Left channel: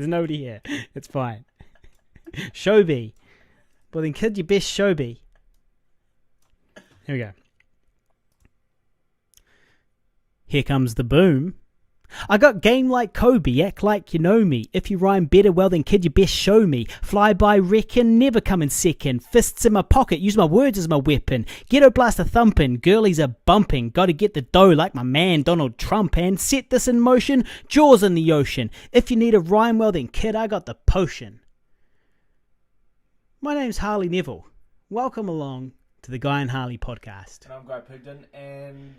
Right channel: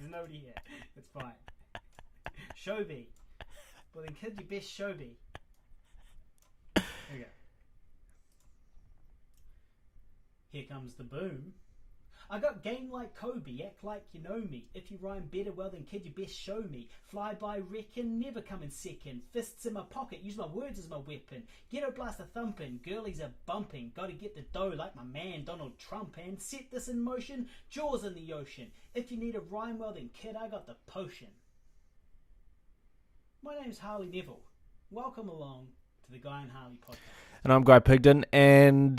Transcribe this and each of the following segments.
There's nobody here. It's fine. Shobi. Well then, kid, your best Shobi. Here we go. Here comes the boom. I got game like Kobe, act like you know me. If you rhyme better, well then kid, you best show me. Fly by reckon, never come in second. Fists in my pocket, use my words as my weapon. Ghetto blaster thumping, girlies are bumping. Gotta get the dough like my man Donald Trump and set this in motion, jaws in the ocean. If you need a rhyme, well then kid, I got the potion. My name's Harley Neville. Welcome along to the Guy and Harley podcast. And I'm Guy Pigden, and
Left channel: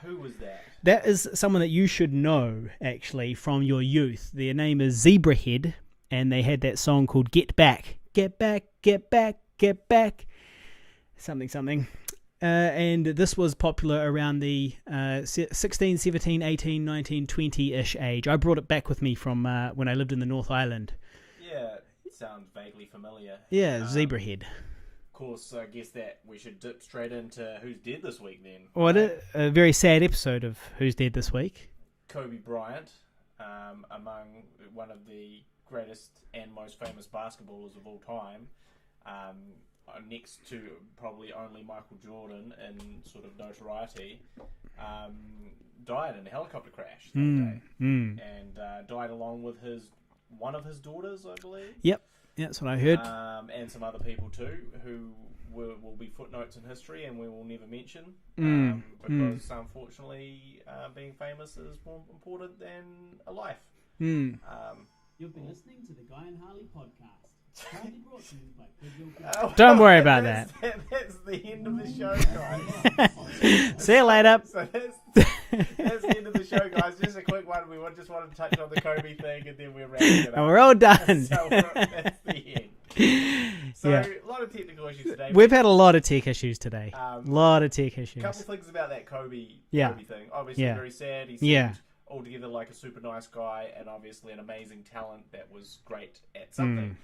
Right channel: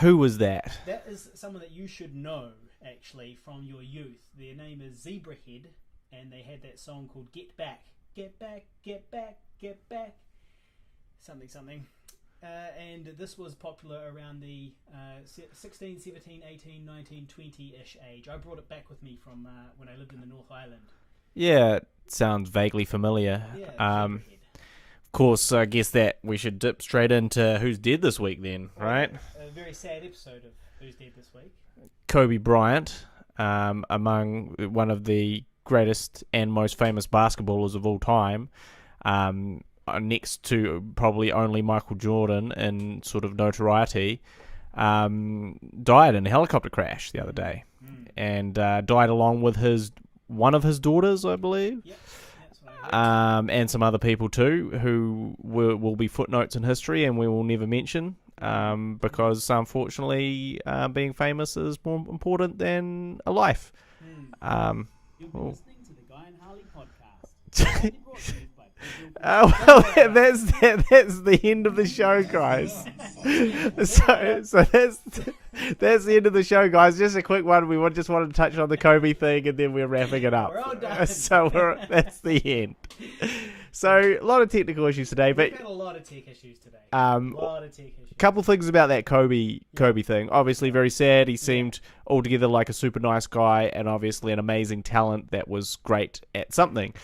who was that? That is someone that you should know, actually, from your youth. Their name is Zebrahead, and they had that song called Get Back. Get back, get back, get back. Something. And this was popular around the 16, 17, 18, 19, 20-ish age. I brought it back with me from when I lived in the North Island. Yeah, it sounds vaguely familiar. Yeah, Zebrahead. Of course, I guess that we should dip straight into who's dead this week then. Well, right? A very sad episode of Who's Dead This Week. Kobe Bryant, among one of the greatest and most famous basketballers of all time, next to probably only Michael Jordan in sort of notoriety, died in a helicopter crash the other day. And died along with one of his daughters, I believe. Yep, that's what I heard. And some other people too, who will be footnotes in history and we will never mention, because unfortunately being famous is more important than a life. You'll be listening to the Guy and Harley podcast. Don't worry about that. That's the end of the show, guys. See you later. So that's the end of the show, guys. Just a quick one. We just wanted to touch on the Kobe thing, and then we're wrapping it up. We're all done. So that's the end. So a lot of technical issues today. We've had a lot of tech issues today. A lot of tech issues. Couple things about that Kobe thing. Obviously very sad. He seemed altogether like a super nice guy, and obviously an amazing talent that was great at something.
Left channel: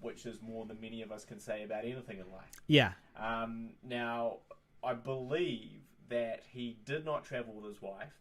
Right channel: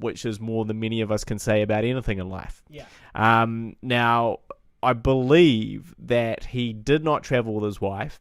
Which is more than many of us can say about anything in life. Yeah. Now, I believe that he did not travel with his wife,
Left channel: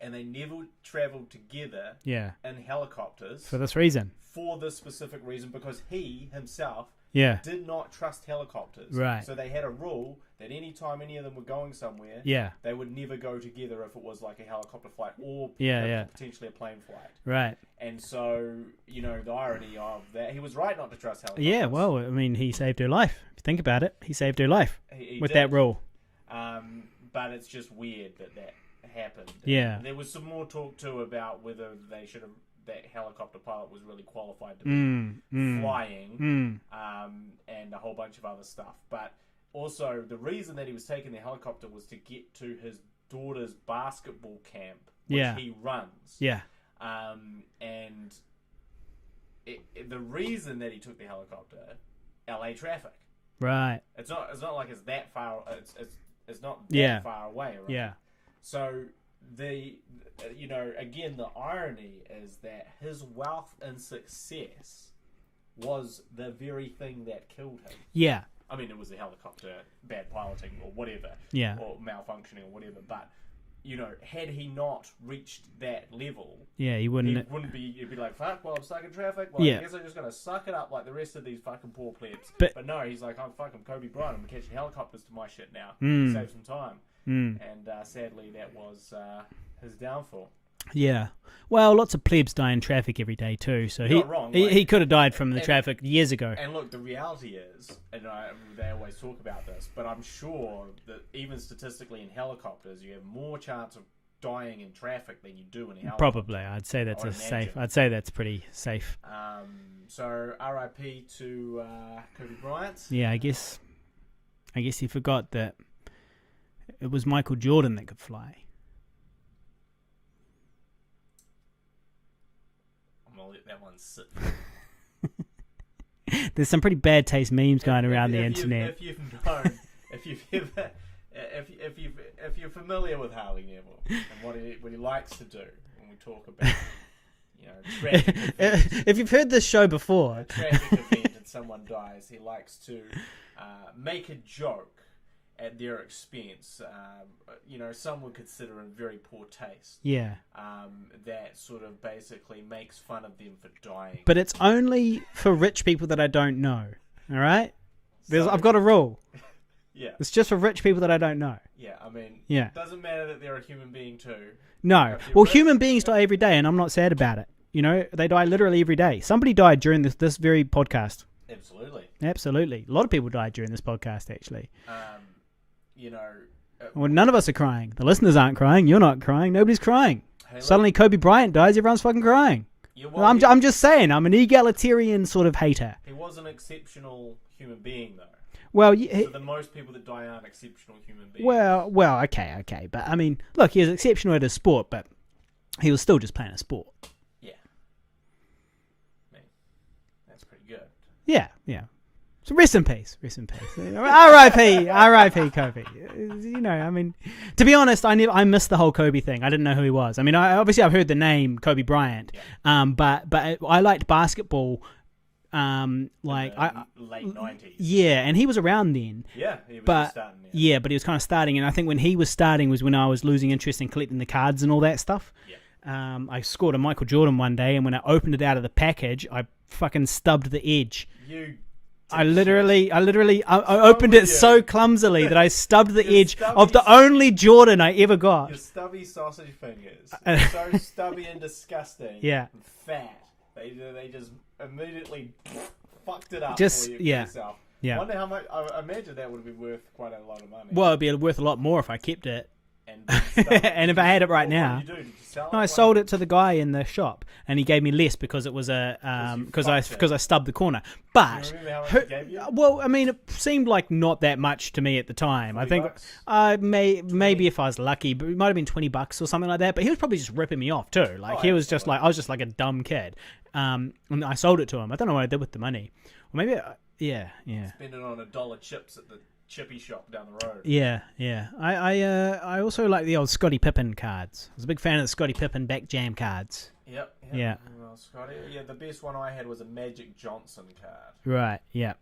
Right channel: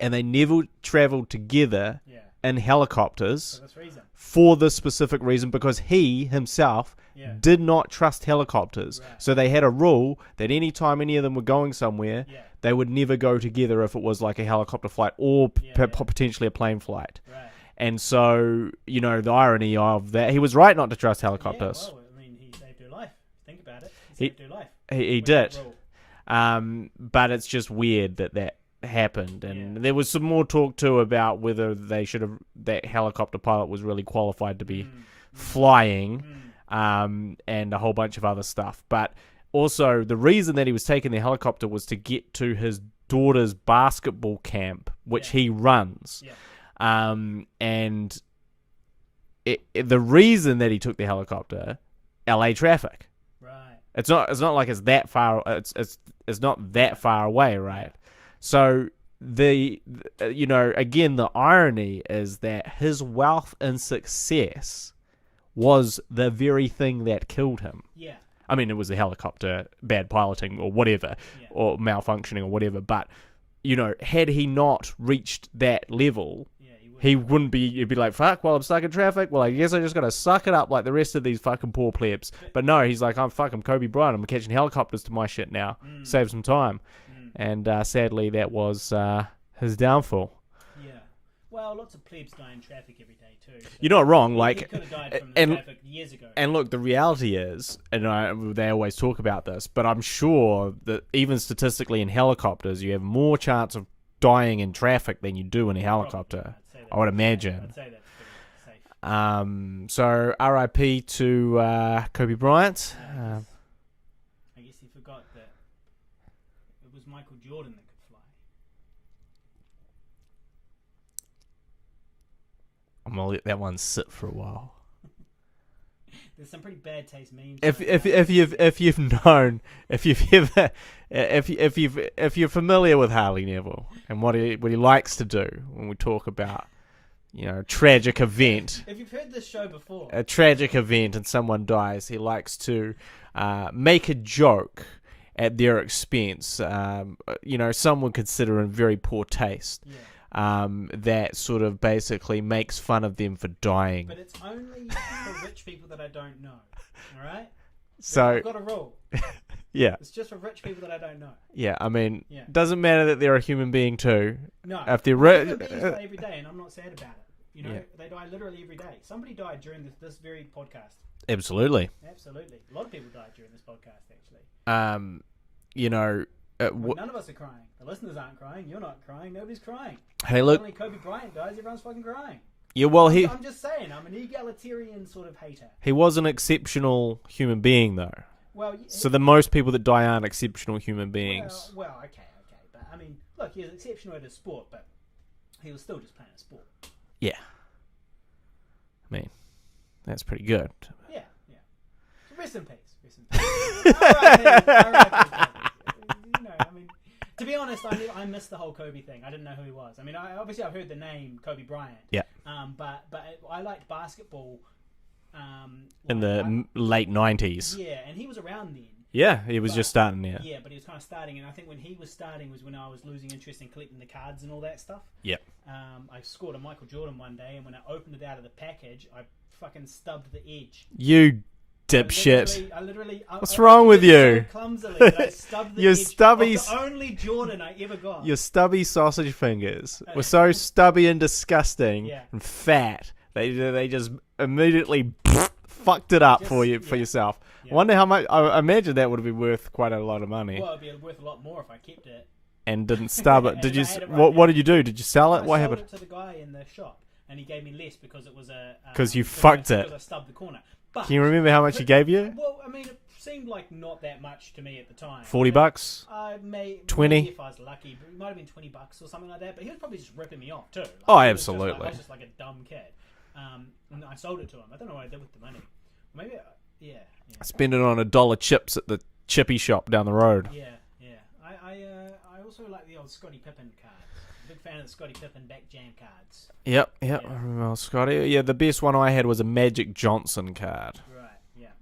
and they never traveled together in helicopters. For this reason. For this specific reason, because he himself did not trust helicopters. Right. So they had a rule that any time any of them were going somewhere, they would never go together if it was like a helicopter flight or potentially a plane flight. Right. And so, the irony of that, he was right not to trust helicopters. Yeah, well, I mean, he saved her life. If you think about it, he saved her life. He with did. that rule. But it's just weird that happened. And there was some more talk too about whether that helicopter pilot was really qualified to be flying, and a whole bunch of other stuff. But also, the reason that he was taking the helicopter was to get to his daughter's basketball camp, which he runs. Yeah. And the reason that he took the helicopter, LA traffic. Right. It's not like it's that far. It's not that far away, right? Yeah. So again, the irony is that his wealth and success was the very thing that killed him. Yeah. I mean, it was the helicopter bad piloting or whatever, or malfunctioning or whatever, but had he not reached that level, he wouldn't be. He'd be like, "Fuck! Well, I'm stuck in traffic. Well, I guess I just gotta suck it up like the rest of these fucking poor plebs." But no, he's like, "I'm Kobe Bryant. I'm catching helicopters to my shit now. Save some time." And sadly, that was his downfall. Yeah. Well, lots of plebs die in traffic every day too. So you're not wrong. He could have died from the traffic years ago. And look, the reality is, they always talk about this, but I'm sure that even statistically in helicopters, you have more chance of dying in traffic than you do in a helicopter. Probably, I'd say that's. I would imagine. Safe. I'd say that's pretty safe. So R.I.P. to Kobe Bryant. Yeah, I guess he forgot that it was Michael Jordan that could fly. I'm gonna let that one sit for a while. There's some pretty bad taste memes going around the internet. If you're familiar with Harley Neville and what he likes to do when we talk about a tragic event. If you've heard this show before, a tragic event and someone dies, he likes to make a joke at their expense, some would consider in very poor taste. Yeah. That sort of basically makes fun of them for dying. But it's only for rich people that I don't know. All right? So I've got a rule. Yeah. It's just for rich people that I don't know. Yeah, I mean, it doesn't matter that they're a human being too. No. Human beings die every day, and I'm not sad about it. They die literally every day. Somebody died during this very podcast. Absolutely. A lot of people died during this podcast, actually. None of us are crying. The listeners aren't crying. You're not crying. Nobody's crying. Hey, look, suddenly Kobe Bryant dies. Everyone's fucking crying. Yeah, well, I'm just saying. I'm an egalitarian sort of hater. He was an exceptional human being, though. Well, so the most people that die aren't exceptional human beings. Well, okay. But I mean, look, he was exceptional at his sport, but he was still just playing a sport. Yeah. I mean, that's pretty good. Yeah. So rest in peace. R.I.P. Kobe. I mean, to be honest, I missed the whole Kobe thing. I didn't know who he was. I mean, I've heard the name Kobe Bryant. Yeah. But I liked basketball. In the late 90s. Yeah, and he was around then. Yeah, he was just starting there. Yeah, but he was kind of starting, and I think when he was starting was when I was losing interest in collecting the cards and all that stuff. Yeah. I scored a Michael Jordan one day, and when I opened it out of the package, I fucking stubbed the edge. You dipshit. I literally opened it so clumsily that I stubbed the edge of the only Jordan I ever got. Your stubby sausage fingers are so stubby and disgusting and fat. They just immediately fucked it up for yourself. Yeah. Wonder how much. I imagine that would be worth quite a lot of money. Well, it'd be worth a lot more if I kept it. And didn't stub it. And if I had it right now. What did you do? Did you sell it? I sold it to the guy in the shop, and he gave me less because it was because you fucked it. Because I stubbed the corner. But can you remember how much he gave you? Well, I mean, it seemed like not that much to me at the time. $40? Maybe if I was lucky, but it might have been $20 or something like that. But he was probably just ripping me off too. Like, he was just like I was just like a dumb kid. And I sold it to him. I don't know what I did with the money. Or maybe, yeah. Spend it on $1 chips at the chippy shop down the road. Yeah. I also like the old Scottie Pippen cards. I was a big fan of the Scottie Pippen back jam cards. Yep. Well, Scotty. Yeah, the best one I had was a Magic Johnson card. Right. Yeah.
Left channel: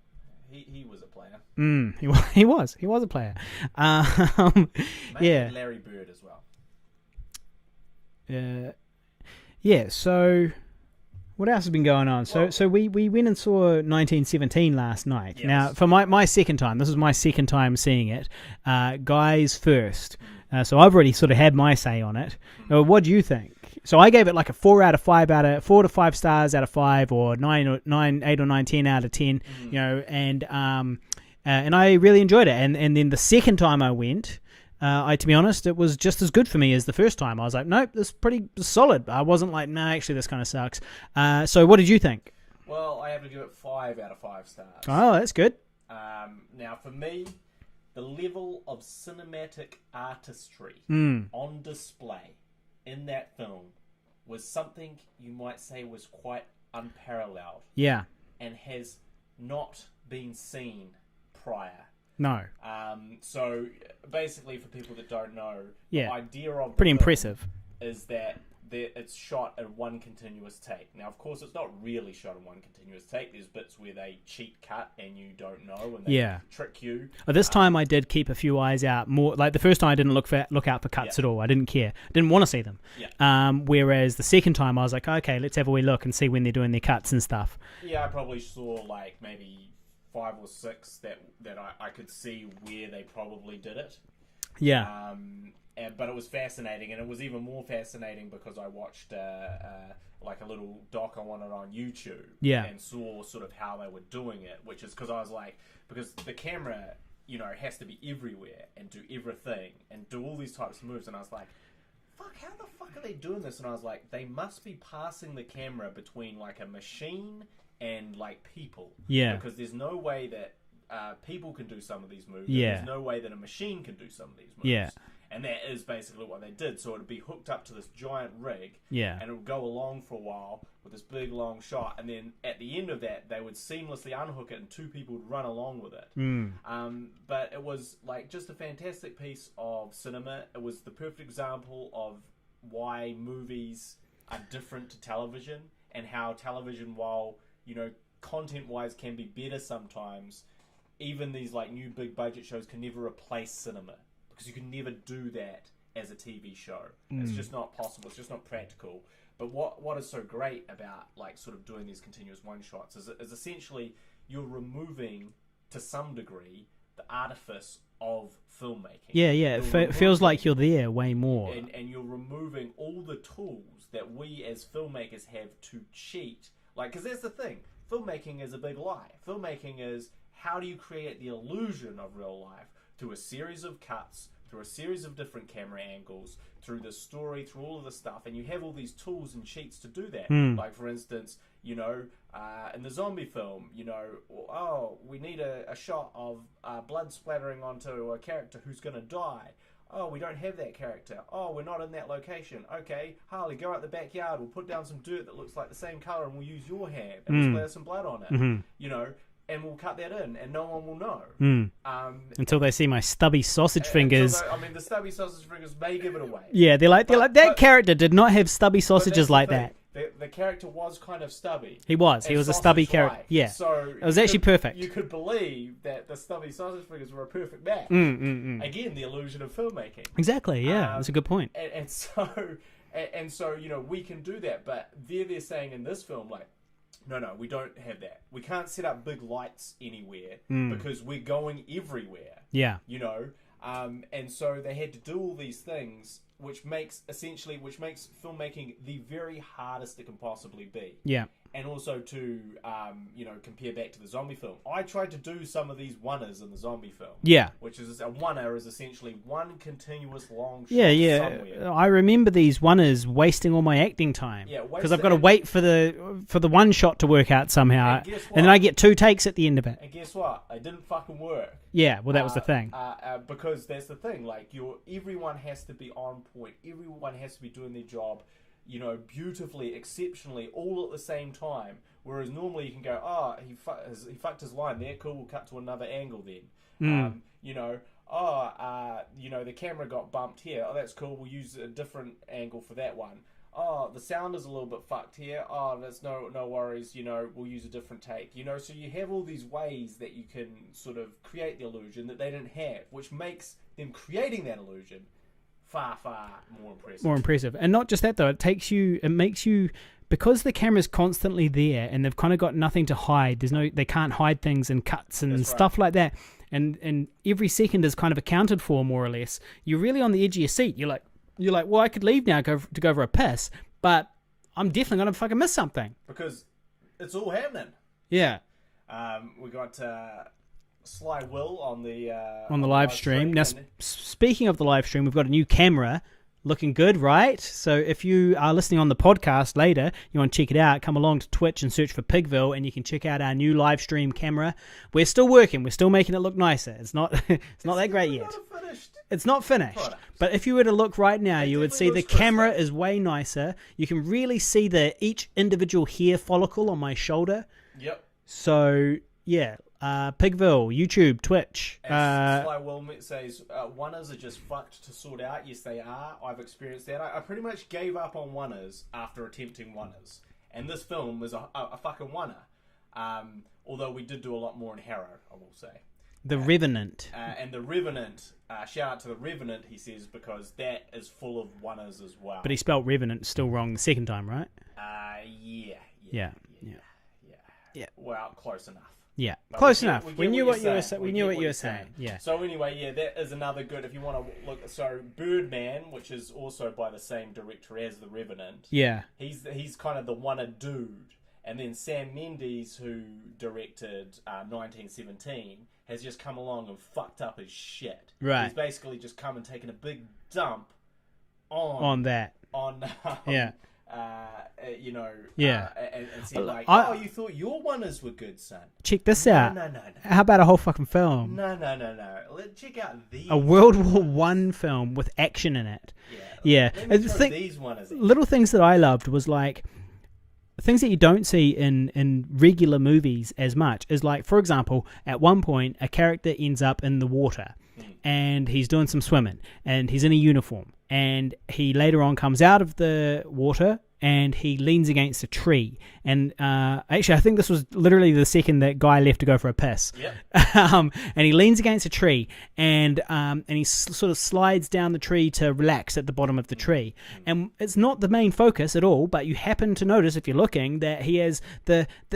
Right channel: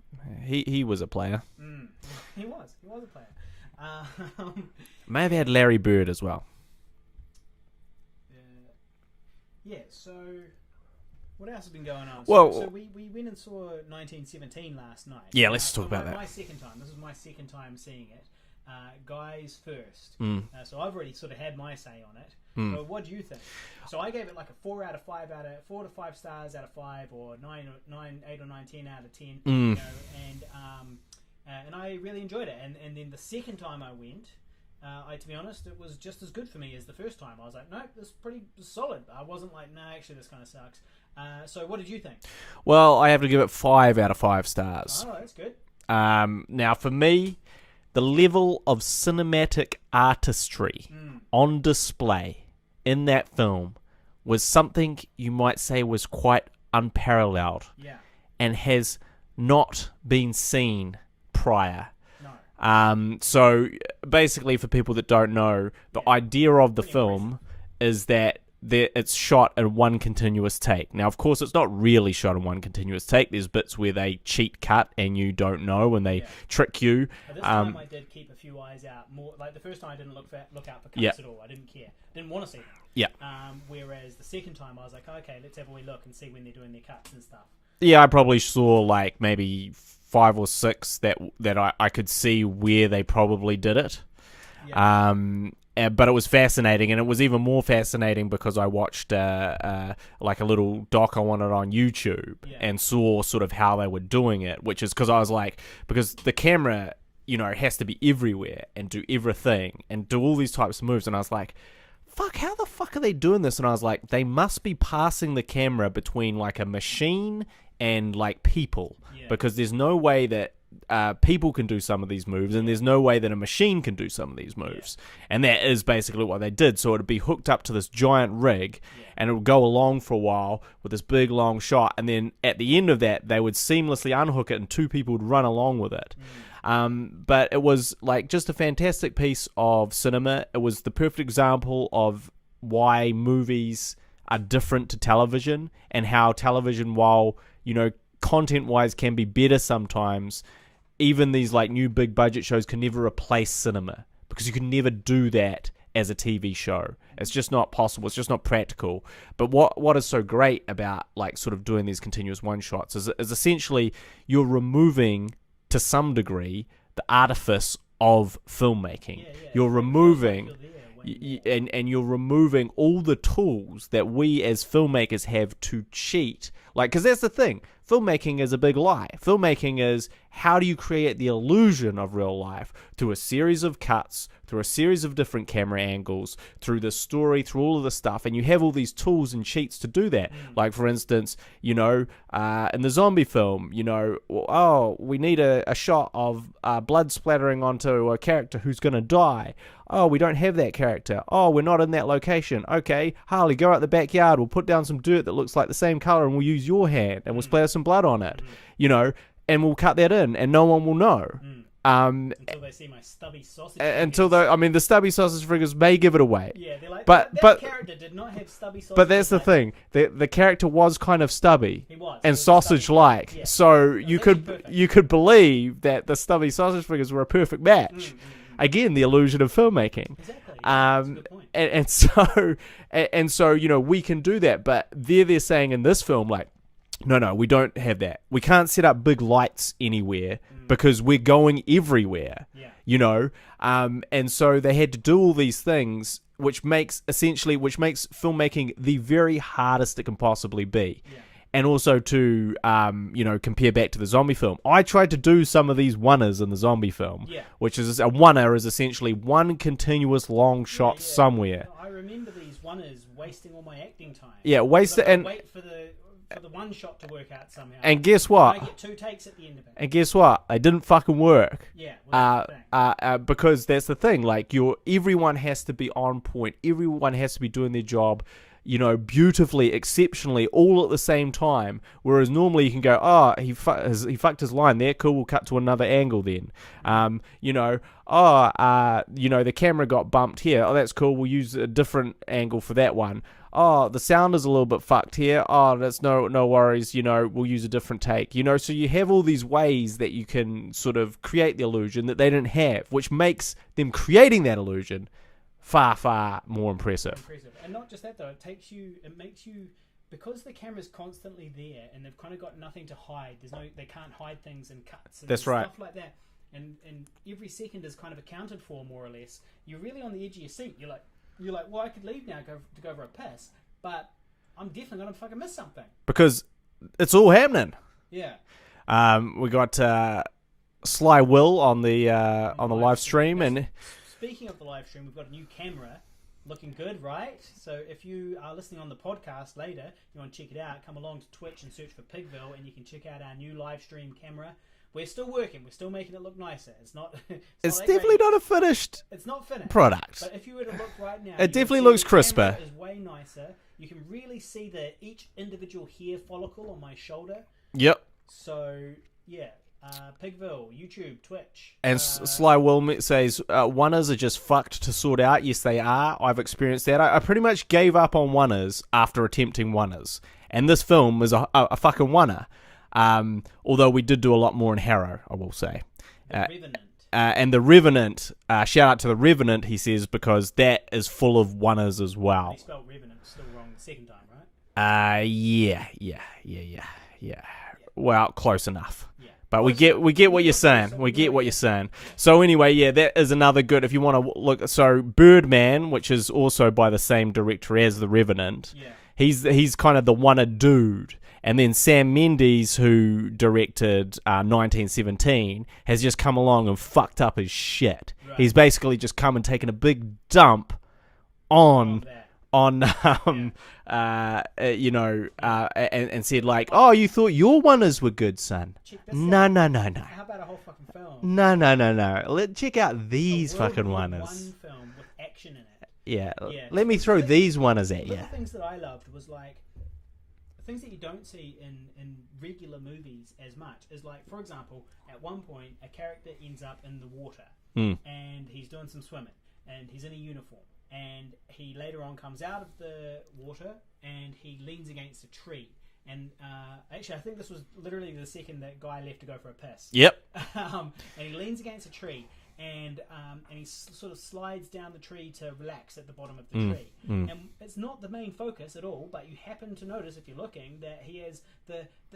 He was a player. He was a player. Had Larry Bird as well. Yeah. So. What else has been going on? So we went and saw 1917 last night. Yeah, now, for my second time. This is my second time seeing it. Guys first. So I've already sort of had my say on it. What do you think? So I gave it like a 4 to 5 stars out of 5, or 8 or 9, 10 out of 10. And I really enjoyed it. And then the second time I went. To be honest, it was just as good for me as the first time. I was like, nope, this is pretty solid. I wasn't like, no, actually, this kind of sucks. So what did you think? Well, I have to give it 5 out of 5 stars. Oh, that's good. Now, for me, the level of cinematic artistry on display in that film was something you might say was quite unparalleled. Yeah. And has not been seen prior. No. So basically, for people that don't know, the idea of the film is that it's shot in one continuous take. Now, of course, it's not really shot in one continuous take. There's bits where they cheat cut and you don't know, and they trick you. But this time, I did keep a few eyes out. More like the first time, I didn't look out for cuts at all. I didn't care. Didn't want to see them. Yeah. Whereas the second time, I was like, okay, let's have a wee look and see when they're doing their cuts and stuff. Yeah, I probably saw like maybe 5 or 6 that I could see where they probably did it. Yeah. But it was fascinating, and it was even more fascinating because I watched like a little doc on it on YouTube and saw sort of how they were doing it, which is because I was like, because the camera, has to be everywhere and do everything and do all these types of moves, and I was like, fuck, how the fuck are they doing this? And I was like, they must be passing the camera between like a machine and like people, because there's no way that people can do some of these moves, and there's no way that a machine can do some of these moves, and that is basically what they did. So it'd be hooked up to this giant rig, and it would go along for a while with this big long shot, and then at the end of that, they would seamlessly unhook it, and 2 people would run along with it. But it was like just a fantastic piece of cinema. It was the perfect example of why movies are different to television, and how television, while content-wise can be better sometimes, even these like new big budget shows can never replace cinema, because you can never do that as a TV show. It's just not possible. It's just not practical. But what is so great about like sort of doing these continuous one shots is essentially you're removing to some degree the artifice of filmmaking. Yeah. It feels like you're there way more. And you're removing all the tools that we as filmmakers have to cheat. Like, because that's the thing. Filmmaking is a big lie. Filmmaking is, how do you create the illusion of real life through a series of cuts, through a series of different camera angles, through the story, through all of the stuff, and you have all these tools and cheats to do that. Like, for instance, in the zombie film, we need a shot of blood splattering onto a character who's going to die. Oh, we don't have that character. Oh, we're not in that location. Okay, Harley, go out the backyard. We'll put down some dirt that looks like the same color, and we'll use your hand, and we'll splatter some blood on it. And we'll cut that in, and no one will know. Until they see my stubby sausage fingers. The stubby sausage fingers may give it away. Yeah, they're like, that character did not have stubby sausages like that. But that's the thing. The character was kind of stubby. He was. And sausage-like. Yeah. So it was actually perfect. You could believe that the stubby sausage fingers were a perfect match. Again, the illusion of filmmaking. Exactly, yeah. That's a good point. And so, we can do that. But they're saying in this film, like, no, we don't have that. We can't set up big lights anywhere because we're going everywhere. Yeah. And so they had to do all these things, which makes filmmaking the very hardest it can possibly be. Yeah. And also to, compare back to the zombie film. I tried to do some of these one-ers in the zombie film. Yeah. Which is, a one-er is essentially one continuous long shot somewhere. I remember these one-ers wasting all my acting time. Yeah, because I've got to wait for the one shot to work out somehow. And guess what? And I get 2 takes at the end of it. And guess what? They didn't fucking work. Yeah, well, that was the thing. Because that's the thing. Like, everyone has to be on point. Everyone has to be doing their job, beautifully, exceptionally, all at the same time. Whereas normally you can go, he fucked his line there. Cool, we'll cut to another angle then. The camera got bumped here. Oh, that's cool. We'll use a different angle for that one. Oh, the sound is a little bit fucked here. Oh, that's no worries. We'll use a different take. So you have all these ways that you can sort of create the illusion that they didn't have, which makes them creating that illusion far, far more impressive. And not just that, though. It makes you, because the camera's constantly there and they've kind of got nothing to hide. They can't hide things and cuts and stuff like that. And every second is kind of accounted for, more or less. You're really on the edge of your seat. You're like, well, I could leave now to go for a piss, but I'm definitely going to fucking miss something. Because it's all happening. Yeah. We got Sly Will on the live stream. Now, speaking of the live stream, we've got a new camera, looking good, right? So if you are listening on the podcast later, you want to check it out, come along to Twitch and search for Pigville, and you can check out our new live stream camera. We're still working. We're still making it look nicer. It's not that great definitely not a finished. It's not finished product. But if you were to look right now, you would see the camera is way nicer. You can really see each individual hair follicle on my shoulder. Yep. So yeah. Pigville, YouTube, Twitch. And Sly Will says, one-ers are just fucked to sort out. Yes, they are. I've experienced that. I pretty much gave up on one-ers after attempting one-ers. And this film is a fucking one-er. Although we did do a lot more in Harrow, I will say. The Revenant. And The Revenant, shout out to The Revenant, he says, because that is full of one-ers as well. But he spelled Revenant still wrong the second time, right? Yeah. Well, close enough. Yeah, but we get what you're saying. We get what you're saying. Yeah. So anyway, that is another good. If you want to look, so Birdman, which is also by the same director as The Revenant. Yeah, he's kind of the one-er dude. And then Sam Mendes, who directed 1917, has just come along and fucked up his shit. Right. He's basically just come and taken a big dump on that. And said like, you thought your one-ers were good, son. Check this out. No. How about a whole fucking film? No. Check out these a World War I film with action in it. Yeah. Let me throw these one-ers at you. Little things that I loved was like, things that you don't see in regular movies as much is like, for example, at one point, a character ends up in the water and he's doing some swimming and he's in a uniform. And he later on comes out of the water and he leans against a tree. And actually, I think this was literally the second that guy left to go for a piss. Yep. And he leans against a tree, and he sort of slides down the tree to relax at the bottom of the tree. And it's not the main focus at all, but you happen to notice, if you're looking, that he has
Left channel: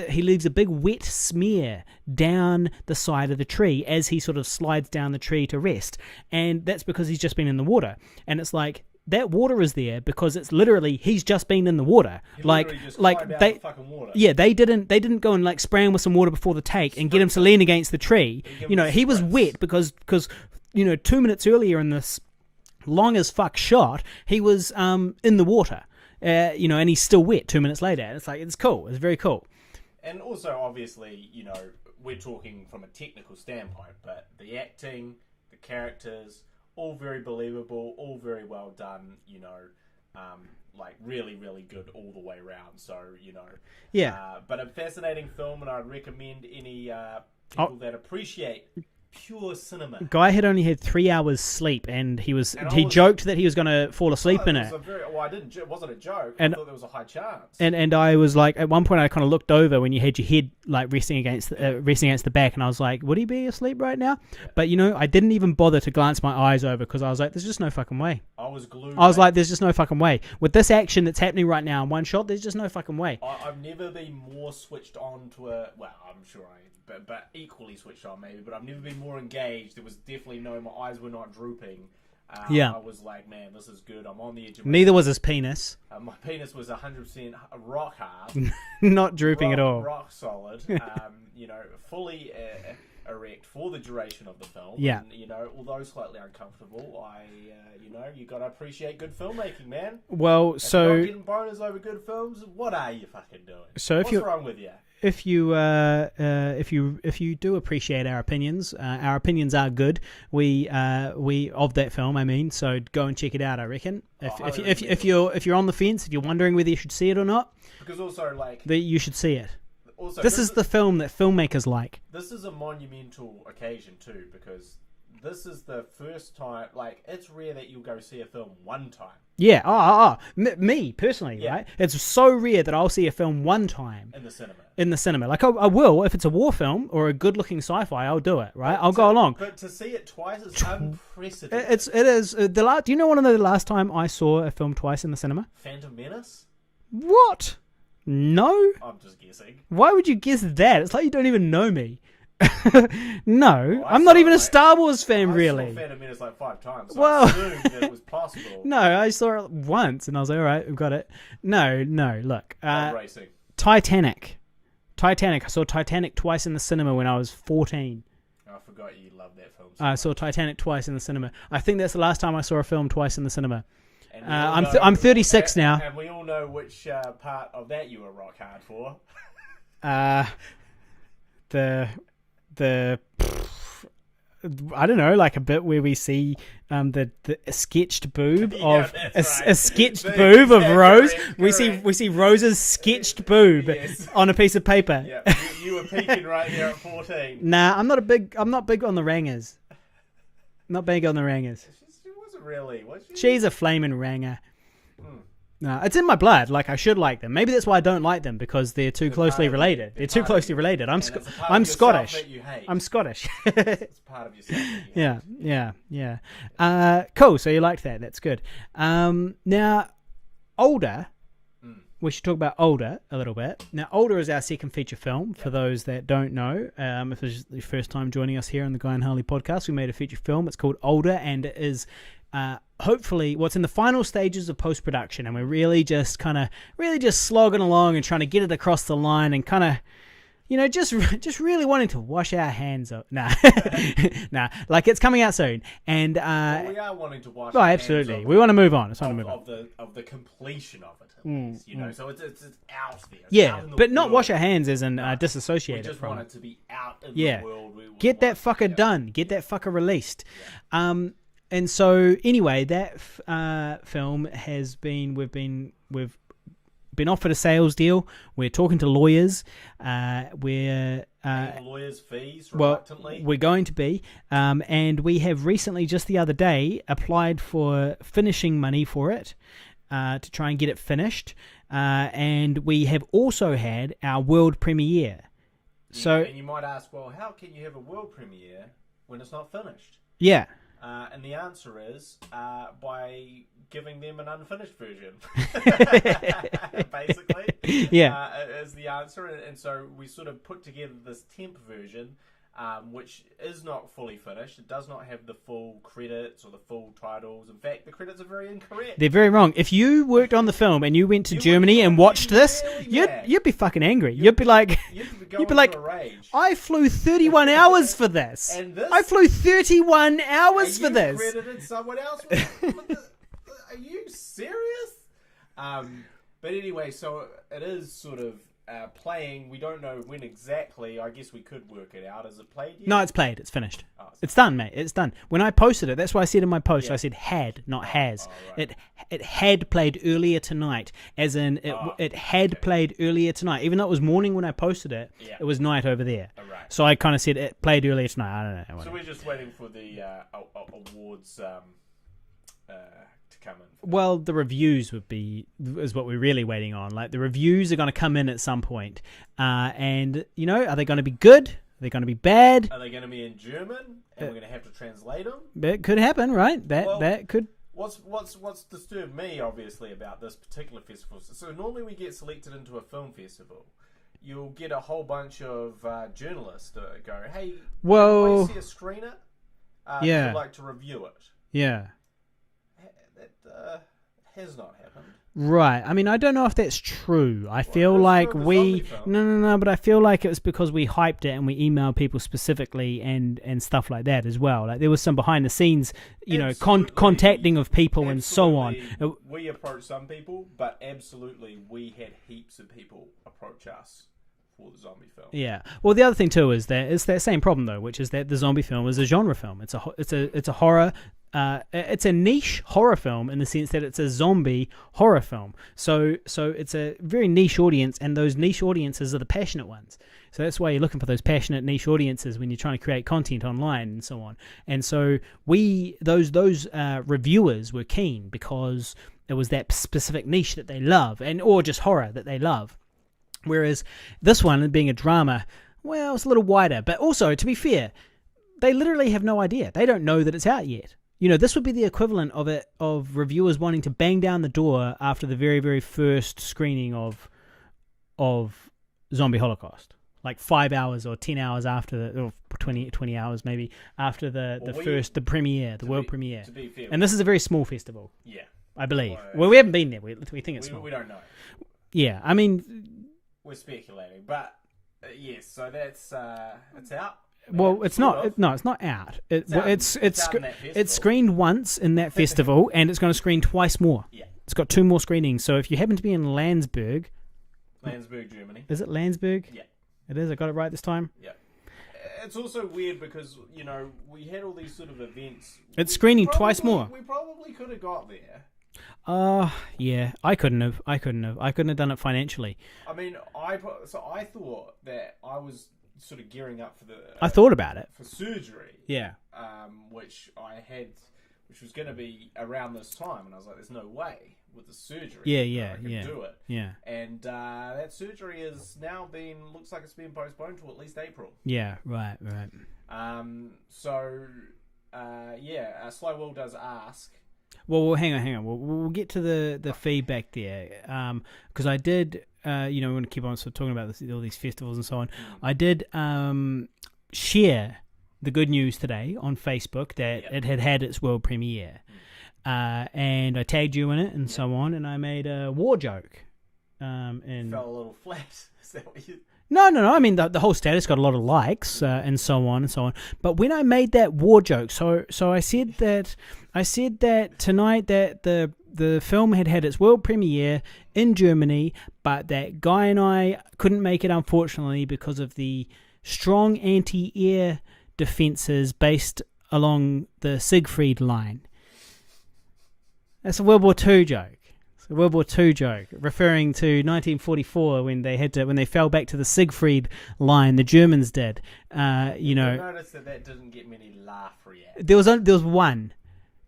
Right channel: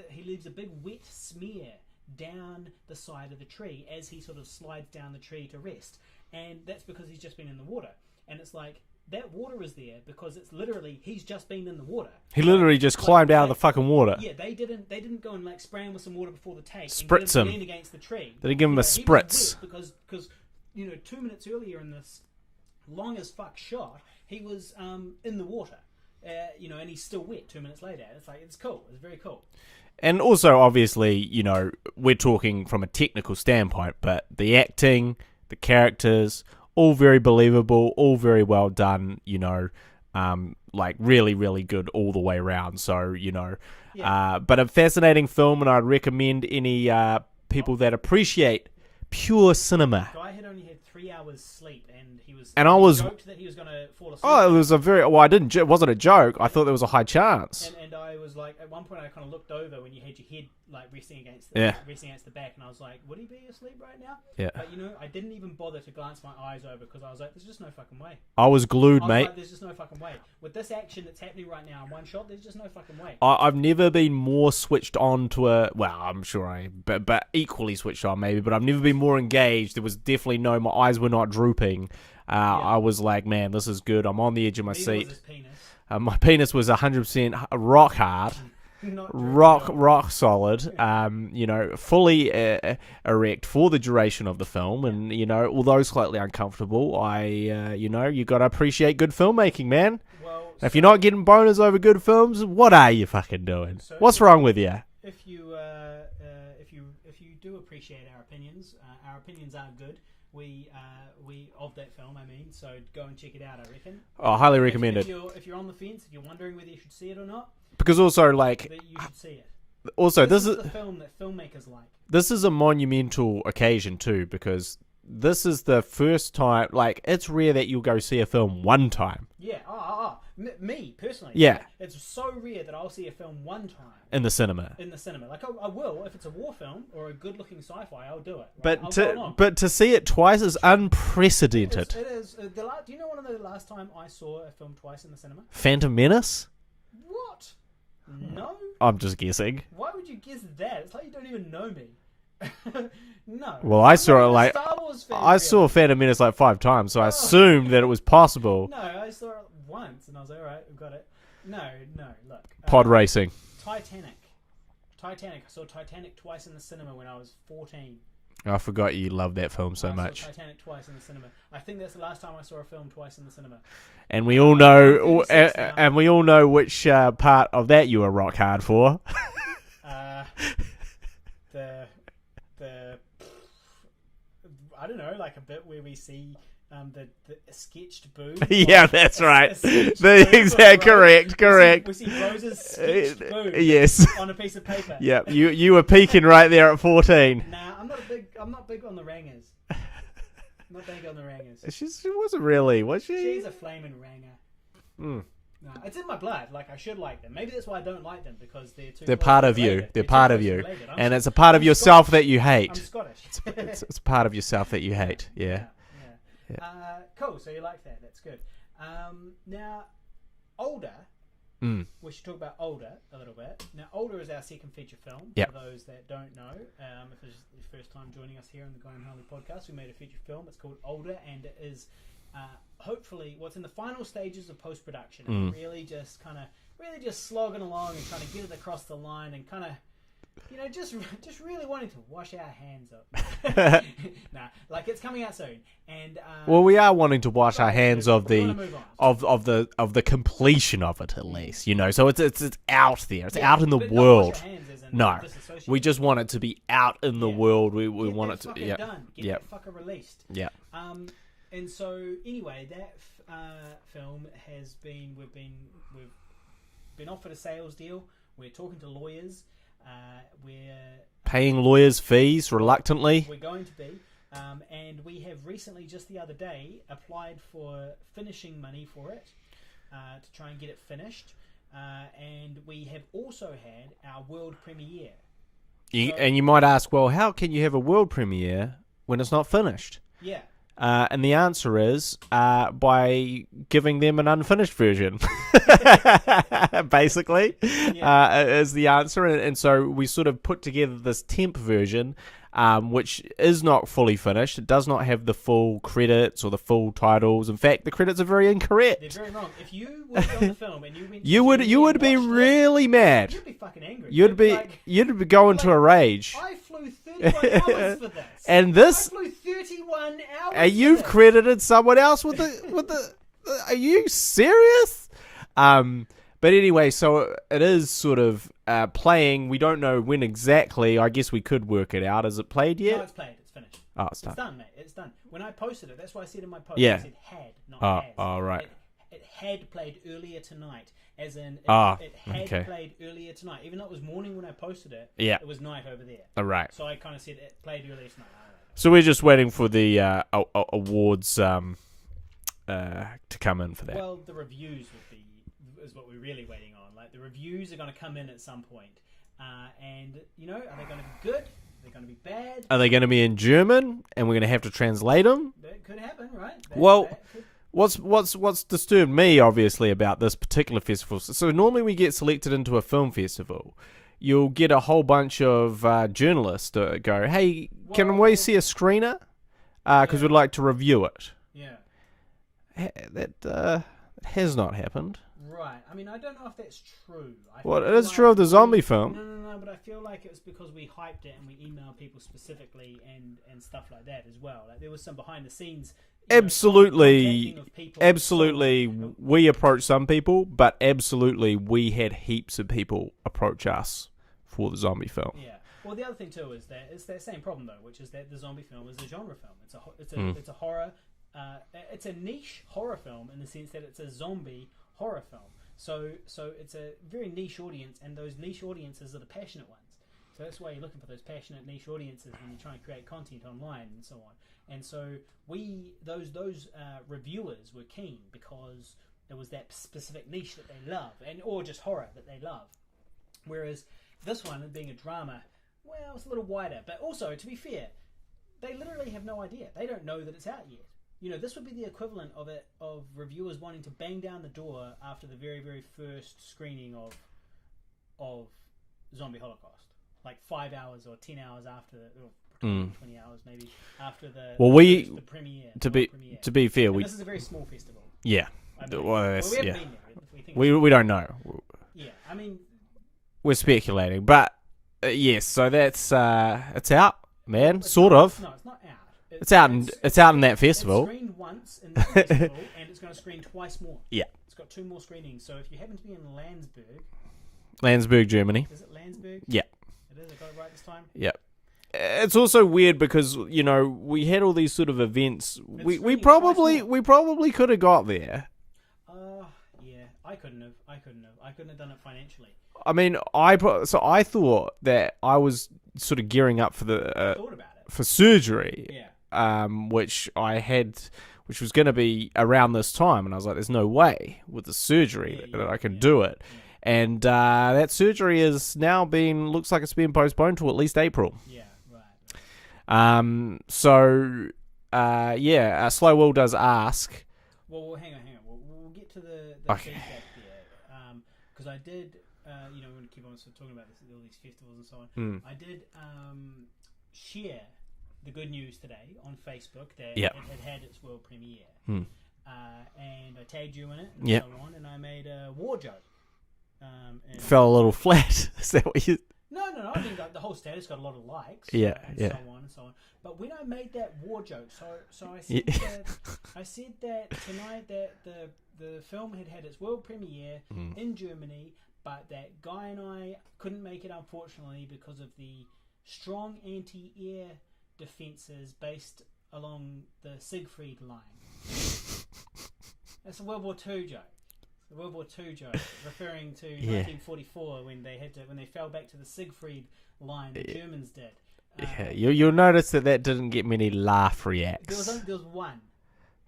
he leaves a big wet smear down the side of the tree as he sort of slides down the tree to rest. And that's because he's just been in the water. And it's like, that water is there because it's literally he's just been in the water. He literally just climbed out of the fucking water. Yeah, they didn't go and like spray him with some water before the take and get him to lean against the tree. They give him a he was spritz. wet because 2 minutes earlier in this long as fuck shot, he was in the water. And he's still wet 2 minutes later. And it's like, it's cool. It's very cool. And also, obviously, we're talking from a technical standpoint, but the acting, the characters, all very believable, all very well done, really, really good all the way around. So, but a fascinating film, and I'd recommend any people that appreciate pure cinema. Guy had only had 3 hours sleep, and he joked that he was going to fall asleep. It was it wasn't a joke. I thought there was a high chance. And I was like, at one point, I kind of looked over when you had your head like resting against the back, and I was like, would he be asleep right now? Yeah. But I didn't even bother to glance my eyes over because I was like, there's just no fucking way. I was glued. I was like, there's just no fucking way with this action that's happening right now in one shot. There's just no fucking way. I've never been more switched on to I'm sure I am, but equally switched on maybe. But I've never been more engaged. There was definitely my eyes were not drooping. I was like, man, this is good. I'm on the edge of my seat. Neither was his penis. My penis was 100% rock hard. Not drooping at all. Rock solid. Fully erect for the duration of the film. Yeah. And, although slightly uncomfortable, you got to appreciate good filmmaking, man. Well, if you're not getting boners over good films, what are you fucking doing? So what's wrong with you? If you do appreciate our opinions are good. We of that film, I mean. So go and check it out. I reckon. I highly recommend it. If you're on the fence, if you're wondering whether you should see it or not, because also you should see it. Also, this is the film that filmmakers like. This is a monumental occasion too, because this is the first time. Like, it's rare that you'll go see a film one time. Yeah. Me personally. Yeah. Right? It's so rare that I'll see a film one time in the cinema. Like I will if it's a war film or a good-looking sci-fi. I'll do it. Right. I'll go along. But to see it twice is unprecedented. It is. Do you know one of the last time I saw a film twice in the cinema? Phantom Menace. What? No. I'm just guessing. Why would you guess that? It's like you don't even know me. No. Well, I'm not even a Star Wars fan, I really. saw Phantom Menace like 5 times, so I assumed that it was possible. No, I saw it once, and I was like, all right, we've got it. No, look. Pod racing. Titanic. I saw Titanic twice in the cinema when I was 14. I forgot you loved that film so much. I saw Titanic twice in the cinema. I think that's the last time I saw a film twice in the cinema. And we all know... I'm 36 now. And we all know which part of that you were rock hard for. The I don't know, like a bit where we see the sketched boob. Yeah, that's right. A sketched boob of Rose. Correct. We see Rose's sketched boob. Yes. On a piece of paper. Yeah, you were peeking right there at 14. Nah, I'm not big on the rangers. Not big on the rangers. She wasn't really, was she? She's a flaming ranger. No, it's in my blood. Like, I should like them. Maybe that's why I don't like them, because they're too closely related. They're too closely related. And it's a part of yourself that you hate. I'm Scottish. It's a part of yourself that you hate. Yeah. Cool. So you liked that. That's good. Now, Older. We should talk about Older a little bit. Now, Older is our second feature film. For those that don't know, if it's your first time joining us here on the Guy and Harley podcast, we made a feature film. It's called Older, and it is hopefully what's in the final stages of post-production, and we're really just slogging along and trying to get it across the line, and kind of, just really wanting to wash our hands up. Nah, like, it's coming out soon, and well, we are wanting to wash our hands of. We want to move on of the completion of it, at least, So it's out there. It's out in the world. But not wash our hands as in disassociate. We just want it to be out in the world. We get that fucker done. Get that fucker released. Yeah. And so anyway, that film we've been offered a sales deal. We're talking to lawyers. We're paying lawyers' fees reluctantly. We're going to be, and we have recently, just the other day, applied for finishing money for it to try and get it finished. and we have also had our world premiere. And you might ask, well, how can you have a world premiere when it's not finished? Yeah. And the answer is by giving them an unfinished version, basically. Is the answer. And so we sort of put together this temp version, which is not fully finished. It does not have the full credits or the full titles. In fact, the credits are very incorrect. They're very wrong. If you worked on the film and you went to Germany and watched this, really mad. You'd be fucking angry. You'd be like, you'd be going to a rage. I flew 31 hours for this. And this, I flew 31 hours for this. And you credited someone else with the. Are you serious? But anyway, so it is sort of playing. We don't know when exactly. I guess we could work it out. Is it played yet? No, it's played. It's finished. Oh, it's done, mate. It's done. When I posted it, that's why I said in my post, I said had, not has. Oh, right. It had played earlier tonight, as in it had played earlier tonight. Even though it was morning when I posted it, it was night over there. Oh, right. So I kind of said it played earlier tonight. I don't know. So we're just waiting for the awards to come in for that. Well, the reviews is what we're really waiting on. Like, the reviews are going to come in at some point. And, are they going to be good? Are they going to be bad? Are they going to be in German? And we're going to have to translate them? That could happen, right? That could. What's disturbed me, obviously, about this particular festival? So normally we get selected into a film festival. You'll get a whole bunch of journalists to go, hey, can we see a screener? Because we'd like to review it. Yeah. That has not happened. Right. I mean, I don't know if that's true. I feel it's like true of the zombie film. No, but I feel like it was because we hyped it and we emailed people specifically and stuff like that as well. Like, there was some behind the scenes, contacting of people. Absolutely. And so on. We approached some people, but absolutely we had heaps of people approach us for the zombie film. Yeah. Well, the other thing too is that it's that same problem though, which is that the zombie film is a genre film. It's a horror. It's a niche horror film in the sense that it's a zombie horror film. So it's a very niche audience, and those niche audiences are the passionate ones. So that's why you're looking for those passionate niche audiences when you're trying to create content online and so on. And so those reviewers were keen because it was that specific niche that they love, or just horror that they love. Whereas this one, being a drama, well, it's a little wider. But also, to be fair, they literally have no idea. They don't know that it's out yet. This would be the equivalent of reviewers wanting to bang down the door after the very, very first screening of Zombie Holocaust. Like 5 hours or 10 hours after or 20 hours maybe after the premiere, the world premiere. To be fair, and this is a very small festival. Yeah, I believe. Well, we haven't been there. We think it's we don't know. Yeah, I mean, we're speculating, but yes. So that's it's out. Man, well, it's sort of. No, it's not out. It's out. It's out in that festival. It's screened once in that festival, and it's going to screen twice more. Yeah, it's got 2 more screenings. So if you happen to be in Landsberg, Germany, is it Landsberg? Yeah, it is. I got it right this time. Yeah. It's also weird because we had all these sort of events. It's screening twice more. We probably could have got there. Yeah, I couldn't have. I couldn't have done it financially. I mean, I thought that I was sort of gearing up for I thought about it for surgery. Yeah. Which was going to be around this time, and I was like, "There's no way with the surgery that I can do it." Yeah. And that surgery is now looks like it's being postponed to at least April. Yeah. Right. Slow Will does ask. Well, hang on. We'll get to the feedback there, because I did. We want to keep on sort of talking about all these festivals and so on. I did share the good news today on Facebook that it had its world premiere, and I tagged you in it and so on, and I made a war joke. And fell a little flat. Is that what you? No. I mean, the whole status got a lot of likes so on and so on. But when I made that war joke, so I said that tonight that the film had its world premiere in Germany, but that Guy and I couldn't make it, unfortunately, because of the strong anti-air defences based along the Siegfried line. That's a World War II joke. It's a World War II joke, referring to 1944 when they fell back to the Siegfried line. The Germans did. You'll notice that didn't get many laugh reacts. There was one,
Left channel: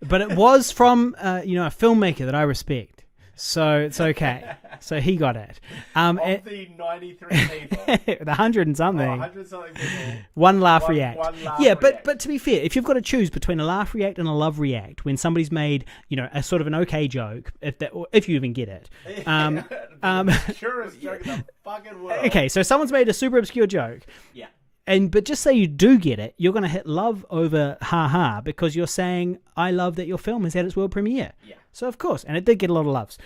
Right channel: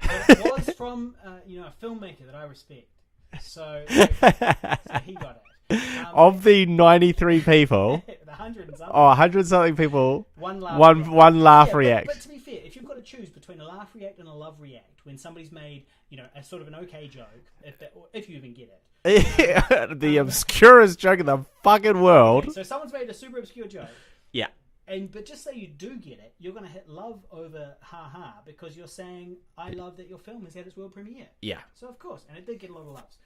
but it was from a filmmaker that I respect. So it's okay. So he got it. Of the 93 people, the 100 and something. 100 something people, one laugh react. One laugh react. But to be fair, if you've got to choose between a laugh react and a love react, when somebody's made, a sort of an okay joke, if you even get it, the obscurest joke in the fucking world. Okay, so someone's made a super obscure joke. Yeah. But just say you do get it, you're going to hit love over ha because you're saying, I love that your film has had its world premiere. Yeah. So, of course. And it did get a lot of loves.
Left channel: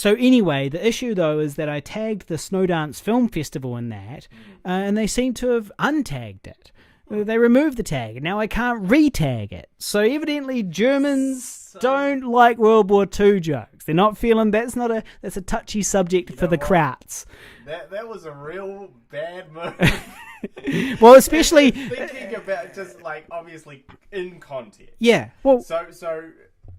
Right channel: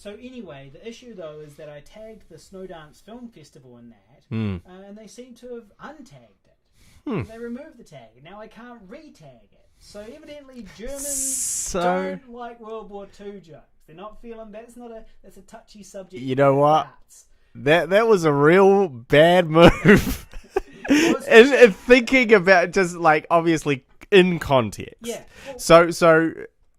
So, anyway, the issue, though, is that I tagged the Snowdance Film Festival in that, and they seem to have untagged it. They removed the tag, and now I can't re-tag it. So evidently Germans don't like World War II jokes. They're not feeling that's a touchy subject for the Krauts. That was a real bad move. Well, especially and thinking about just like obviously in context. Yeah. Well, so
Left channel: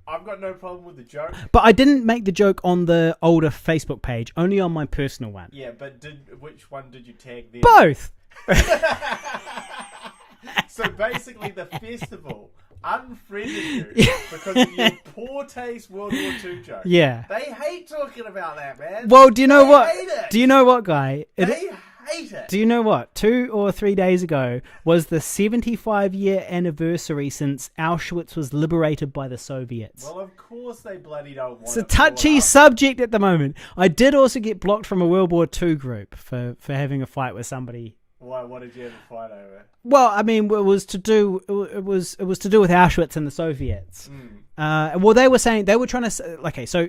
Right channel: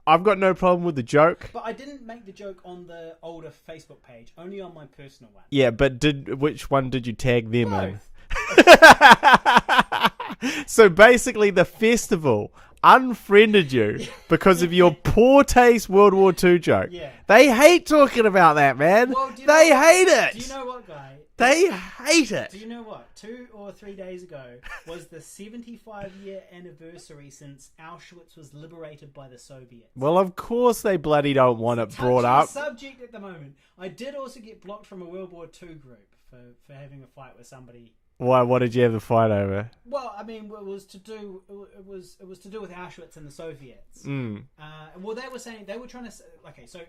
I've got no problem with the joke. But I didn't make the joke on the older Facebook page, only on my personal one. Yeah, but which one did you tag them? Both. So basically the festival unfriended you because of your poor taste World War II joke. Yeah. They hate talking about that, man. Well, do you know what? They hate it. Do you know what, Guy? They hate it. Do you know what? 2 or 3 days ago was the 75-year anniversary since Auschwitz was liberated by the Soviets. Well, of course they bloody don't want it's a touchy subject at the moment. I did also get blocked from a World War II group for having a fight with somebody. Why? What did you have a fight over? Well, I mean, it was to do with Auschwitz and the Soviets. Well, they were saying they were trying to. Okay, so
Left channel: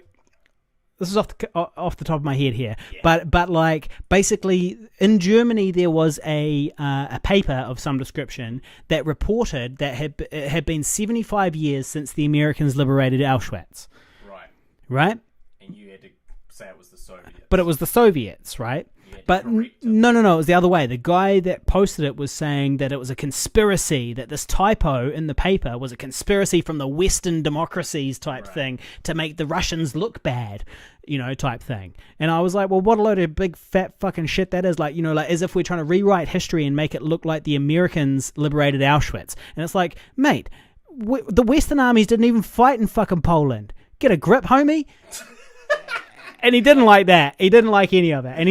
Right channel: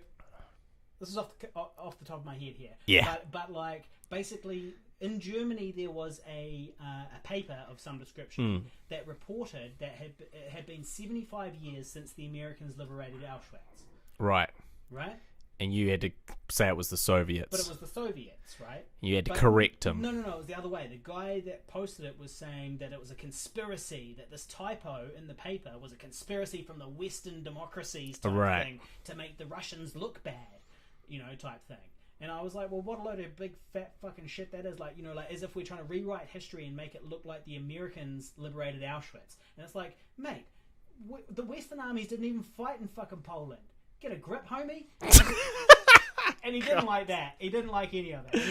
this is off the top of my head here. Yeah. But like basically in Germany there was a paper of some description that reported that it had been 75 years since the Americans liberated Auschwitz. Right. Right. And you had to say it was the Soviets. But it was the Soviets, right? You had to correct him. No, it was the other way. The guy that posted it was saying that it was a conspiracy, that this typo in the paper was a conspiracy from the Western democracies type thing to make the Russians look bad, type thing. And I was like, well, what a load of big fat fucking shit that is. Like, like as if we're trying to rewrite history and make it look like the Americans liberated Auschwitz. And it's like, mate, the Western armies didn't even fight in fucking Poland. Get a grip, homie. And he didn't like that. He didn't like any of it. And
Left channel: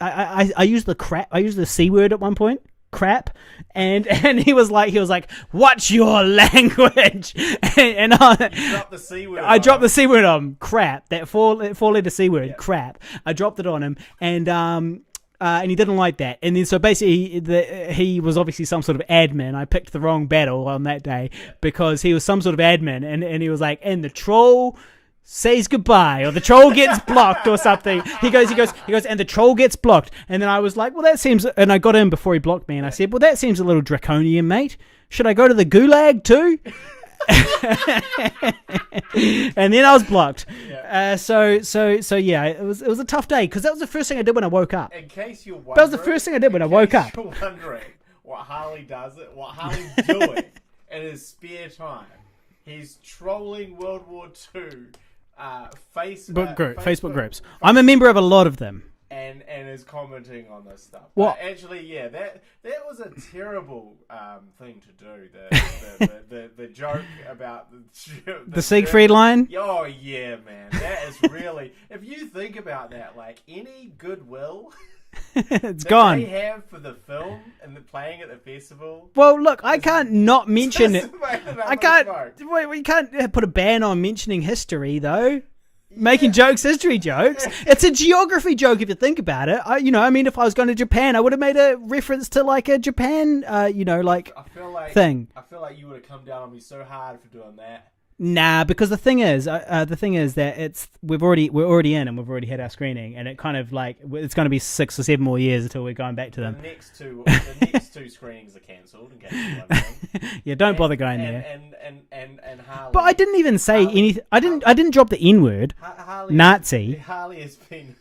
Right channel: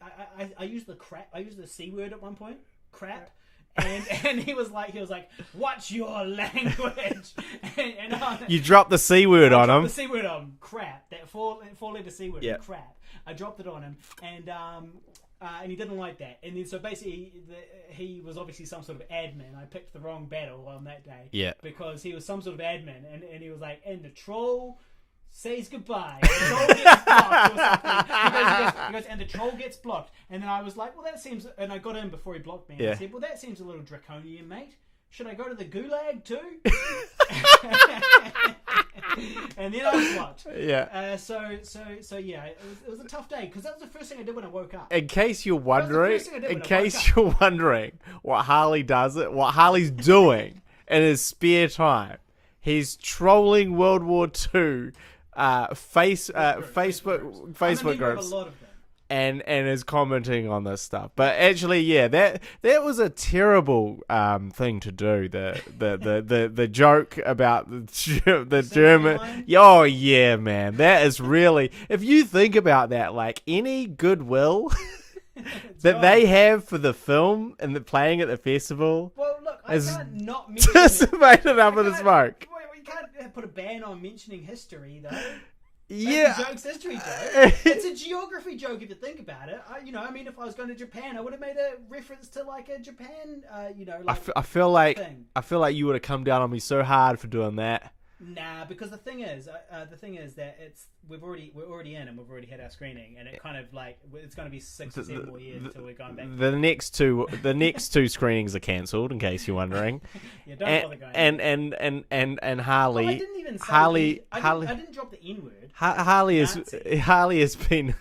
I used the crap. I used the C word at one point. Crap. And he was like, what's your language? And you dropped the C word. I dropped the C word on him. Crap. That four letter C word. Yep. Crap. I dropped it on him. And he didn't like that. And then so basically he was obviously some sort of admin. I picked the wrong battle on that day because he was some sort of admin. And he was like, and the troll says goodbye, or the troll gets blocked or something. He goes, and the troll gets blocked. And then I was like, well, that seems, and I got in before he blocked me, and I said, well, that seems a little draconian, mate. Should I go to the gulag too? And then I was blocked. Yeah. So yeah, it was a tough day because that was the first thing I did when I woke up. In case you're wondering, that was the first thing I did when I woke up. In case you're wondering what Harley's doing in his spare time, he's trolling World War II. Facebook groups. I'm a member of a lot of them. And is commenting on this stuff. But actually, yeah, that was a terrible thing to do. The joke about the Siegfried line? Oh, yeah, man. That is really... if you think about that, like, any goodwill... that gone. They have for the film and the playing at the festival. Well, look, I can't not mention it. We can't put a ban on mentioning history, though. Making history jokes. It's a geography joke if you think about it. If I was going to Japan, I would have made a reference to like a Japan, I feel like thing. I feel like you would have come down on me so hard for doing that. Nah, because the thing is that we're already in and we've already had our screening, and it kind of like it's going to be 6 or 7 more years until we're going back to the next two screenings are cancelled, in case you're wondering. Yeah, don't bother going there. And Harley. But I didn't even say anything. I didn't drop the N word. Nazi. Harley has been.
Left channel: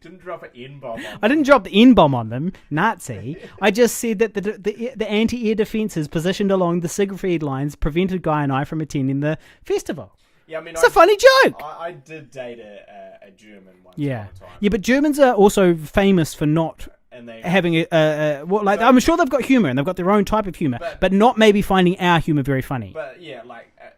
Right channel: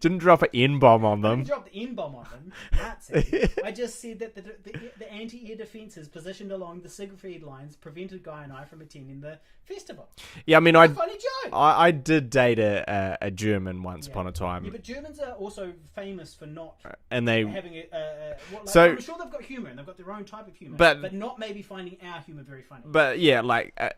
Didn't drop an N-bomb on them. I didn't drop the N-bomb on them, Nazi. I just said that the anti-air defences positioned along the Siegfried lines prevented Guy and I from attending the festival. Yeah, I mean, it's a funny joke. I did date a German once upon a time. Yeah, but Germans are also famous for not and they having I'm sure they've got humor and they've got their own type of humor, but not maybe finding our humor very funny. But yeah,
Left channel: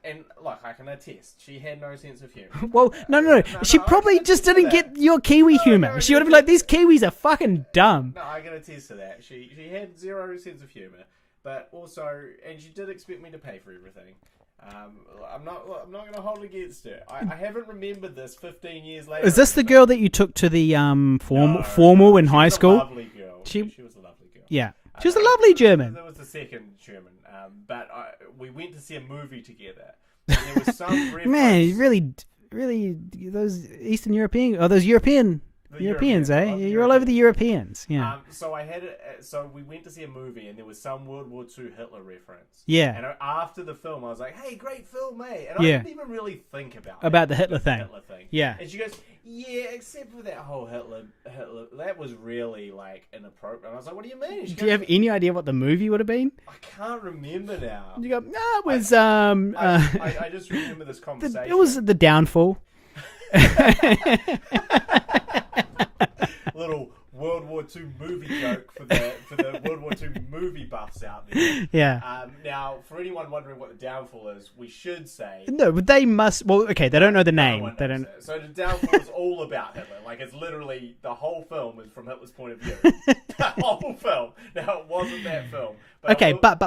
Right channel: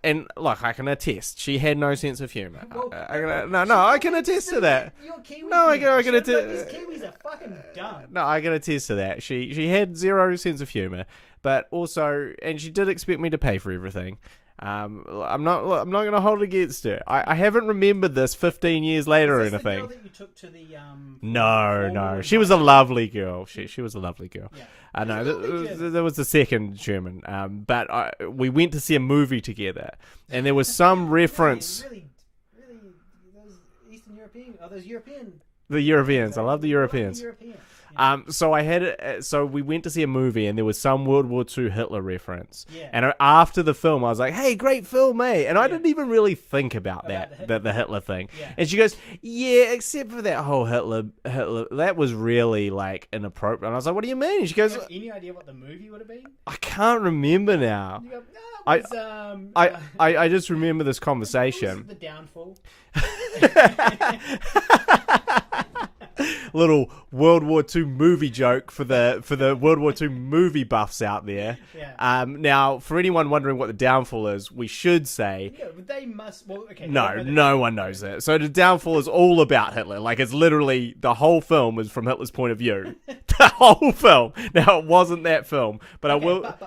and look, I can attest, she had no sense of humor. Well, no, she probably just didn't get your Kiwi humor. She would have been like, these Kiwis are fucking dumb. No, I can attest to that. She had zero sense of humor, but also, and she did expect me to pay for everything. I'm not going to hold it against her. I haven't remembered this 15 years later. Is this the girl that you took to the formal in high school? She was a lovely girl. She was a lovely girl. Yeah, she was a lovely German. There was the second German. But we went to see a movie together, and there was some reference. Man, really, those Eastern European or those European. The Europeans, I love the Europeans. All over the Europeans. Yeah. So we went to see a movie, and there was some World War II Hitler reference. Yeah. And after the film, I was like, "Hey, great film, mate!" And I didn't even really think about the Hitler thing. Yeah. And she goes, "Yeah, except for that whole Hitler, that was really like inappropriate." And I was like, "What do you mean?" And she goes, "Do you have any idea what the movie would have been?" I can't remember now. You go, "No, it was." I just remember this conversation. It was The Downfall. Little World War II movie joke for the World War II movie buffs out there. Yeah. Now, for anyone wondering what The Downfall is, we should say... No, but they must... Well, okay, they don't know the name. No one knows it. So The Downfall is all about Hitler. Like, it's literally... The whole film is from Hitler's point of view. The whole film. Now, it wasn't that film. But okay, but...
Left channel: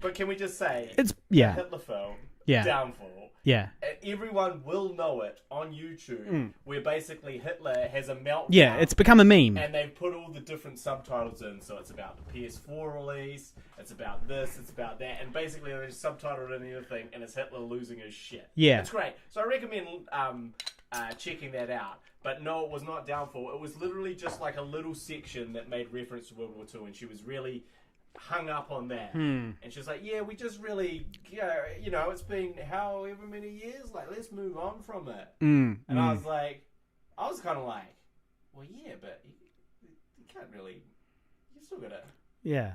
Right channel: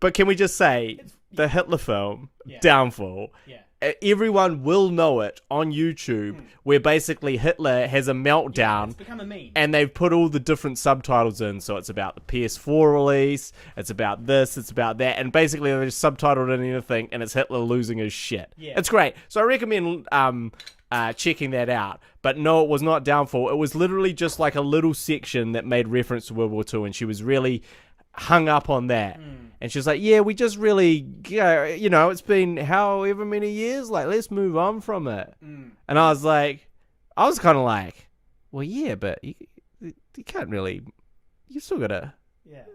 But can we just say... It's the Hitler film... Yeah. Downfall. Yeah. Everyone will know it on YouTube, where basically Hitler has a meltdown. Yeah, it's become a meme. And they've put all the different subtitles in. So it's about the PS4 release, it's about this, it's about that. And basically they're just subtitled in anything, and it's Hitler losing his shit. Yeah. It's great. So I recommend checking that out. But no, it was not Downfall. It was literally just like a little section that made reference to World War II, and she was really... hung up on that, and she's like, "Yeah, we just really, it's been however many years, like let's move on from it." And I was kind of like, "Well, yeah, but you can't really, you still gotta, yeah.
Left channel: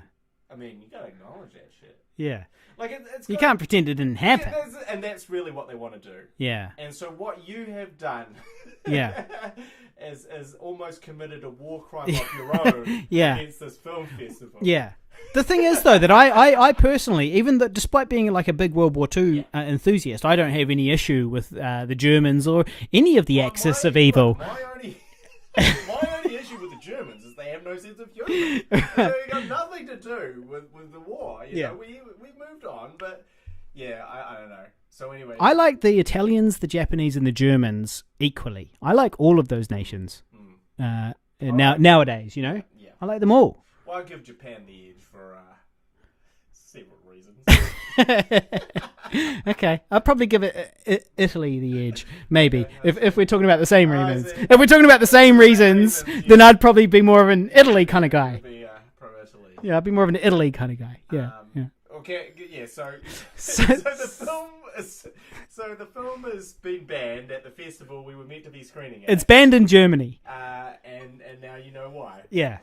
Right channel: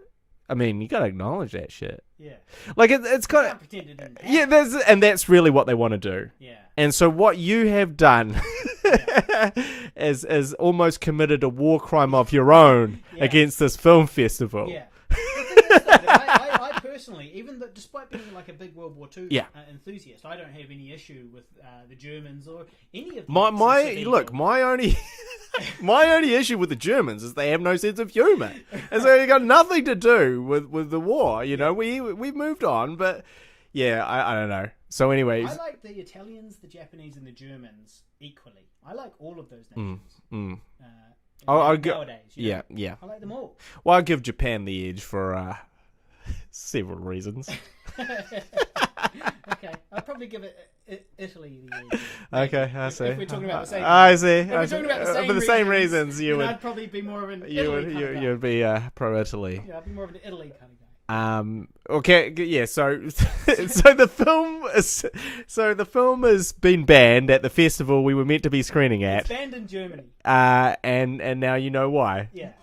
I mean, you gotta acknowledge that shit, yeah. Like it's you can't pretend it didn't happen. Yeah, and that's really what they want to do. Yeah. And so what you have done, yeah, is almost committed a war crime of your own against this film festival. Yeah. The thing is, though, that I personally, even though, despite being like a big World War II enthusiast, I don't have any issue with the Germans or any of the axis of evil. Look, my only issue with the Germans is they have no sense of humor. And so it got nothing to do with the war. You know, we moved on, but yeah, I don't know. So anyway, I like the Italians, the Japanese, and the Germans equally. I like all of those nations. Nowadays, you know, yeah, I like them all. Well, I'll give Japan the edge for several reasons. Okay, I'll probably give it Italy the edge, maybe. Okay, if we're talking about the same reasons. I see. If we're talking about the same reasons, then I'd probably be more of an Italy kind of guy. You'd be pro-Italy. Yeah, I'd be more of an Italy kind of guy. Okay, yeah. So the film has been banned at the festival we were meant to be screening at. It's banned in Germany. And now you know why. Yeah.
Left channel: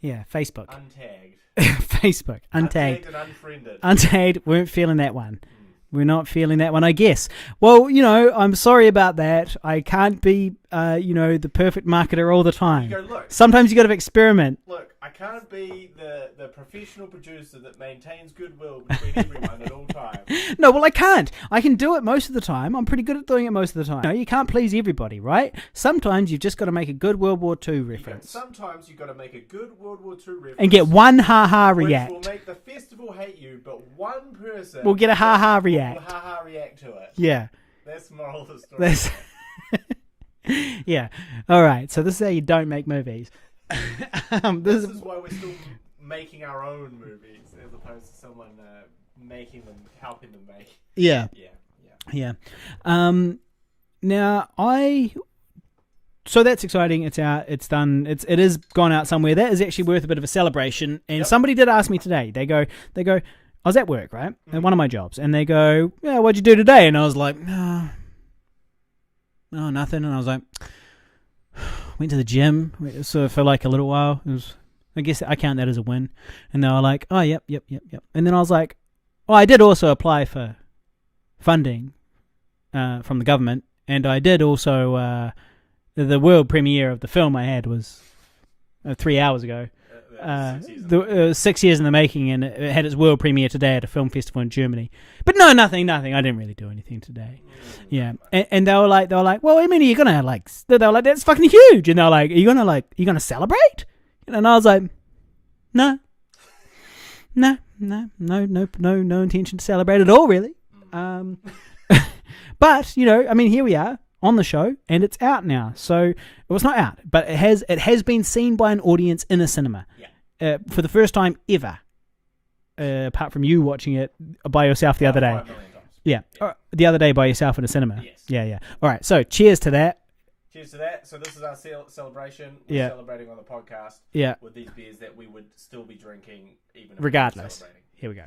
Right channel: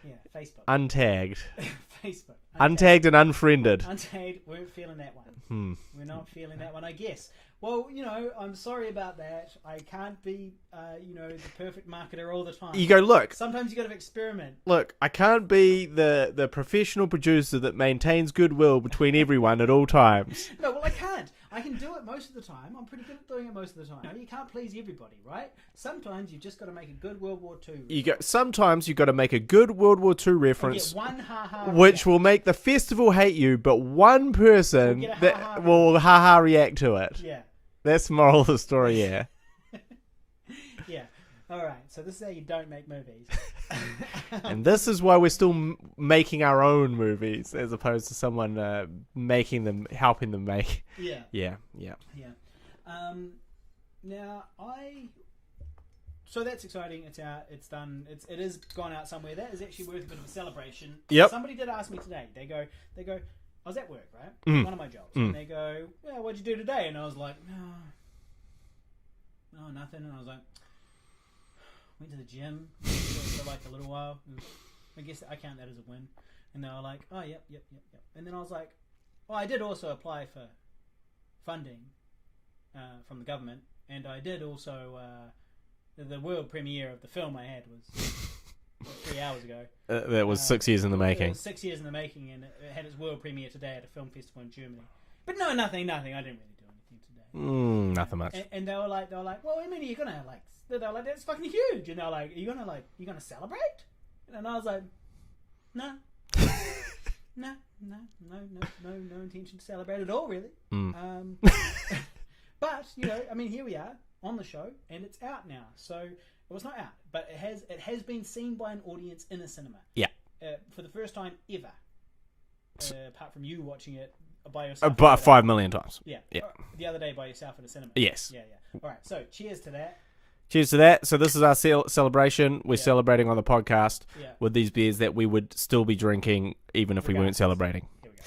Yeah, Facebook. Untagged. Facebook. Untagged and unfriended. Untagged, weren't feeling that one. We're not feeling that one, I guess. Well, I'm sorry about that. I can't be, the perfect marketer all the time. You go, look. Sometimes you got to experiment. Look, I can't be the professional producer that maintains goodwill between everyone at all times. No, well, I can't. I can do it most of the time. I'm pretty good at doing it most of the time. No, you can't please everybody, right? Sometimes you've just got to make a good World War II reference. Sometimes you've got to make a good World War II reference. And get one ha-ha react. Which will make the festival hate you, but one person will get a ha-ha react. Will ha-ha react to it. Yeah. That's the moral of the story, yeah. Yeah. All right. So this is how you don't make movies. This is why we're still making our own movies as opposed to someone making them, helping them make. Yeah. Yeah. Now so that's exciting. It's out. It's done. It is gone out somewhere. That is actually worth a bit of a celebration. And somebody did ask me today. They go. I was at work, right? At one of my jobs, and they go, "Yeah, what'd you do today?" And I was like, "No, nothing." And I was like, went to the gym for like a little while. It was, I guess I count that as a win. And they were like, "Oh, yep." And then I was like, "Oh, I did also apply for funding from the government, and I did also." The world premiere of the film I had was 3 hours ago. That was 6 years in the making. It was 6 years in the making, and it had its world premiere today at a film festival in Germany. But no, nothing. I didn't really do anything today. Nothing much. And they were like, well, I mean, are you gonna like? They were like, that's fucking huge. And they were like, are you gonna celebrate? And I was like, no, no intention to celebrate at all, really. But I mean, here we are on the show, and it's out now. So well, it's not out, but it has been seen by an audience in a cinema. Yeah. For the first time ever. Apart from you watching it by yourself the other day. 5 million times. Yeah. The other day by yourself in a cinema. Yes. Yeah. All right. So cheers to that. Cheers to that. So this is our celebration. We're celebrating on the podcast with these beers that we would still be drinking even if we weren't celebrating. Here we go.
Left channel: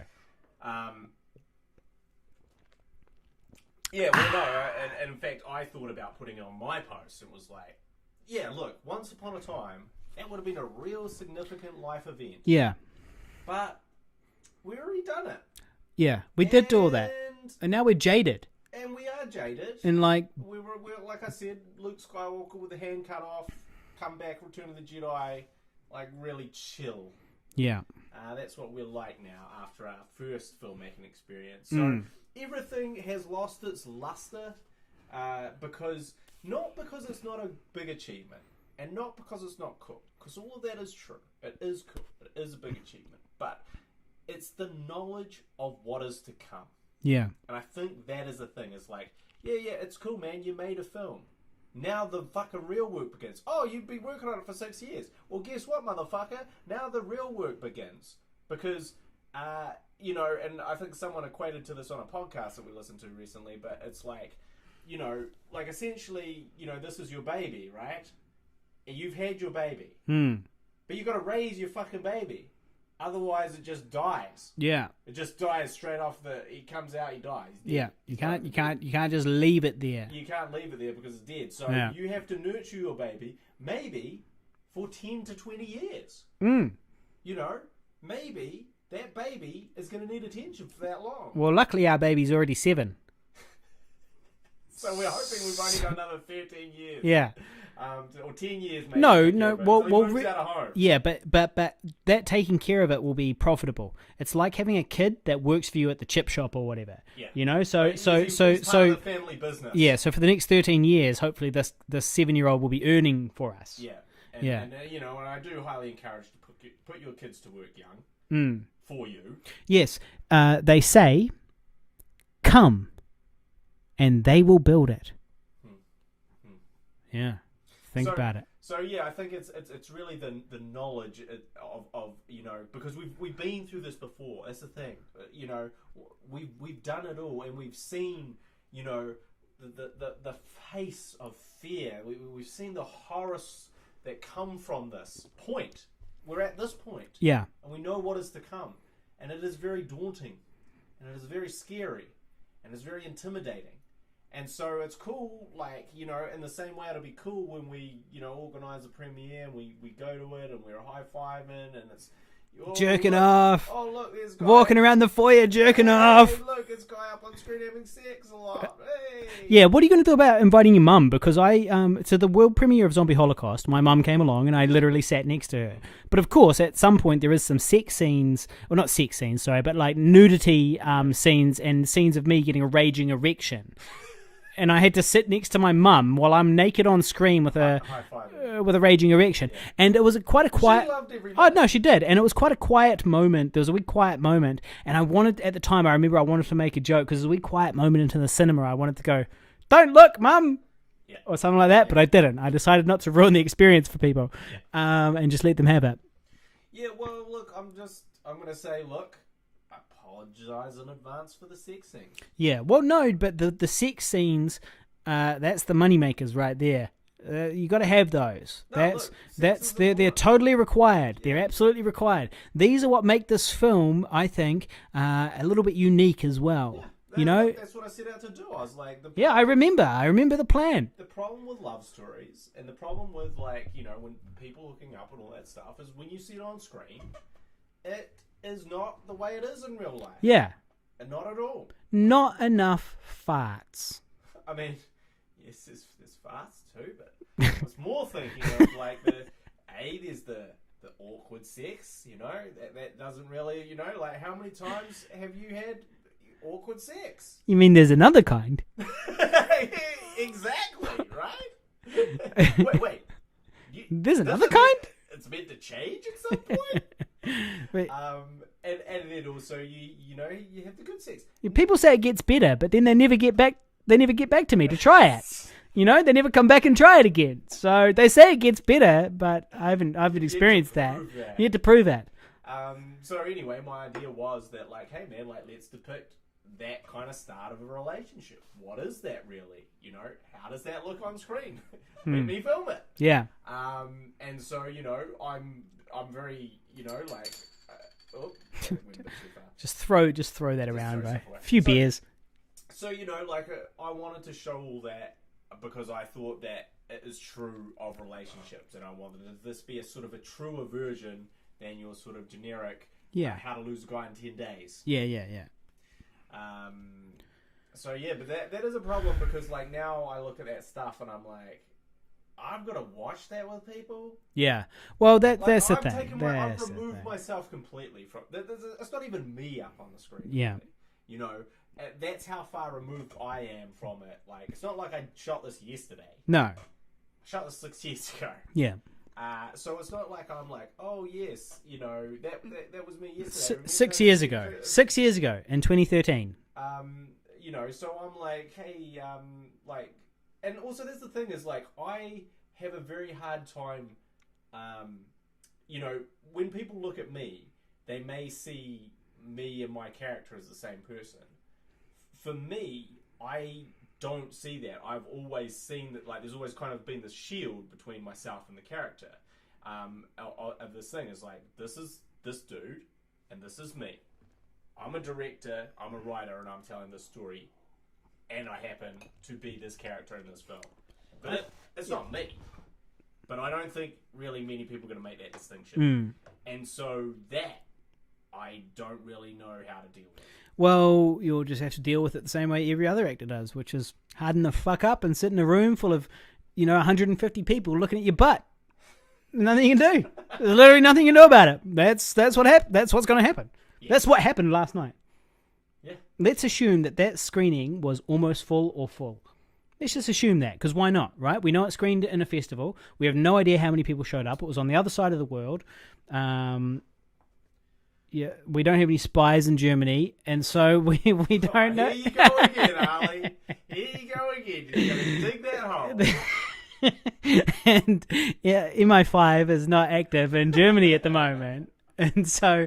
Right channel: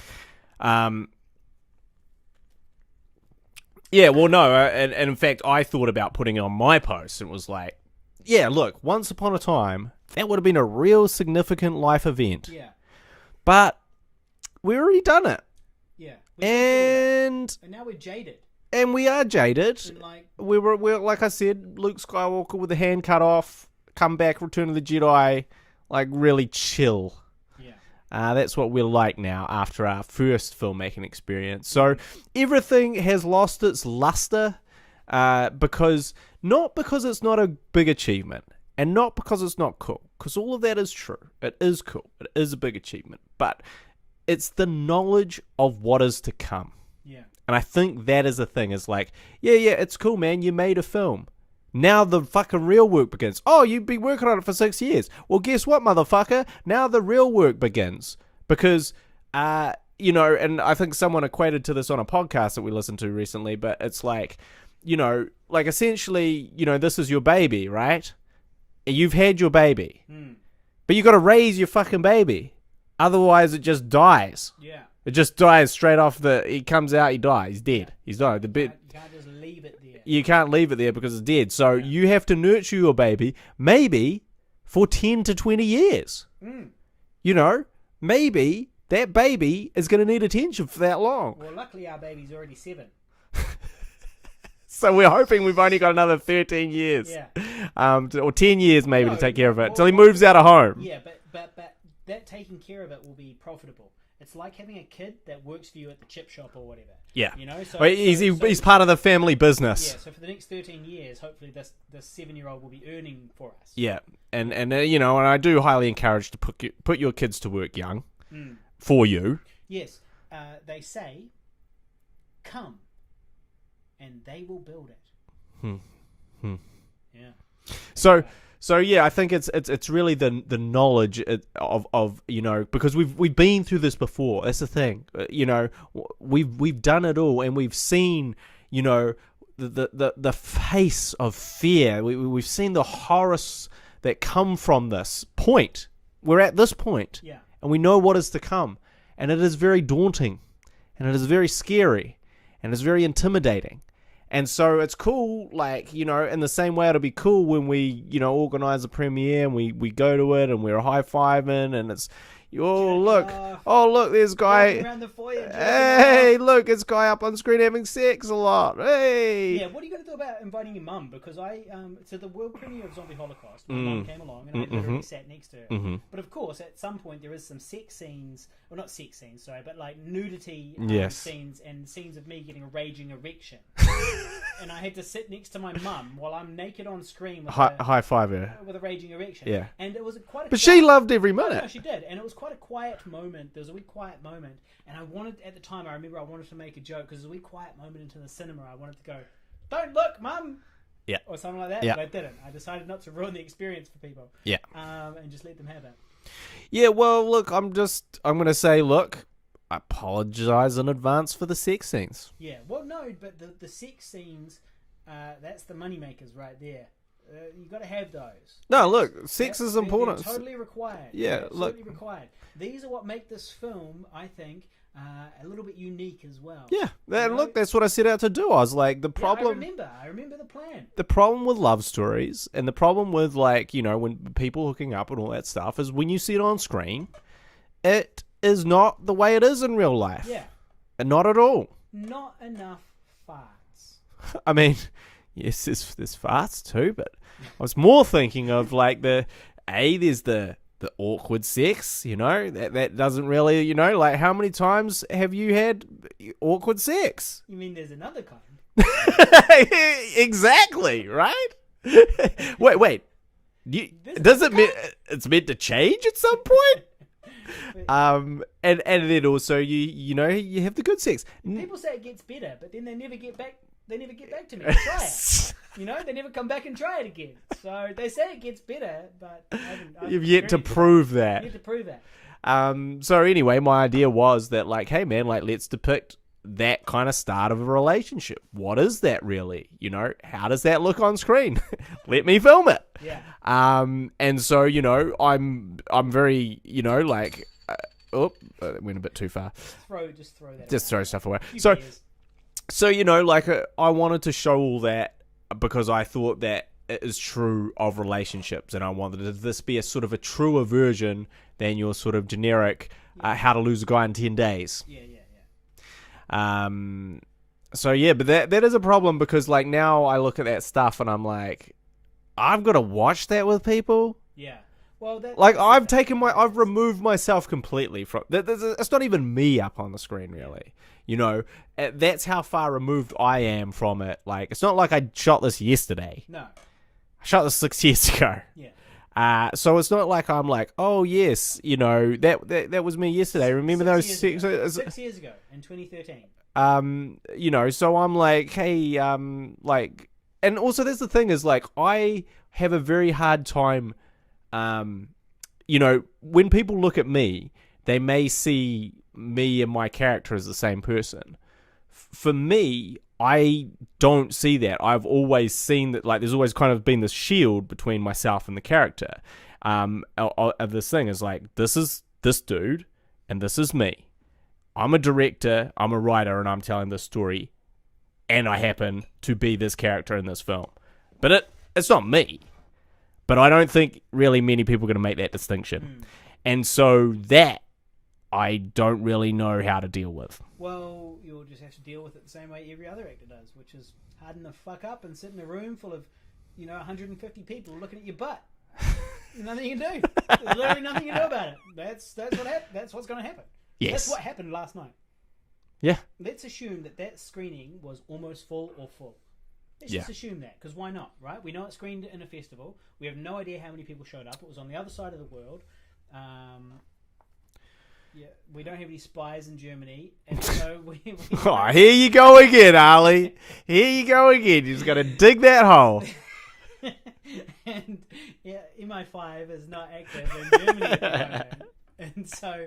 Yeah, well, no. And in fact, I thought about putting it on my post and was like, yeah, look, once upon a time, that would have been a real significant life event. Yeah. But we've already done it. Yeah, we did do all that. And now we're jaded. And we are jaded. And like we're like I said, Luke Skywalker with the hand cut off, come back, Return of the Jedi, like really chill. Yeah. That's what we're like now after our first filmmaking experience. So everything has lost its luster not because it's not a big achievement and not because it's not cool, because all of that is true. It is cool. It is a big achievement. But it's the knowledge of what is to come. Yeah. And I think that is the thing. It's like, yeah, it's cool, man. You made a film. Now the fucking real work begins. Oh, you've been working on it for 6 years. Well, guess what, motherfucker? Now the real work begins. Because, and I think someone equated to this on a podcast that we listened to recently, but it's like, like essentially, this is your baby, right? You've had your baby. But you got to raise your fucking baby. Otherwise, it just dies. Yeah. It just dies straight off he comes out, he dies. He's dead. Yeah. He's died. You can't just leave it there. You can't leave it there because it's dead. So you have to nurture your baby, maybe for 10 to 20 years. Maybe that baby is going to need attention for that long. Well, luckily our baby's already 7. So we're hoping we've only got another 13 years. Yeah. Or 10 years maybe to take care of it. Until he well, moves out of home. Yeah, but that taking care of it will be profitable. It's like having a kid that works for you at the chip shop or whatever. Yeah. So he's part of the family business. Yeah, so for the next 13 years, hopefully this 7-year-old will be earning for us. Yeah. And I do highly encourage to put your kids to work young for you. Yes. They say, come, and they will build it. Yeah. Think about it. So yeah, I think it's really the knowledge of because we've been through this before. That's the thing. We've done it all, and we've seen the face of fear. We've seen the horrors that come from this point. We're at this point. Yeah. And we know what is to come. And it is very daunting. And it is very scary. And it's very intimidating. And so it's cool, in the same way it'll be cool when we, organize a premiere and we go to it and we're high-fiving and it's... jerking off. Oh, look, there's guy... walking around the foyer jerking off. Hey, look, it's guy up on screen having sex a lot. Hey! Yeah, what are you going to do about inviting your mum? Because to the world premiere of Zombie Holocaust, my mum came along and I literally sat next to her. But of course, at some point there is some sex scenes, well not sex scenes, sorry, but like nudity scenes and scenes of me getting a raging erection. And I had to sit next to my mum while I'm naked on screen with high five her. With a raging erection. Yeah. And it was quite a quiet... She loved every minute. Oh, no, she did. And it was quite a quiet moment. There was a wee quiet moment. And I wanted to make a joke because it was a wee quiet moment into the cinema. I wanted to go, don't look, Mum. Yeah. Or something like that. Yeah. But I didn't. I decided not to ruin the experience for people. Yeah. And just let them have it. Yeah, well, look, I'm going to say, look, I apologize in advance for the sex scenes. Yeah, well, no, but the sex scenes, that's the moneymakers right there. You got to have those. No, look, sex is important. They're totally required. Yeah, they're absolutely required. These are what make this film, I think, a little bit unique as well. Yeah, look, that's what I set out to do. I was like, the problem... Yeah, I remember the plan. The problem with love stories and the problem with, when people hooking up and all that stuff is when you see it on screen, it is not the way it is in real life. Yeah. And not at all. Not enough farts. I mean, yes, there's farts too, but I was more thinking of the there's the awkward sex, that doesn't really, like, how many times have you had awkward sex? You mean there's another kind? Exactly, right? Wait. It's meant to change at some point? And then also you have the good sex. People say it gets better, but then they never get back to me to try it. They never come back and try it again. So they say it gets better, but I haven't experienced yet to prove that. Yet to prove that. So anyway, my idea was that, like, hey man, like, let's depict that kind of start of a relationship. What is that really? How does that look on screen? Let me film it. Yeah. And so, I'm very, like, it went a bit too far. Just throw that around. Just throw stuff away. A few beers. So, like, I wanted to show all that because I thought that it is true of relationships, and I wanted this be a sort of a truer version than your sort of generic how to lose a guy in 10 days. Yeah. So yeah, but that is a problem because, like, now I look at that stuff and I'm like, I've got to watch that with people. Yeah. Well, I've removed myself completely from. It's not even me up on the screen, really. Yeah. That's how far removed I am from it. Like, it's not like I shot this yesterday. No. I shot this 6 years ago. Yeah. So it's not like I'm like, oh yes, that was me yesterday. Remember 6 those years ago? 6 years ago in 2013. So I'm like, hey, like, and also there's the thing is, like, I have a very hard time, when people look at me, they may see me and my character as the same person. For me, I don't see that. I've always seen that, like, there's always kind of been this shield between myself and the character. Of this thing is like, this is this dude, and this is me. I'm a director, I'm a writer, and I'm telling this story, and I happen to be this character in this film. But it's not me. But I don't think really many people are going to make that distinction. And so that I don't really know how to deal with. Well, you'll just have to deal with it the same way every other actor does, which is harden the fuck up and sit in a room full of, 150 people looking at your butt. Nothing you can do. Literally nothing you can do about it. That's what's going to happen. Yes. That's what happened last night. Yeah. Let's assume that screening was almost full or full. Let's just assume that, because why not, right? We know it screened in a festival. We have no idea how many people showed up. It was on the other side of the world. We don't have any spies in Germany, and so we don't. Here you go again, Harley. Here you go again. You just got to dig that hole. And MI5 is not active in Germany at the moment, and so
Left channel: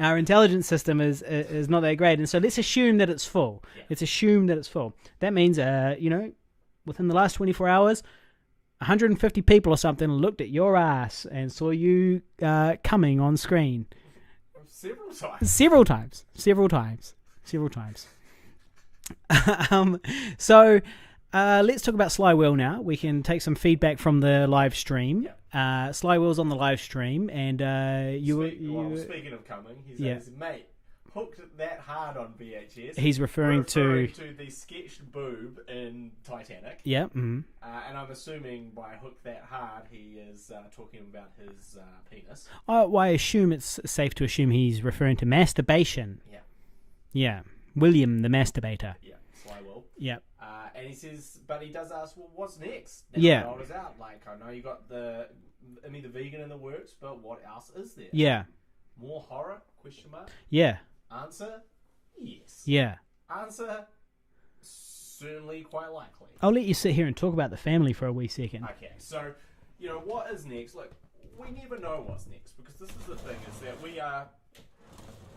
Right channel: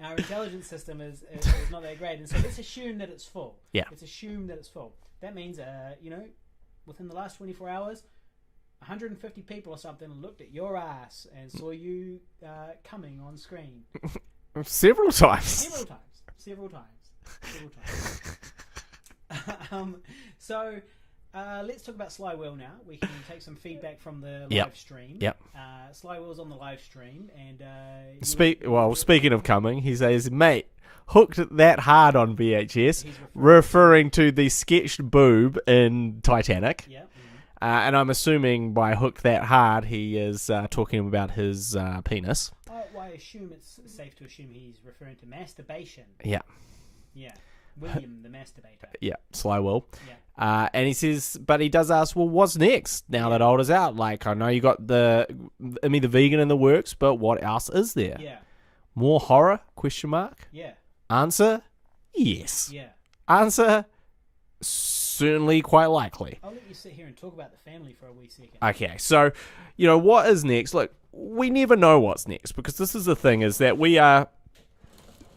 our intelligence system is not that great. And so let's assume that it's full. Yeah. Let's assume that it's full. That means, within the last 24 hours, 150 people or something looked at your ass and saw you coming on screen. Several times. So let's talk about Sly Will now. We can take some feedback from the live stream. Yep. Sly Will's on the live stream, and speaking of coming, he says, mate, hooked that hard on VHS. He's referring to the sketched boob in Titanic. Yeah. Mm-hmm. And I'm assuming by hooked that hard, he is talking about his penis. I assume it's safe to assume he's referring to masturbation. Yeah. Yeah. William the masturbator. Yeah, Sly Will. Yeah. And he says, but he does ask, well, what's next now that Old is out? Like, I know you got the vegan in the works, but what else is there? Yeah. More horror? ? Yeah. Answer? Yes. Yeah. Answer? Certainly quite likely. I'll let you sit here and talk about the family for a wee second. Okay, so, what is next? Look, we never know what's next, because this is the thing, is that we are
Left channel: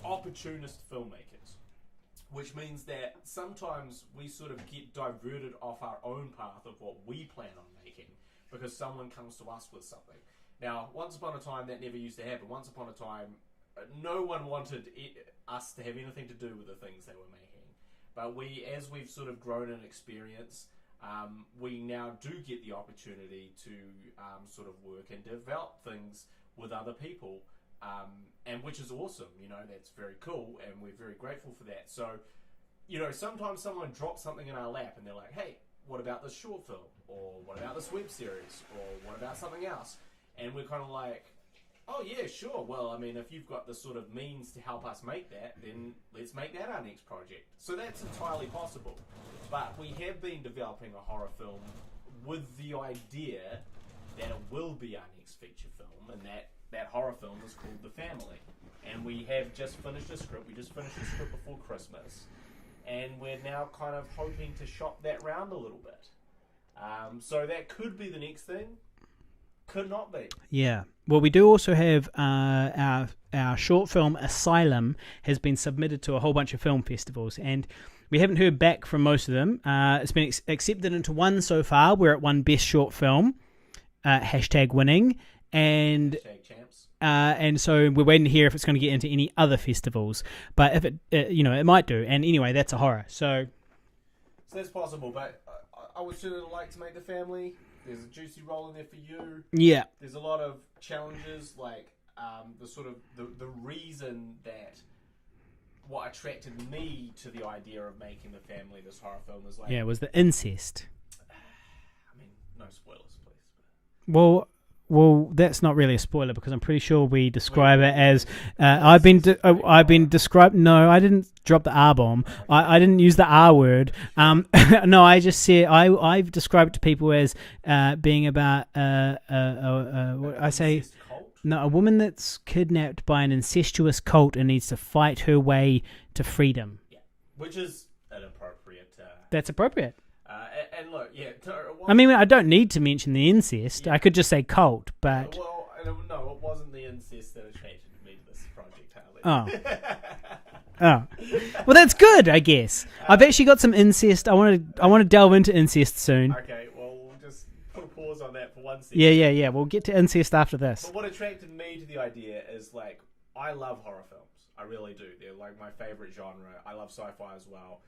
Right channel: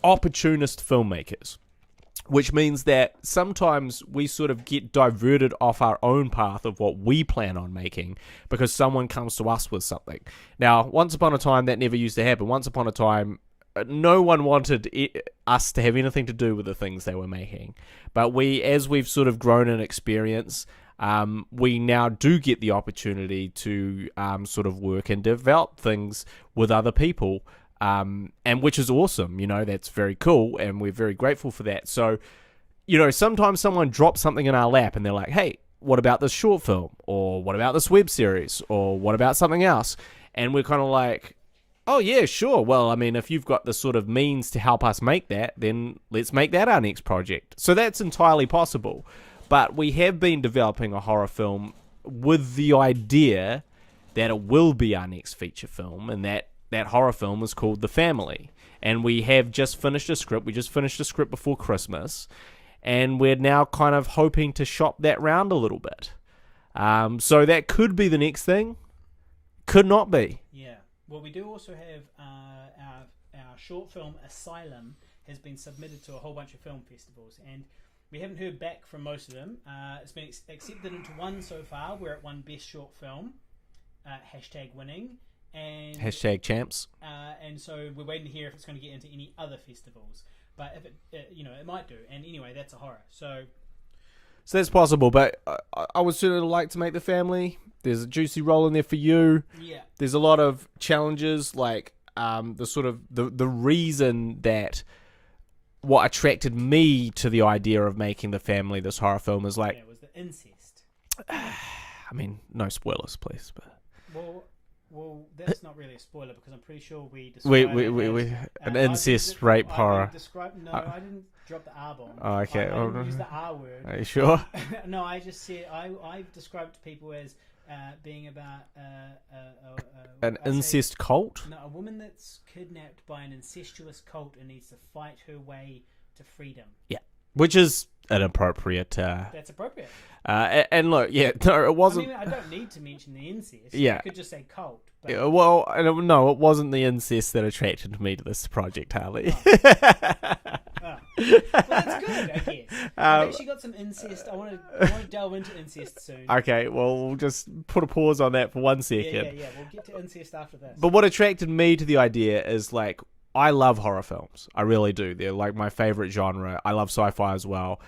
opportunist filmmakers, which means that sometimes we sort of get diverted off our own path of what we plan on making because someone comes to us with something. Now, once upon a time, that never used to happen. Once upon a time, no one wanted us to have anything to do with the things they were making. But as we've sort of grown in experience, we now do get the opportunity to sort of work and develop things with other people, and which is awesome. That's very cool, and we're very grateful for that. So, sometimes someone drops something in our lap, and they're like, hey, what about this short film? Or what about this web series? Or what about something else? And we're kind of like, oh, yeah, sure. Well, I mean, if you've got the sort of means to help us make that, then let's make that our next project. So that's entirely possible. But we have been developing a horror film with the idea that it will be our next feature film, and that horror film is called The Family. And we have just finished a script. We just finished a script before Christmas, and we're now kind of hoping to shop that round a little bit. So that could be the next thing. Could not be. Yeah. Well, we do also have our short film Asylum has been submitted to a whole bunch of film festivals, and we haven't heard back from most of them. It's been accepted into one so far. We're at one Best Short Film, #winning, and #champs. And so we're waiting to hear if it's going to get into any other festivals. But if it might do. And anyway, that's a horror. So that's possible. But I would certainly like to make The Family. There's a juicy role in there for you. Yeah. There's a lot of challenges, like the reason that what attracted me to the idea of making The Family this horror film is like... Yeah, it was the incest. I mean, no spoilers, please. But Well, that's not really a spoiler because I'm pretty sure we describe it as I've been described. No, I didn't drop the R bomb. Oh, okay. I didn't use the R word. Are you sure? No, I just said I've described it to people as being about an incest cult. No, a woman that's kidnapped by an incestuous cult and needs to fight her way to freedom. Yeah, which is an appropriate. That's appropriate. And look, yeah, no, it wasn't. I mean, I don't need to mention the incest. Yeah. I could just say cult, but... Yeah, well, no, it wasn't the incest that attracted me to this project, Harley. Oh. Oh. Well, that's good, I guess. I've actually got some incest. I want to delve into incest soon. Okay, well, we'll just put a pause on that for 1 second. Yeah. We'll get to incest after this. But what attracted me to the idea is, like, I love horror films. I really do. They're, like, my favorite genre. I love sci-fi as well.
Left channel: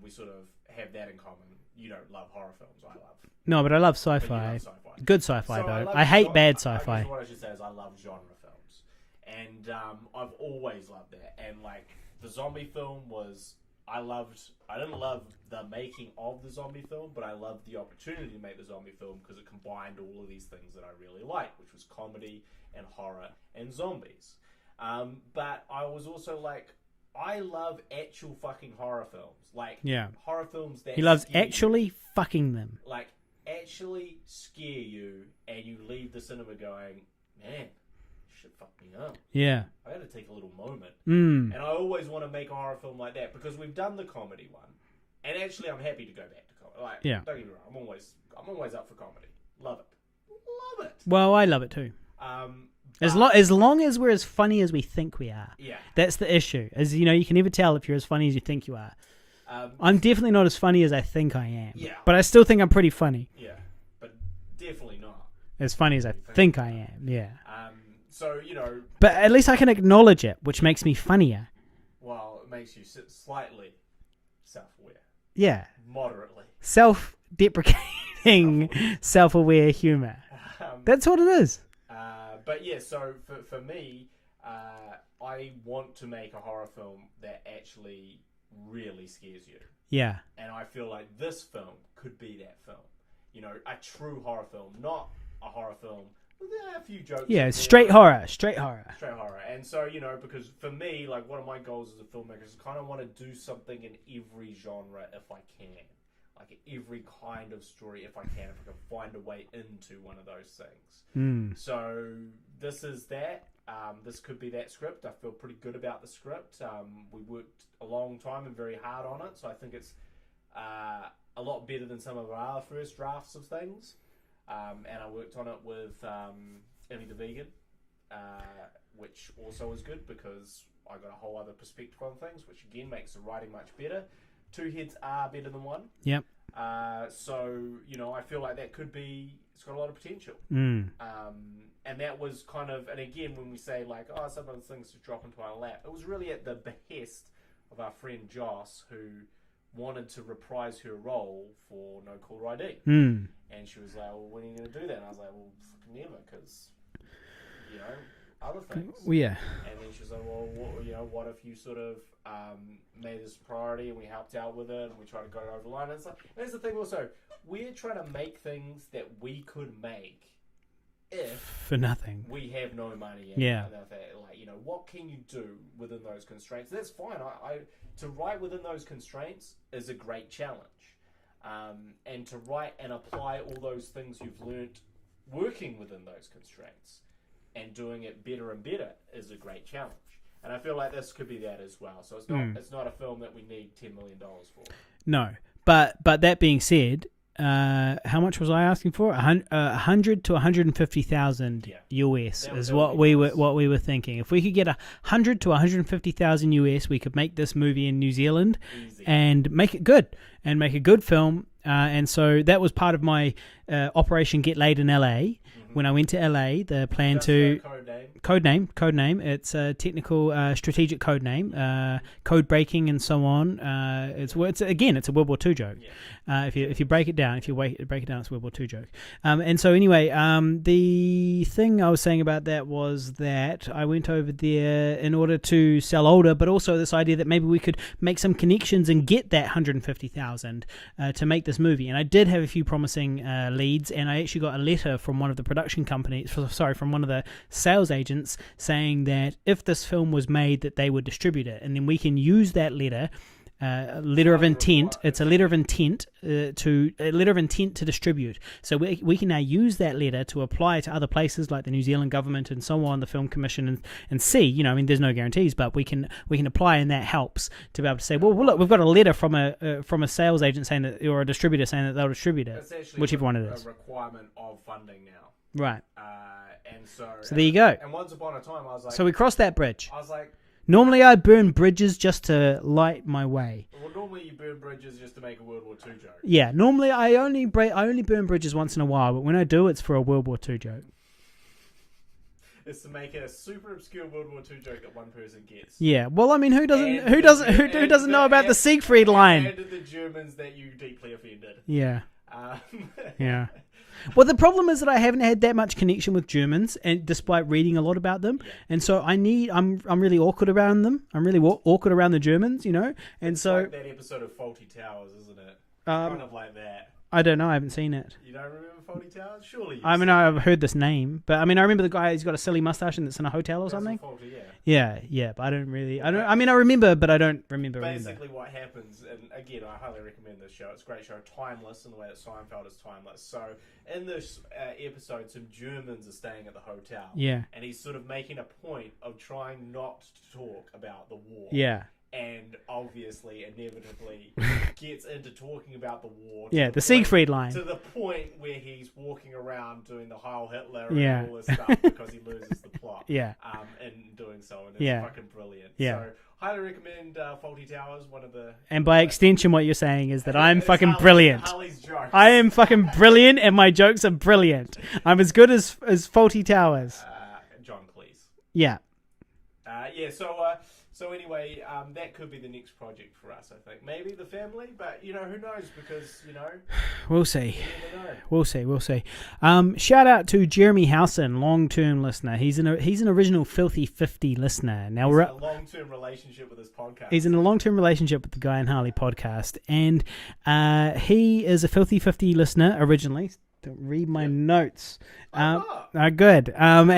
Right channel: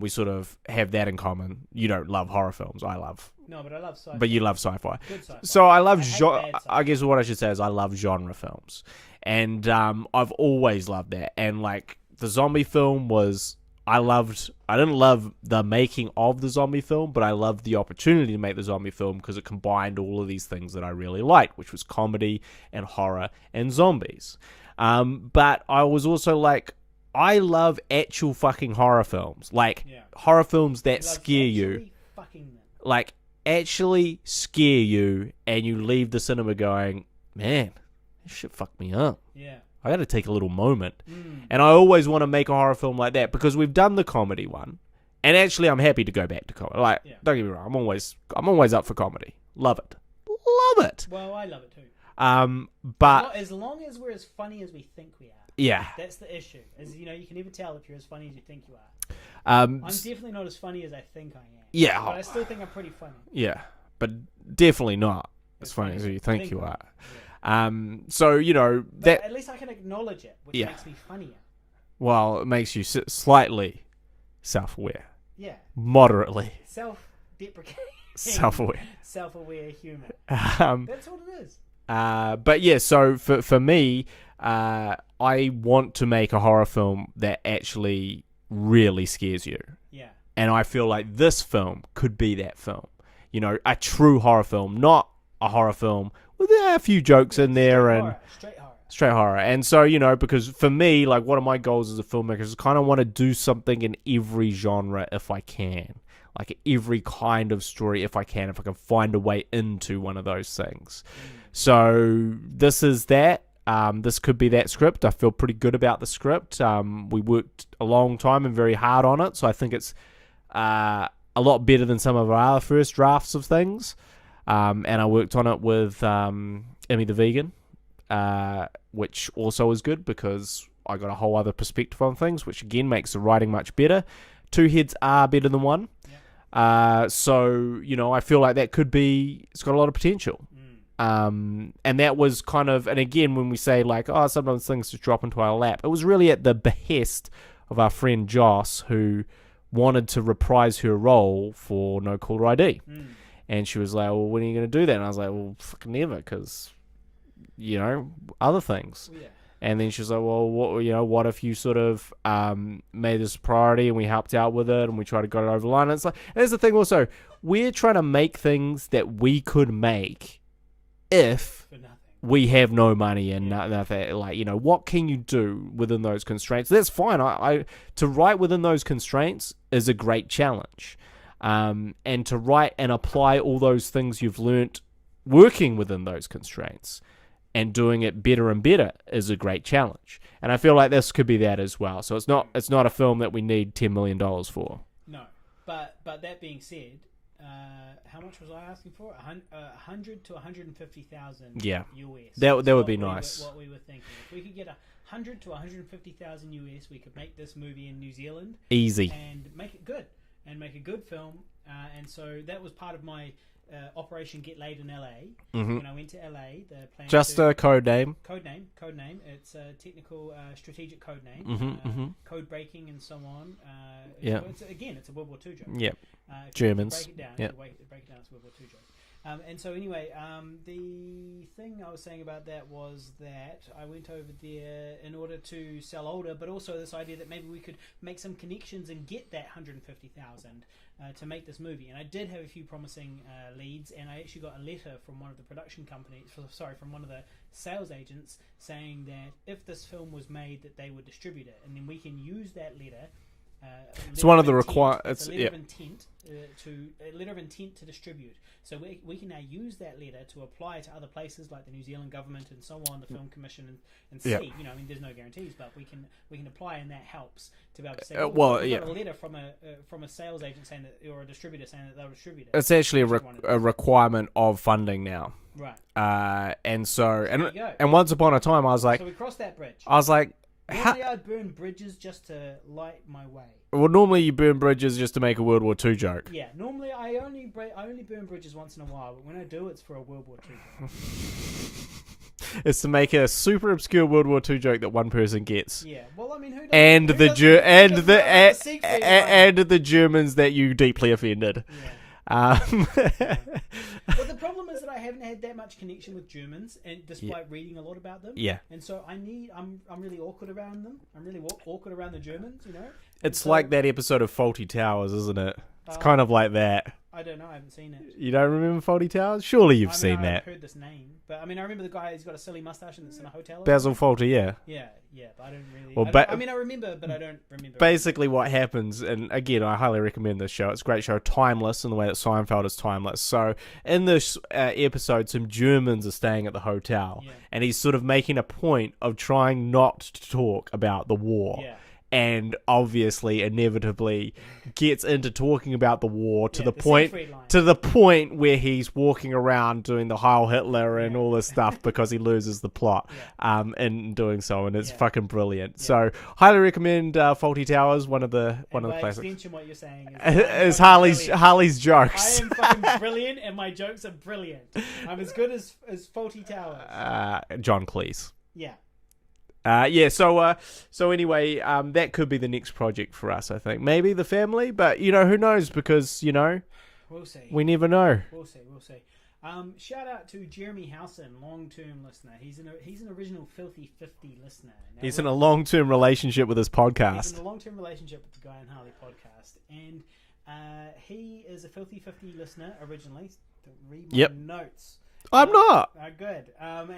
We sort of have that in common. You don't love horror films. I love. No, but I love sci-fi. But you love sci-fi. Good sci-fi. So I hate bad sci-fi. I guess what I should say is I love genre films. And I've always loved that. And like the zombie film was... I didn't love the making of the zombie film, but I loved the opportunity to make the zombie film because it combined all of these things that I really liked, which was comedy and horror and zombies. But I was also like... I love actual fucking horror films. Like, horror films that scare you. Actually fucking them. Like, actually scare you, and you leave the cinema going, man, this shit fucked me up. Yeah. I gotta take a little moment. And I always want to make a horror film like that, because we've done the comedy one, and actually I'm happy to go back to comedy. Like, don't get me wrong, I'm always up for comedy. Love it. Love it. Well, I love it too. But as long as we're as funny as we think we are. Yeah. That's the issue. As you know, you can never tell if you're as funny as you think you are. I'm definitely not as funny as I think I am. Yeah. But I still think I'm pretty funny. Yeah. But definitely not as funny as I think I am. Yeah. So, you know. But at least I can acknowledge it, which makes me funnier. Well, it makes you slightly self-aware. Yeah. Moderately. Self-deprecating. Self-aware humor. That's what it is. But yeah, so for me, I want to make a horror film that actually really scares you. Yeah. And I feel like this film could be that film. You know, a true horror film, not a horror film with a few jokes in there. Straight horror. And so, you know, because for me, like, one of my goals as a filmmaker is kind of want to do something in every genre if I can. Like every kind of story if I can find a way into one of those things. So this is that. This could be that script. I feel pretty good about the script. We worked a long time and very hard on it, so I think it's a lot better than some of our other first drafts of things. And I worked on it with Emmy the Vegan, which also was good because I got a whole other perspective on things, which again makes the writing much better. Two heads are better than one. Yep. So, you know, I feel like that could be... It's got a lot of potential. And that was kind of... And again, when we say, like, oh, sometimes things just drop into our lap, it was really at the behest of our friend Joss, who wanted to reprise her role for No Caller ID. And she was like, well, when are you going to do that? And I was like, well, fucking never, because... You know, other things. Well, yeah. And then she's like, well, what if you sort of made this a priority and we helped out with it and we tried to get it over the line? And it's like, and there's the thing also, we're trying to make things that we could make if for nothing we have no money and what can you do within those constraints? That's fine. I to write within those constraints is a great challenge, and to write and apply all those things you've learnt working within those constraints and doing it better and better is a great challenge. And I feel like this could be that as well. So it's not a film that we need $10 million for. No, but that being said, how much was I asking for? 100 to 150,000 US. That would be nice. What we were thinking. If we could get 100 to 150,000 US, we could make this movie in New Zealand easy and make it good and make a good film. And so that was part of my Operation Get Laid in LA. When I went to LA, the plan just a code name. Code name. It's a technical, strategic code name. Code breaking and so on. It's a World War II joke. Yeah. If you break it down, it's a World War II joke. And so anyway, the thing I was saying about that was that I went over there in order to sell older, but also this idea that maybe we could make some connections and get that 150,000 to make this movie. And I did have a few promising leads, and I actually got a letter from one of the production companies, from one of the sales agents, saying that if this film was made, that they would distribute it, and then we can use that letter. Letter of intent. It's a letter of intent to distribute. So we can now use that letter to apply to other places like the New Zealand government and so on, the Film Commission, and see. There's no guarantees, but we can apply, and that helps to be able to say, look, we've got a letter from a sales agent saying that, or a distributor saying that they'll distribute it. It's actually a requirement of funding now. Right. And so there you go. And once upon a time, I was like, so we crossed that bridge. I was like. Normally, I burn bridges just to light my way. Well, normally you burn bridges just to make a World War II joke. Yeah, normally I only burn bridges once in a while, but when I do, it's for a World War II joke. It's to make a super obscure World War II joke that one person gets. Yeah, well, I mean, who doesn't know about the Siegfried line? And the Germans that you deeply offended. Yeah. Yeah. Well, the problem is that I haven't had that much connection with Germans, and despite reading a lot about them. Yeah. And so I'm really awkward around them. I'm really awkward around the Germans, And it's like that episode of Fawlty Towers, isn't it? It's kind of like that. I don't know. I haven't seen it. You don't remember Fawlty Towers? Surely you've seen that. I've heard this name, but I remember the guy who's got a silly mustache and that's in a hotel or Basil something. Fawlty, yeah. Yeah, but I don't really... I remember, but I don't remember. Basically what happens, and again, I highly recommend this show. It's a great show, timeless in the way that Seinfeld is timeless. So in this episode, some Germans are staying at the hotel. Yeah. And he's sort of making a point of trying not to talk about the war. Yeah. And obviously, inevitably, gets into talking about the war to the Siegfried line. To the point where he's walking around doing the Heil Hitler and all this stuff because he loses the plot. Yeah. In doing so, and it's fucking brilliant. Yeah. So, highly recommend Fawlty Towers. And by extension, what you're saying is that I'm fucking brilliant. Harley's jokes. I am fucking brilliant, and my jokes are brilliant. I'm as good as Fawlty Towers. John Cleese. Yeah. So anyway, that could be the next project for us, I think. Maybe The Family, but, who knows, because, we'll see. We never know. We'll see. Shout out to Jeremy Howson, long-term listener. He's an original Filthy 50 listener. Now he's in a long-term relationship with his podcast. He's in a long-term relationship with the Guy and Harley podcast, and he is a Filthy 50 listener originally. Don't read my notes. I'm not. Good. And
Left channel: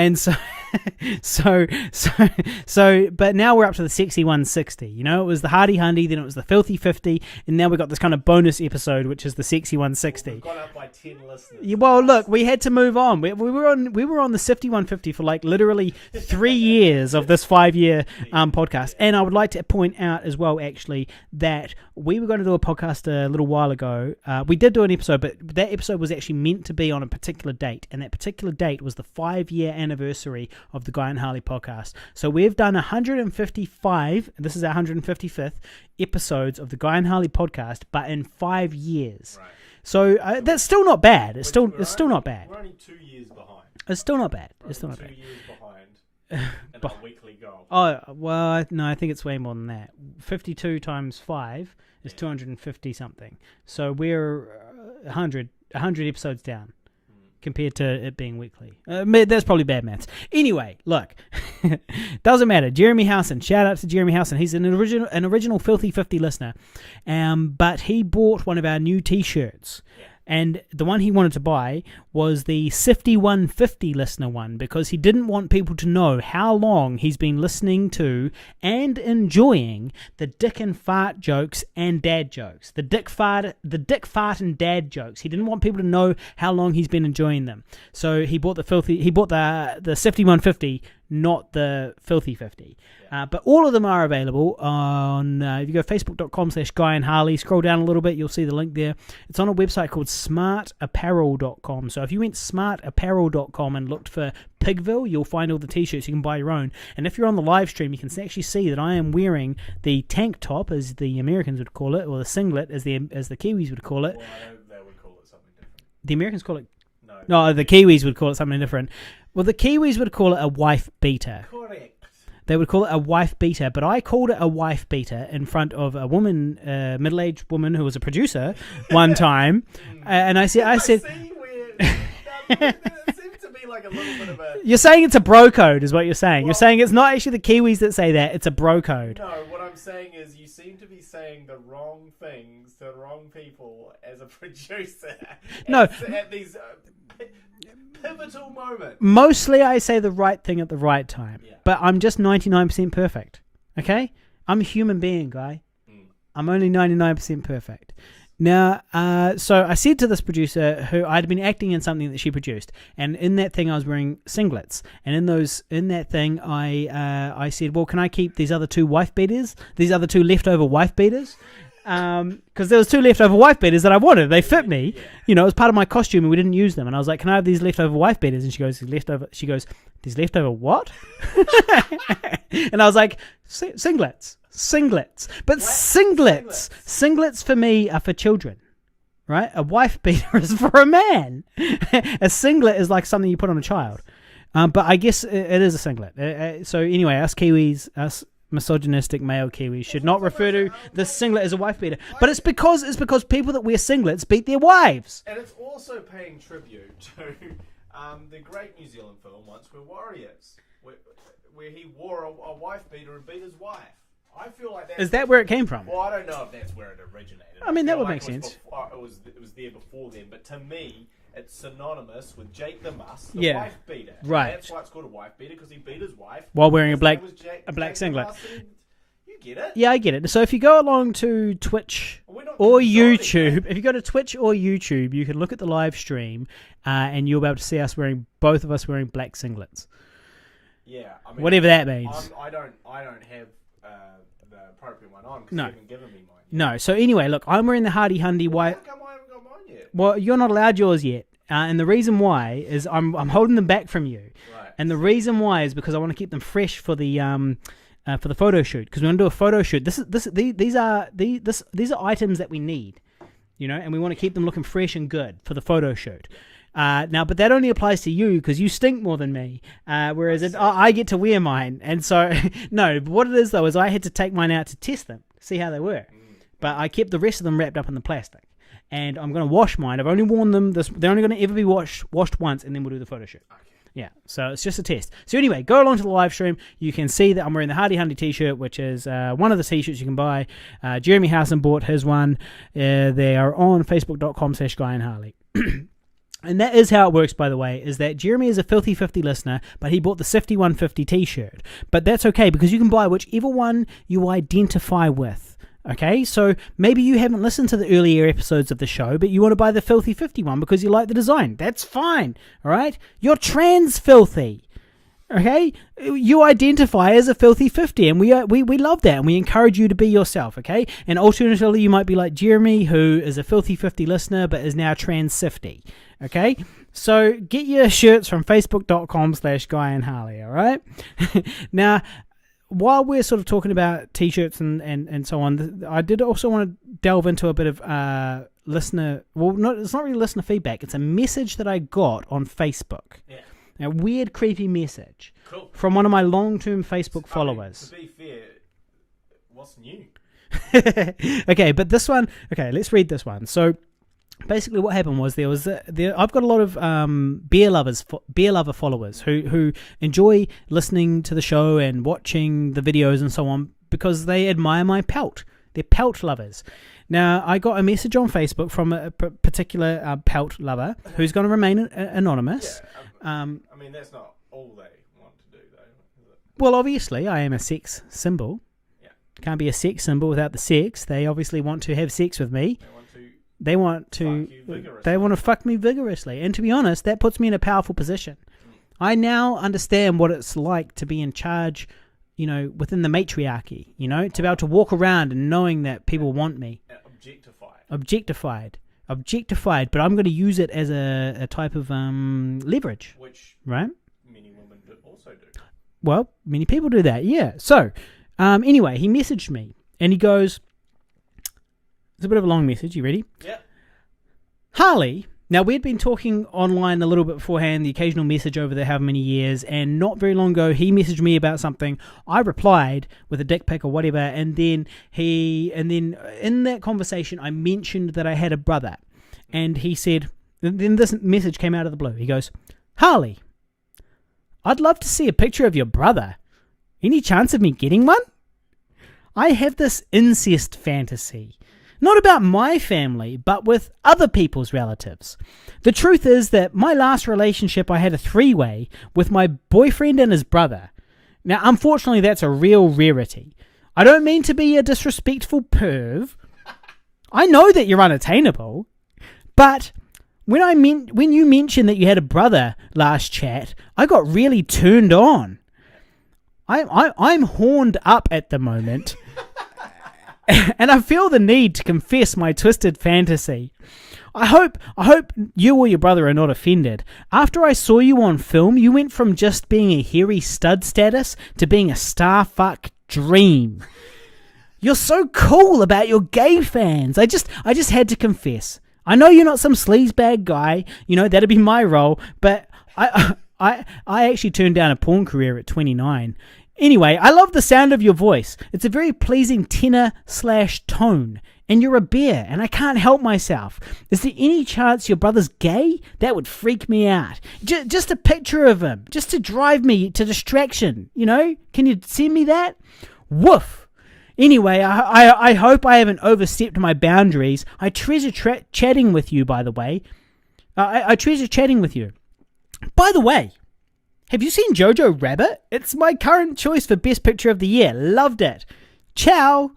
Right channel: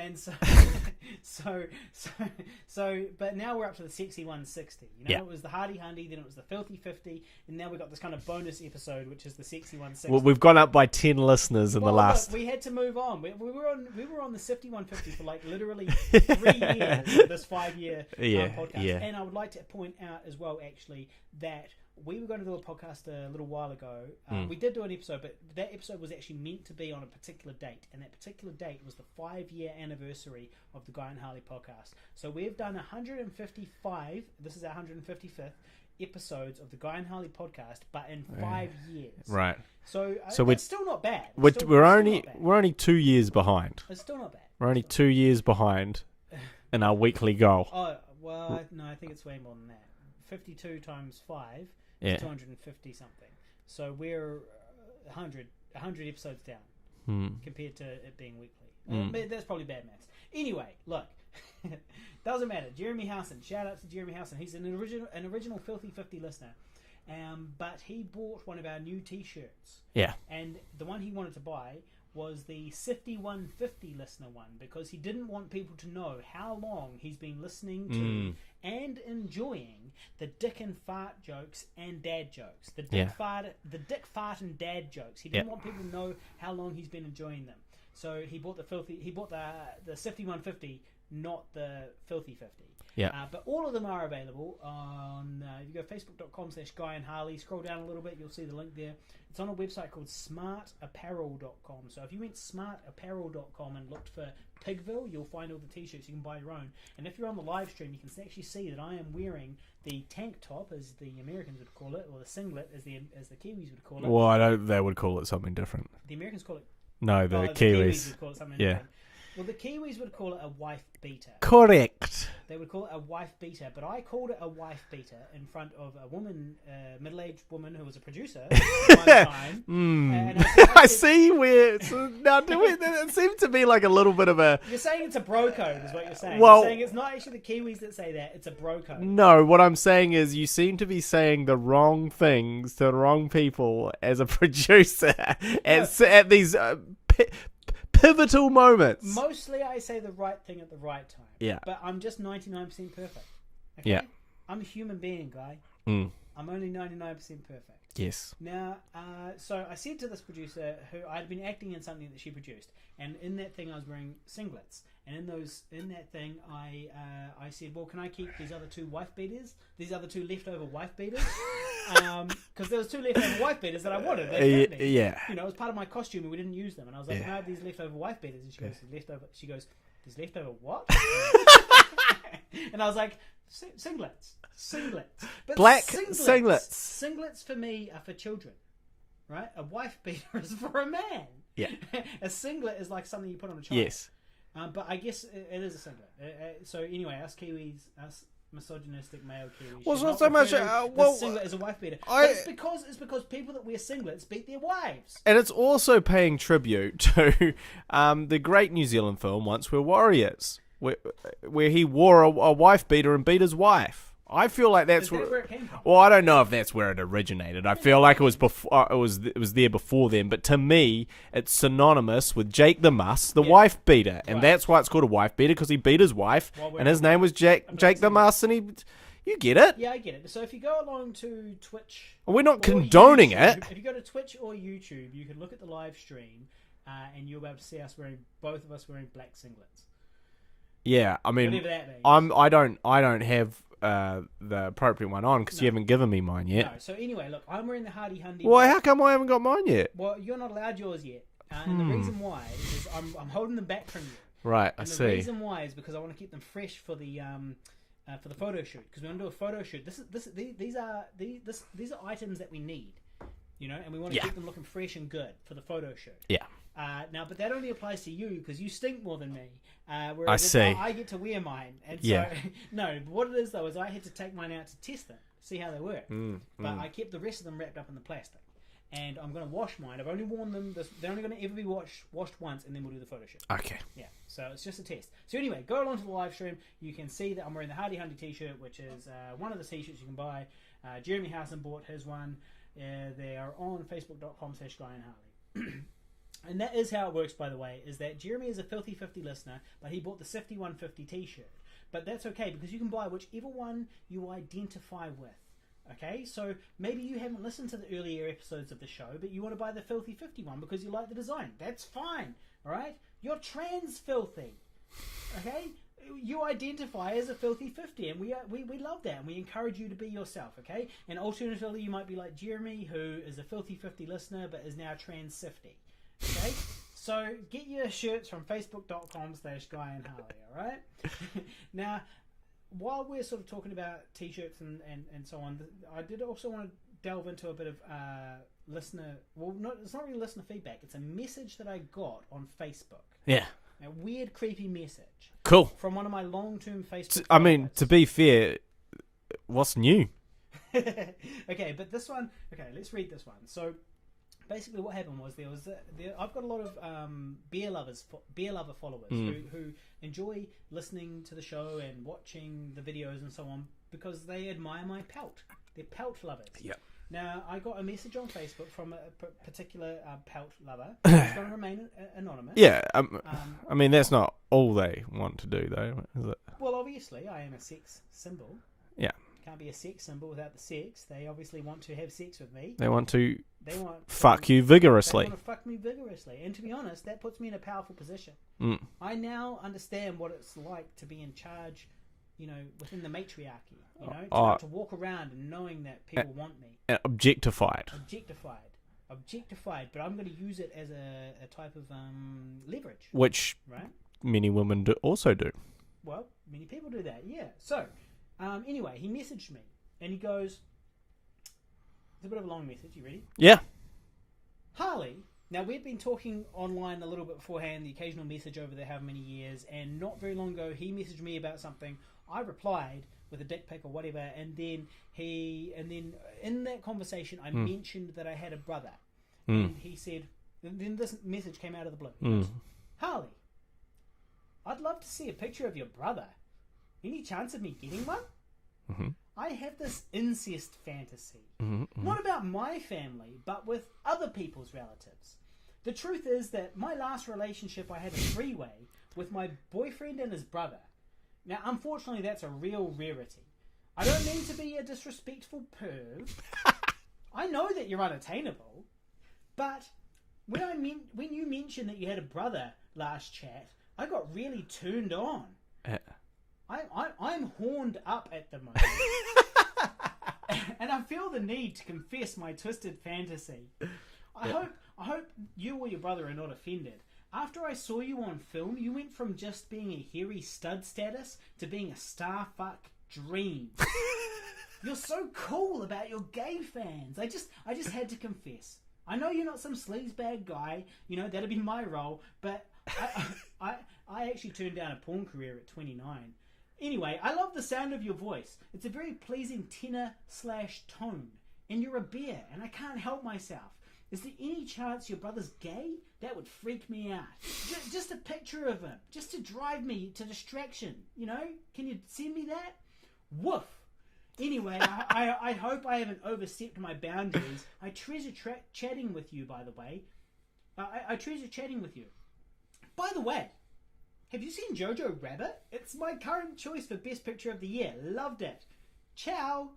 but now we're up to the Sexy 160. It was the Hardy Hundy, then it was the Filthy 50, and now we've got this kind of bonus episode, which is the Sexy 160. Well, we've gone up by 10 listeners. Look, we had to move on. We were on the Sifty 150 for like literally 3 years of this 5-year podcast. And I would like to point out as well, actually, that we were going to do a podcast a little while ago. We did do an episode, but that episode was actually meant to be on a particular date, and that particular date was the 5-year anniversary of the Guy and Harley podcast. So we've done 155, this is our 155th episodes of the Guy and Harley podcast, but in 5 years. Right. So that's still not bad. It's still not bad. We're only 2 years behind. It's still not bad. We're only 2 years behind in our weekly goal. Oh, well, no, I think it's way more than that. 52 times 5 is 250 something. So we're 100 episodes down. compared to it being weekly. That's probably bad maths. Anyway, look, doesn't matter. Jeremy Howson, shout out to Jeremy Howson. He's an original Filthy 50 listener, but he bought one of our new T-shirts. Yeah, and the one he wanted to buy was the Sifty 150 listener one, because he didn't want people to know how long he's been listening to and enjoying the dick and fart jokes and dad jokes. The dick fart and dad jokes. He didn't want people to know how long he's been enjoying them. So he bought the Sifty 150, not the Filthy 50. Yeah. But all of them are available on, if you go facebook.com/Guy and Harley, scroll down a little bit, you'll see the link there. It's on a website called smartapparel.com. So if you went smartapparel.com and looked for Pigville, you'll find all the t-shirts. You can buy your own. And if you're on the live stream, you can actually see that I am wearing the tank top, as the Americans would call it, or the singlet, as the Kiwis would call it. Well, I know they would call it something different. The Americans call it... No, the Kiwis would call it something different. Well, the Kiwis would call it a wife beater. Correct. They would call it a wife beater, but I called it a wife beater in front of a woman, middle-aged woman who was a producer one time. And I said, I see where... Now, it seems to be like a little bit of a... You're saying it's a bro code, is what you're saying. Well, you're saying it's not actually the Kiwis that say that, it's a bro code. No, what I'm saying is you seem to be saying the wrong things to the wrong people as a producer at these... pivotal moments. Mostly I say the right thing at the right time. Yeah. But I'm just 99% perfect. Okay? Yeah. I'm a human being, Guy. I'm only 99% perfect. Yes. Now, so I said to this producer who I'd been acting in something that she produced, and in that thing I was wearing singlets, and in that thing I said, well, can I keep these other two wife beaters? These other two leftover wife beaters? Because there was two leftover wife beaters that I wanted. They fit me. Yeah. You know, it was part of my costume and we didn't use them. And I was like, can I have these leftover wife beaters? And she goes, these leftover what? And I was like, singlets. But singlets for me are for children. Right? A wife beater is for a man. A singlet is like something you put on a child. Yes. But I guess it is a singlet. So anyway, us misogynistic male Kiwis should not refer to the singlet as a wife beater. But it's because people that wear singlets beat their wives. And it's also paying tribute to the great New Zealand film Once We're Warriors, where he wore a wife beater and beat his wife. I feel like that's... Is that where it came from? Well, I don't know if that's where it originated. I feel like it was before. It was there before then. But to me, it's synonymous with Jake the Muss, the wife beater, and that's why it's called a wife beater, because he beat his wife while wearing his name was Jake the Muss, and you get it. Yeah, I get it. So if you go along to Twitch we're not or condoning YouTube, it. If you go to Twitch or YouTube, you can look at the live stream, and you'll be able to see both of us wearing black singlets. Yeah, I mean, whatever that means. I don't have the appropriate one on because you haven't given me mine yet. No. So anyway, look, I'm wearing the Hardy Hundy. Why? How come I haven't got mine yet? Well, you're not allowed yours yet, and the reason why is I'm holding them back from you. Right. And the reason why is because I want to keep them fresh for the photo shoot, because we're gonna do a photo shoot. These are items that we need, you know, and we want to keep them looking fresh and good for the photo shoot. Yeah. Now, but that only applies to you because you stink more than me, whereas I get to wear mine. And so, no, what it is, though, is I had to take mine out to test them, see how they were. But I kept the rest of them wrapped up in the plastic. And I'm going to wash mine. I've only worn them. They're only going to ever be washed once, and then we'll do the photo shoot. Okay. Yeah, so it's just a test. So anyway, go along to the live stream. You can see that I'm wearing the Hardy Hundy t-shirt, which is one of the t-shirts you can buy. Jeremy Howson bought his one. They are on facebook.com/Guy and Harley. And that is how it works, by the way, is that Jeremy is a Filthy 50 listener, but he bought the Sifty 150 t-shirt. But that's okay, because you can buy whichever one you identify with. Okay, so maybe you haven't listened to the earlier episodes of the show, but you want to buy the Filthy 50 one because you like the design. That's fine, all right? You're trans filthy. Okay, you identify as a Filthy 50, and we love that, and we encourage you to be yourself. Okay, and alternatively, you might be like Jeremy, who is a Filthy 50 listener but is now trans 50. Okay, so get your shirts from facebook.com/Guy and Harley. All right. Now, while we're sort of talking about t-shirts and so on, I did also want to delve into a bit of listener. Well, it's not really listener feedback. It's a message that I got on Facebook. Yeah. A weird, creepy message. Cool. From one of my long-term Facebook followers. I mean, to be fair, what's new? Okay, but this one... Okay, let's read this one. So, basically what happened was I've got a lot of beer lover followers who enjoy listening to the show and watching the videos and so on because they admire my pelt. They're pelt lovers. Yeah. Now, I got a message on Facebook from a particular pelt lover who's going to remain anonymous. Yeah, I mean, that's not all they want to do, though, is it? Well, obviously, I am a sex symbol. Yeah. Can't be a sex symbol without the sex. They obviously want to have sex with me. They want to fuck you vigorously. They want to fuck me vigorously. And to be honest, that puts me in a powerful position. I now understand what it's like to be in charge, within the matriarchy, to be able to walk around and knowing that people want me. Objectified. But I'm going to use it as a type of leverage. Which right? Many women also do. Well, many people do that, yeah. So, anyway, he messaged me and he goes, it's a bit of a long message. You ready? Yeah. Harley. Now, we had been talking online a little bit beforehand, the occasional message over the however many years, and not very long ago, he messaged me about something. I replied with a dick pic or whatever, and then in that conversation, I mentioned that I had a brother, and he said, then this message came out of the blue. He goes, Harley, I'd love to see a picture of your brother. Any chance of me getting one? I have this incest fantasy, not about my family, but with other people's relatives. The truth is that my last relationship, I had a three-way with my boyfriend and his brother. Now, unfortunately, that's a real rarity. I don't mean to be a disrespectful perv. I know that you're unattainable, but when you mentioned that you had a brother last chat, I got really turned on. I'm horned up at the moment, and I feel the need to confess my twisted fantasy. I hope you or your brother are not offended. After I saw you on film, you went from just being a hairy stud status to being a starfuck dream. You're so cool about your gay fans. I just had to confess. I know you're not some sleazebag guy. That'd be my role, but I actually turned down a porn career at 29. Anyway, I love the sound of your voice. It's a very pleasing tenor/tone. And you're a bear, and I can't help myself. Is there any chance your brother's gay? That would freak me out. Just a picture of him, just to drive me to distraction, Can you send me that? Woof. Anyway, I hope I haven't overstepped my boundaries. I treasure chatting with you, by the way. I treasure chatting with you. By the way, have you seen Jojo Rabbit? It's my current choice for Best Picture of the Year. Loved it. Ciao.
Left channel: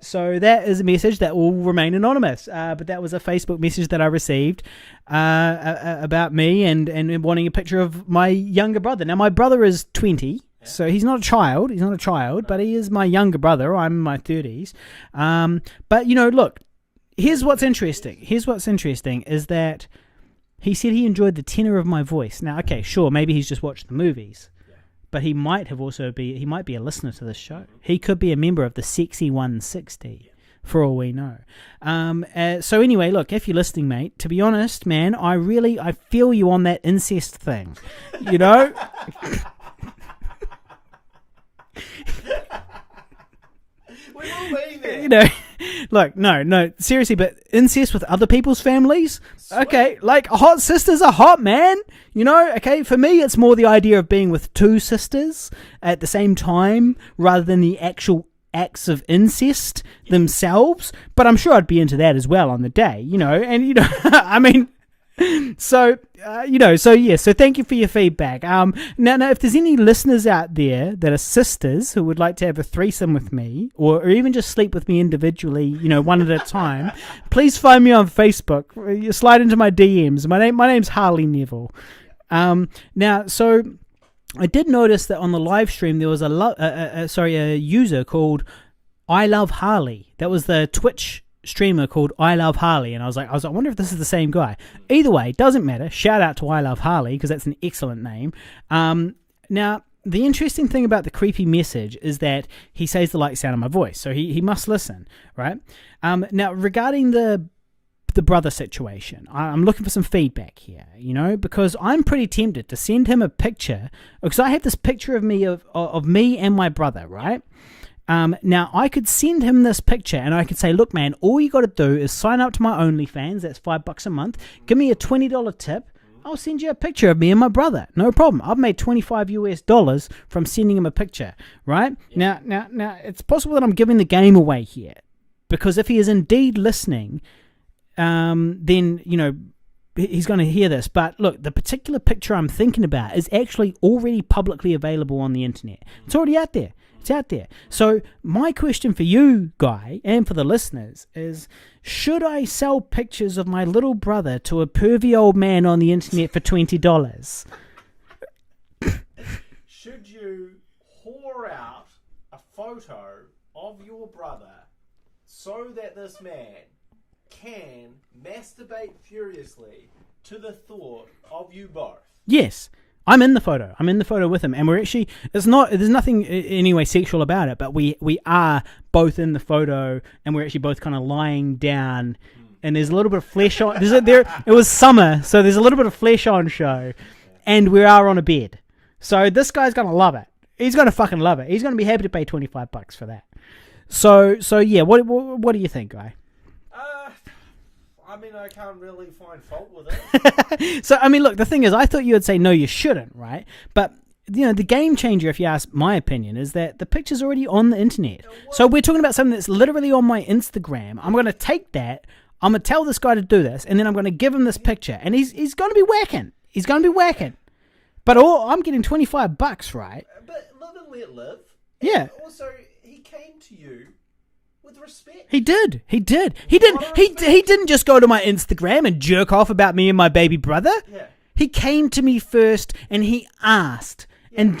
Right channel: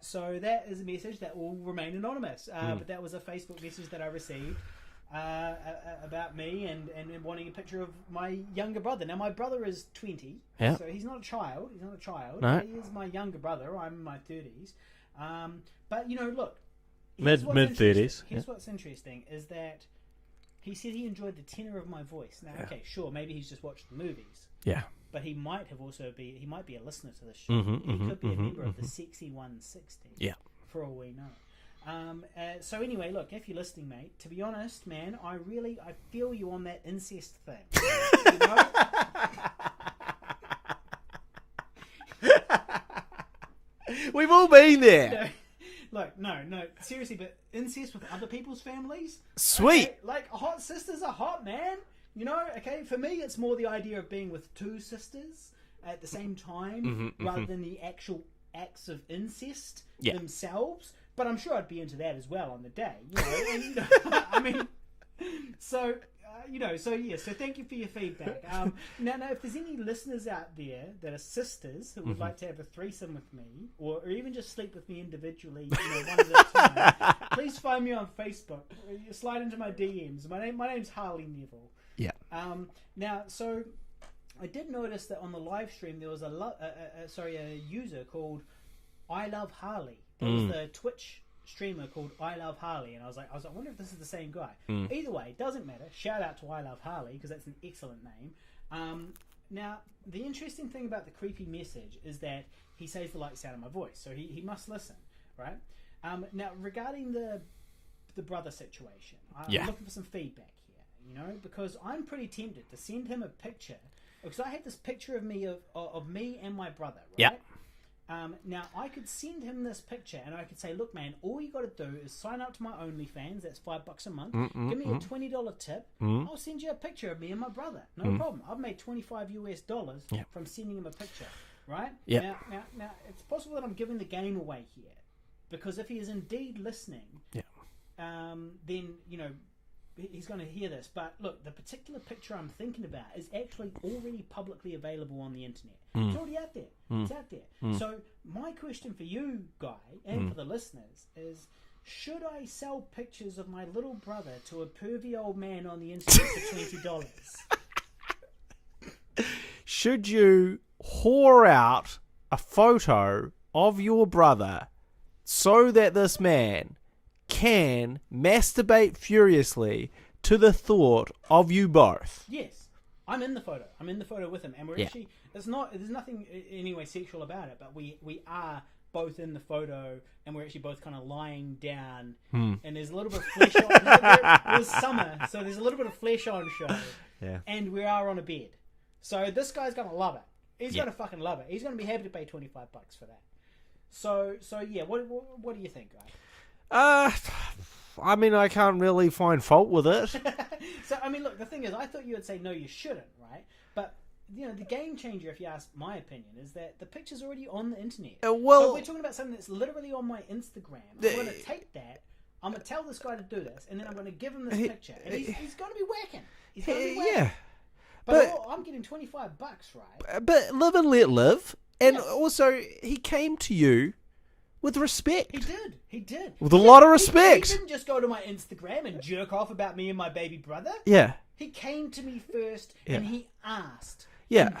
So that is a message that will remain anonymous. But that was a Facebook message that I received about me and wanting a picture of my younger brother. Now, my brother is 20, so he's not a child. No. But he is my younger brother. I'm in my 30s. But, look, here's what's interesting. Here's what's interesting is that he said he enjoyed the tenor of my voice. Now, okay, sure, maybe he's just watched the movies. Yeah. But he might be a listener to this show. He could be a member of the Sexy 160. Yeah. For all we know. So anyway, look, if you're listening, mate, to be honest, man, I feel you on that incest thing. We've all been there. Look, no, seriously, but incest with other people's families? Sweet. Okay, like hot sisters are hot, man. Okay, for me, it's more the idea of being with two sisters at the same time rather than the actual acts of incest themselves. But I'm sure I'd be into that as well on the day, and, I mean... So thank you for your feedback. Now, if there's any listeners out there that are sisters who would like to have a threesome with me, or even just sleep with me individually, one at a time, please find me on Facebook. You slide into my DMs. My name's Harley Neville. Yeah. Now, so I did notice that on the live stream there was a user called I Love Harley. That was the Twitch streamer called I Love Harley, and I was like, I wonder if this is the same guy. Either way, doesn't matter. Shout out to I Love Harley because that's an excellent name. Now, the interesting thing about the creepy message is that he says the like sound of my voice, so he must listen, right? Now, regarding the brother situation, I'm looking for some feedback here, because I'm pretty tempted to send him a picture, because I have this picture of me of me and my brother, right? Now, I could send him this picture and I could say, look, man, all you got to do is sign up to my OnlyFans. That's $5 a month. Give me a $20 tip. I'll send you a picture of me and my brother. No problem. I've made $25 from sending him a picture, right? Yeah. Now, it's possible that I'm giving the game away here, because if he is indeed listening, then, he's going to hear this. But look, the particular picture I'm thinking about is actually already publicly available on the internet. It's already out there. It's out there. So my question for you, Guy, and for the listeners is, should I sell pictures of my little brother to a pervy old man on the internet for $20? Should you whore out a photo of your brother so that this man can masturbate furiously to the thought of you both? Yes. I'm in the photo. I'm in the photo with him, and we're actually, there's nothing anyway sexual about it, but we are both in the photo, and we're actually both kind of lying down, and there's a little bit of flesh on. It was summer, so there's a little bit of flesh on show, and we are on a bed. So this guy's gonna love it. He's gonna fucking love it. He's gonna be happy to pay $25 for that. So yeah. What do you think, Guy? I mean, I can't really find fault with it. So, I mean, look, the thing is, I thought you would say, no, you shouldn't, right? But, the game changer, if you ask my opinion, is that the picture's already on the internet. So we're talking about something that's literally on my Instagram. I'm going to take that, I'm going to tell this guy to do this, and then I'm going to give him this picture. And he's going to be whacking. He's going to be whacking. But I'm getting $25, right? But live and let live. And also, he came to you with respect. He did. With a lot of respect. He didn't just go to my Instagram and jerk off about me and my baby brother. Yeah. He came to me first and he asked. Yeah. And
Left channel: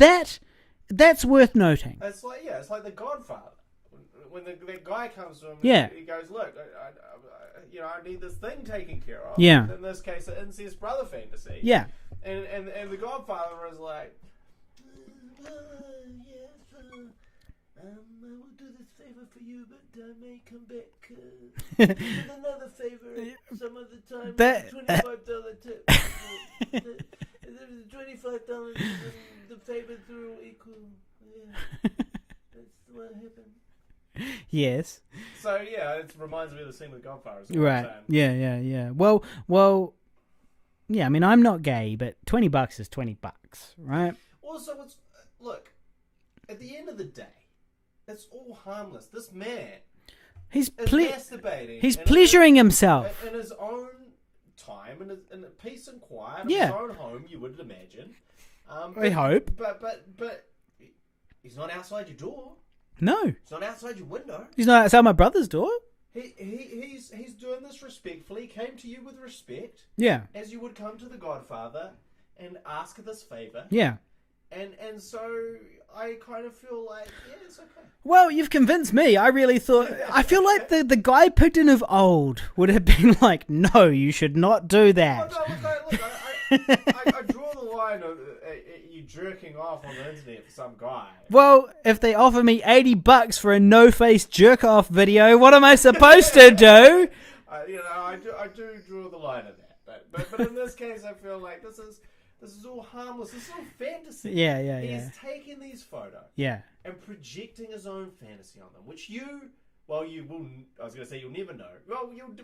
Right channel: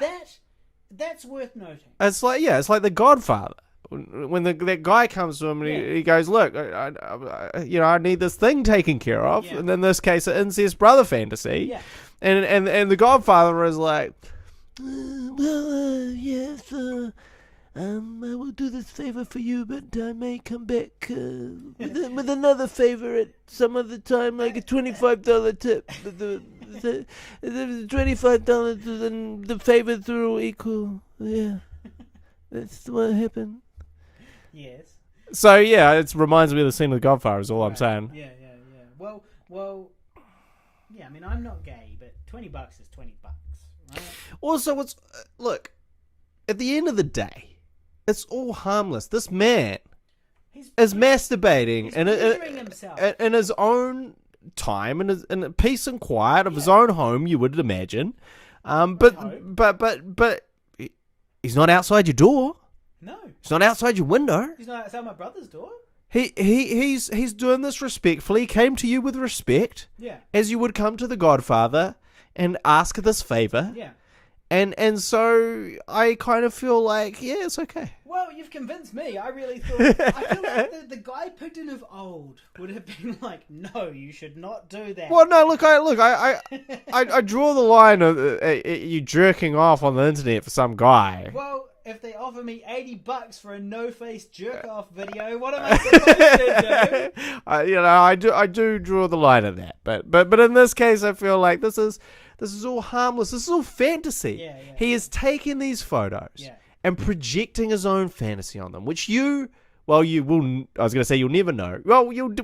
that's worth noting. It's like The Godfather. When that guy comes to him and he goes, look, I need this thing taken care of. Yeah. And in this case, an incest brother fantasy. Yeah. And the Godfather is like, I will do this favor for you, but I may come back with another favor at some other time, like a $25 tip. The $25 the favor through equal. Yeah, that's what happened. Yes. So yeah, it reminds me of the scene of The Godfather. Is all I'm saying. Yeah. Well. Yeah, I mean, I'm not gay, but $20 is $20, right? Also, look, at the end of the day, it's all harmless. This man is masturbating. He's pleasuring himself. In his own time, in peace and quiet of his own home, you would imagine. I hope. But he's not outside your door. No. He's not outside your window. He's not outside my brother's door. He's doing this respectfully. He came to you with respect. Yeah. As you would come to the Godfather and ask this favor. Yeah. And so I kind of feel like, it's okay. Well, you've convinced me. I really thought... I feel like the Guy Picton of old would have been like, no, you should not do that. Well, no, I draw the line of you jerking off on the internet for some guy. Well, if they offer me $80 for a no-face jerk-off video, what am I supposed to do? I do draw the line at that. But in this case, I feel like this is all harmless. This is all fantasy. Yeah. He is taking these photos and projecting his own fantasy on them, which you will, I was going to say you'll never know. Well, you do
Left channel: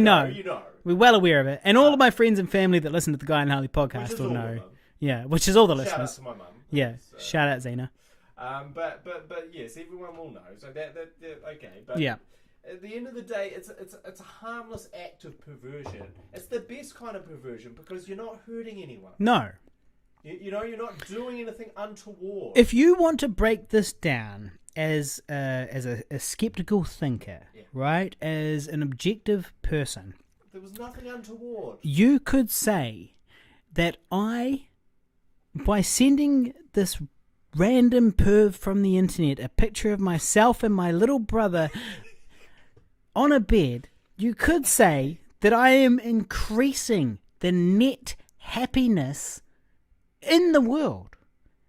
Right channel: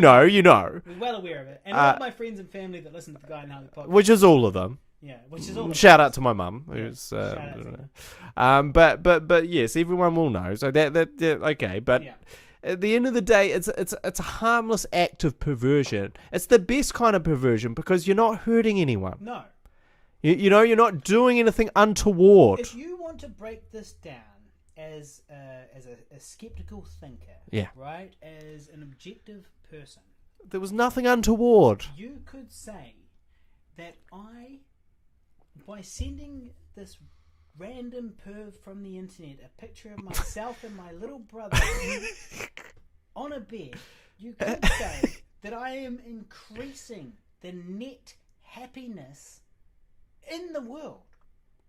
know. You know. We're well aware of it. And all of my friends and family that listen to the Guy and Harley podcast. Which is all of them. Yeah, which is all the Shout listeners. out to my mum. Yeah, shout out Zena. But yes, everyone will know. So that okay. But yeah. At the end of the day, it's a harmless act of perversion. It's the best kind of perversion because you're not hurting anyone. No. You're not doing anything untoward. If you want to break this down as a skeptical thinker, right, as an objective person, there was nothing untoward. You could say that by sending this random perv from the internet a picture of myself and my little brother on a bed, you could say that I am increasing the net happiness in the world.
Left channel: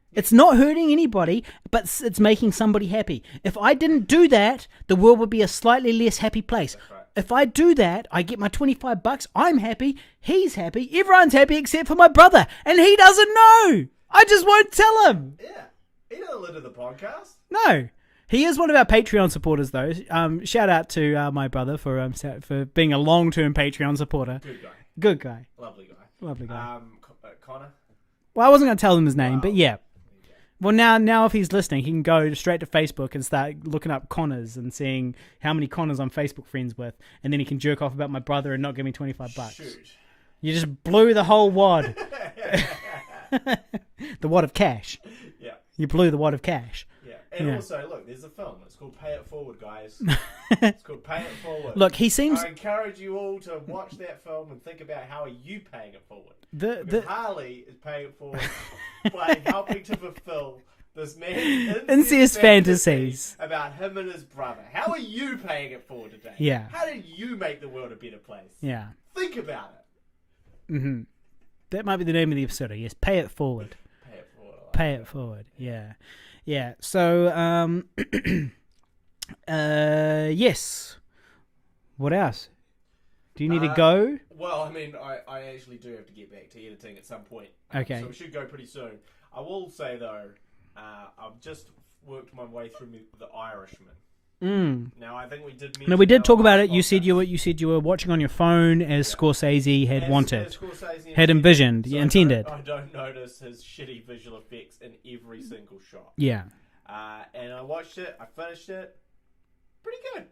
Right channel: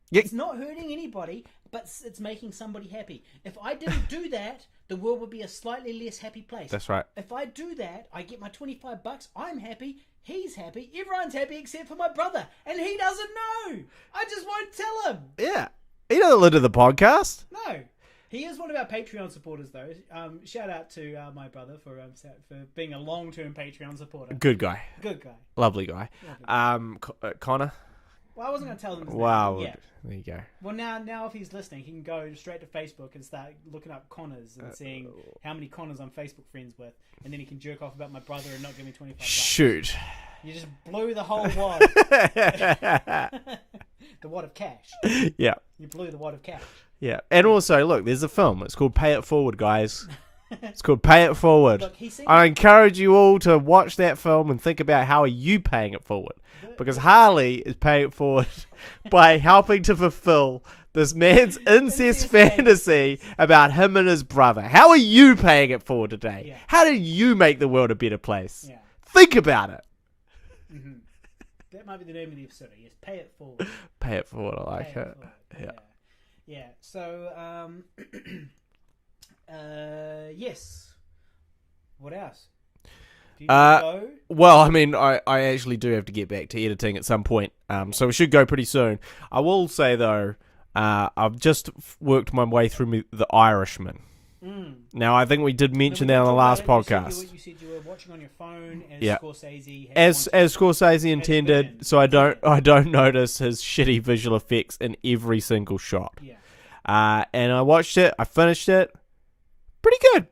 It's not hurting anybody, but it's making somebody happy. If I didn't do that, the world would be a slightly less happy place. That's right. If I do that, I get my $25, I'm happy, he's happy, everyone's happy except for my brother, and he doesn't know. I just won't tell him. Yeah. He doesn't listen to the podcast. No. He is one of our Patreon supporters, though. Shout out to my brother for being a long-term Patreon supporter. Good guy. Lovely guy. Connor. Well, I wasn't going to tell him his name, but yeah. There you go. Well, now if he's listening, he can go straight to Facebook and start looking up Connors and seeing how many Connors I'm Facebook friends with, and then he can jerk off about my brother and not give me $25. Shoot. You just blew the whole wad. The wad of cash. Yeah. You blew the wad of cash. Yeah. And also, look, there's a film. It's called Pay It Forward, guys. It's called Pay It Forward. Look, he seems... I encourage you all to watch that film and think about how are you paying it forward. Because Harley is paying it forward by helping to fulfill this man's incest fantasy about him and his brother. How are you paying it forward today? Yeah. How do you make the world a better place? Yeah. Think about it. Mm-hmm. That might be the name of the episode, I guess. Pay it forward. Pay it forward. I like Pay it forward. Yeah. So, yes. What else? Do you need to go? Well, I mean, I actually do have to get back to editing at some point. So we should go pretty soon. I will say, though, I've just worked my way through The Irishman. Now, I think we did mention we did that talk on the about it. podcast. You said you were watching on your phone as Scorsese had wanted. As Scorsese intended. Had envisioned. So I don't notice his shitty visual effects in every single shot. Yeah. And I watched it. I finished it. Pretty good.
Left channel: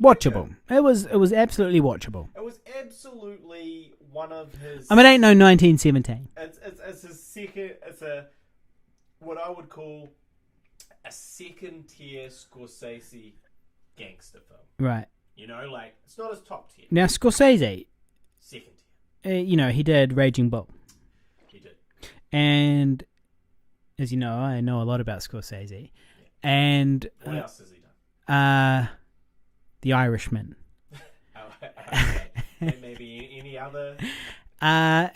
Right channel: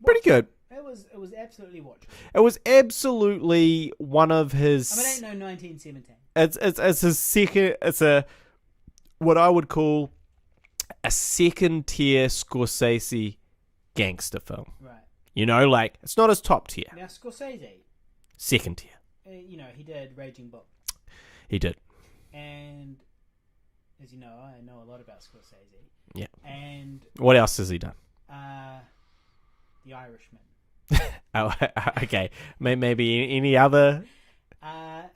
Watchable. It was absolutely watchable. It was absolutely one of his. I mean, it ain't no 1917. It's his second. It's what I would call a second tier Scorsese gangster film. Right. You know, like it's not his top tier. Now Scorsese, second tier. He did Raging Bull. He did. And as you know, I know a lot about Scorsese. Yeah. And what else has he done? The Irishman. Oh, okay. Maybe any other?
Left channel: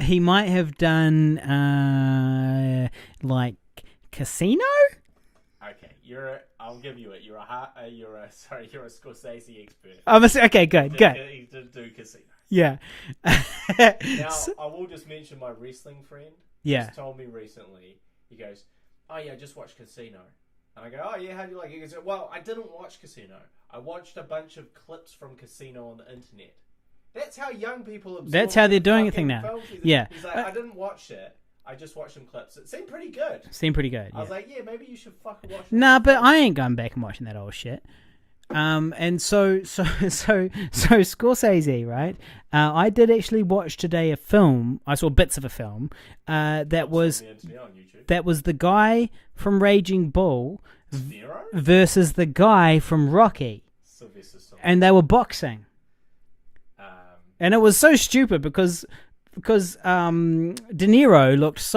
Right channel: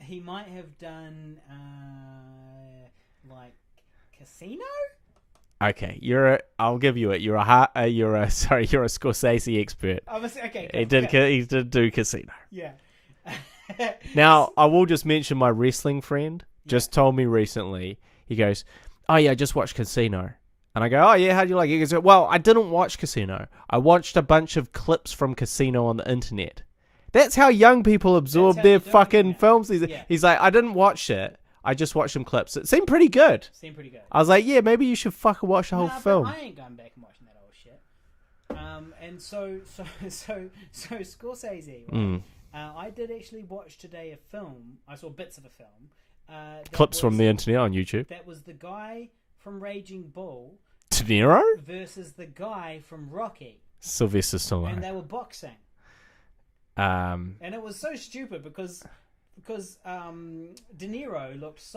He might have done like Casino. Okay, I'll give you it. You're a Scorsese expert. Okay, good. He did do Casino. Yeah. Now I will just mention my wrestling friend. Just told me recently. He goes, "Oh yeah, I just watched Casino." And I go, "Oh yeah, how'd you like it?" He goes, "Well, I didn't watch Casino. I watched a bunch of clips from Casino on the internet." That's how young people absorb their fucking films. He's like, "I didn't watch it. I just watched some clips. It seemed pretty good." I was like, "Yeah, maybe you should fucking watch the whole film." But I ain't going back and watching that old shit. And so Scorsese, right? I did actually watch today a film. I saw bits of a film. Clips from the internet on YouTube. That was the guy from Raging Bull, De Niro, versus the guy from Rocky, Sylvester Stallone, and they were boxing. And it was so stupid because De Niro looked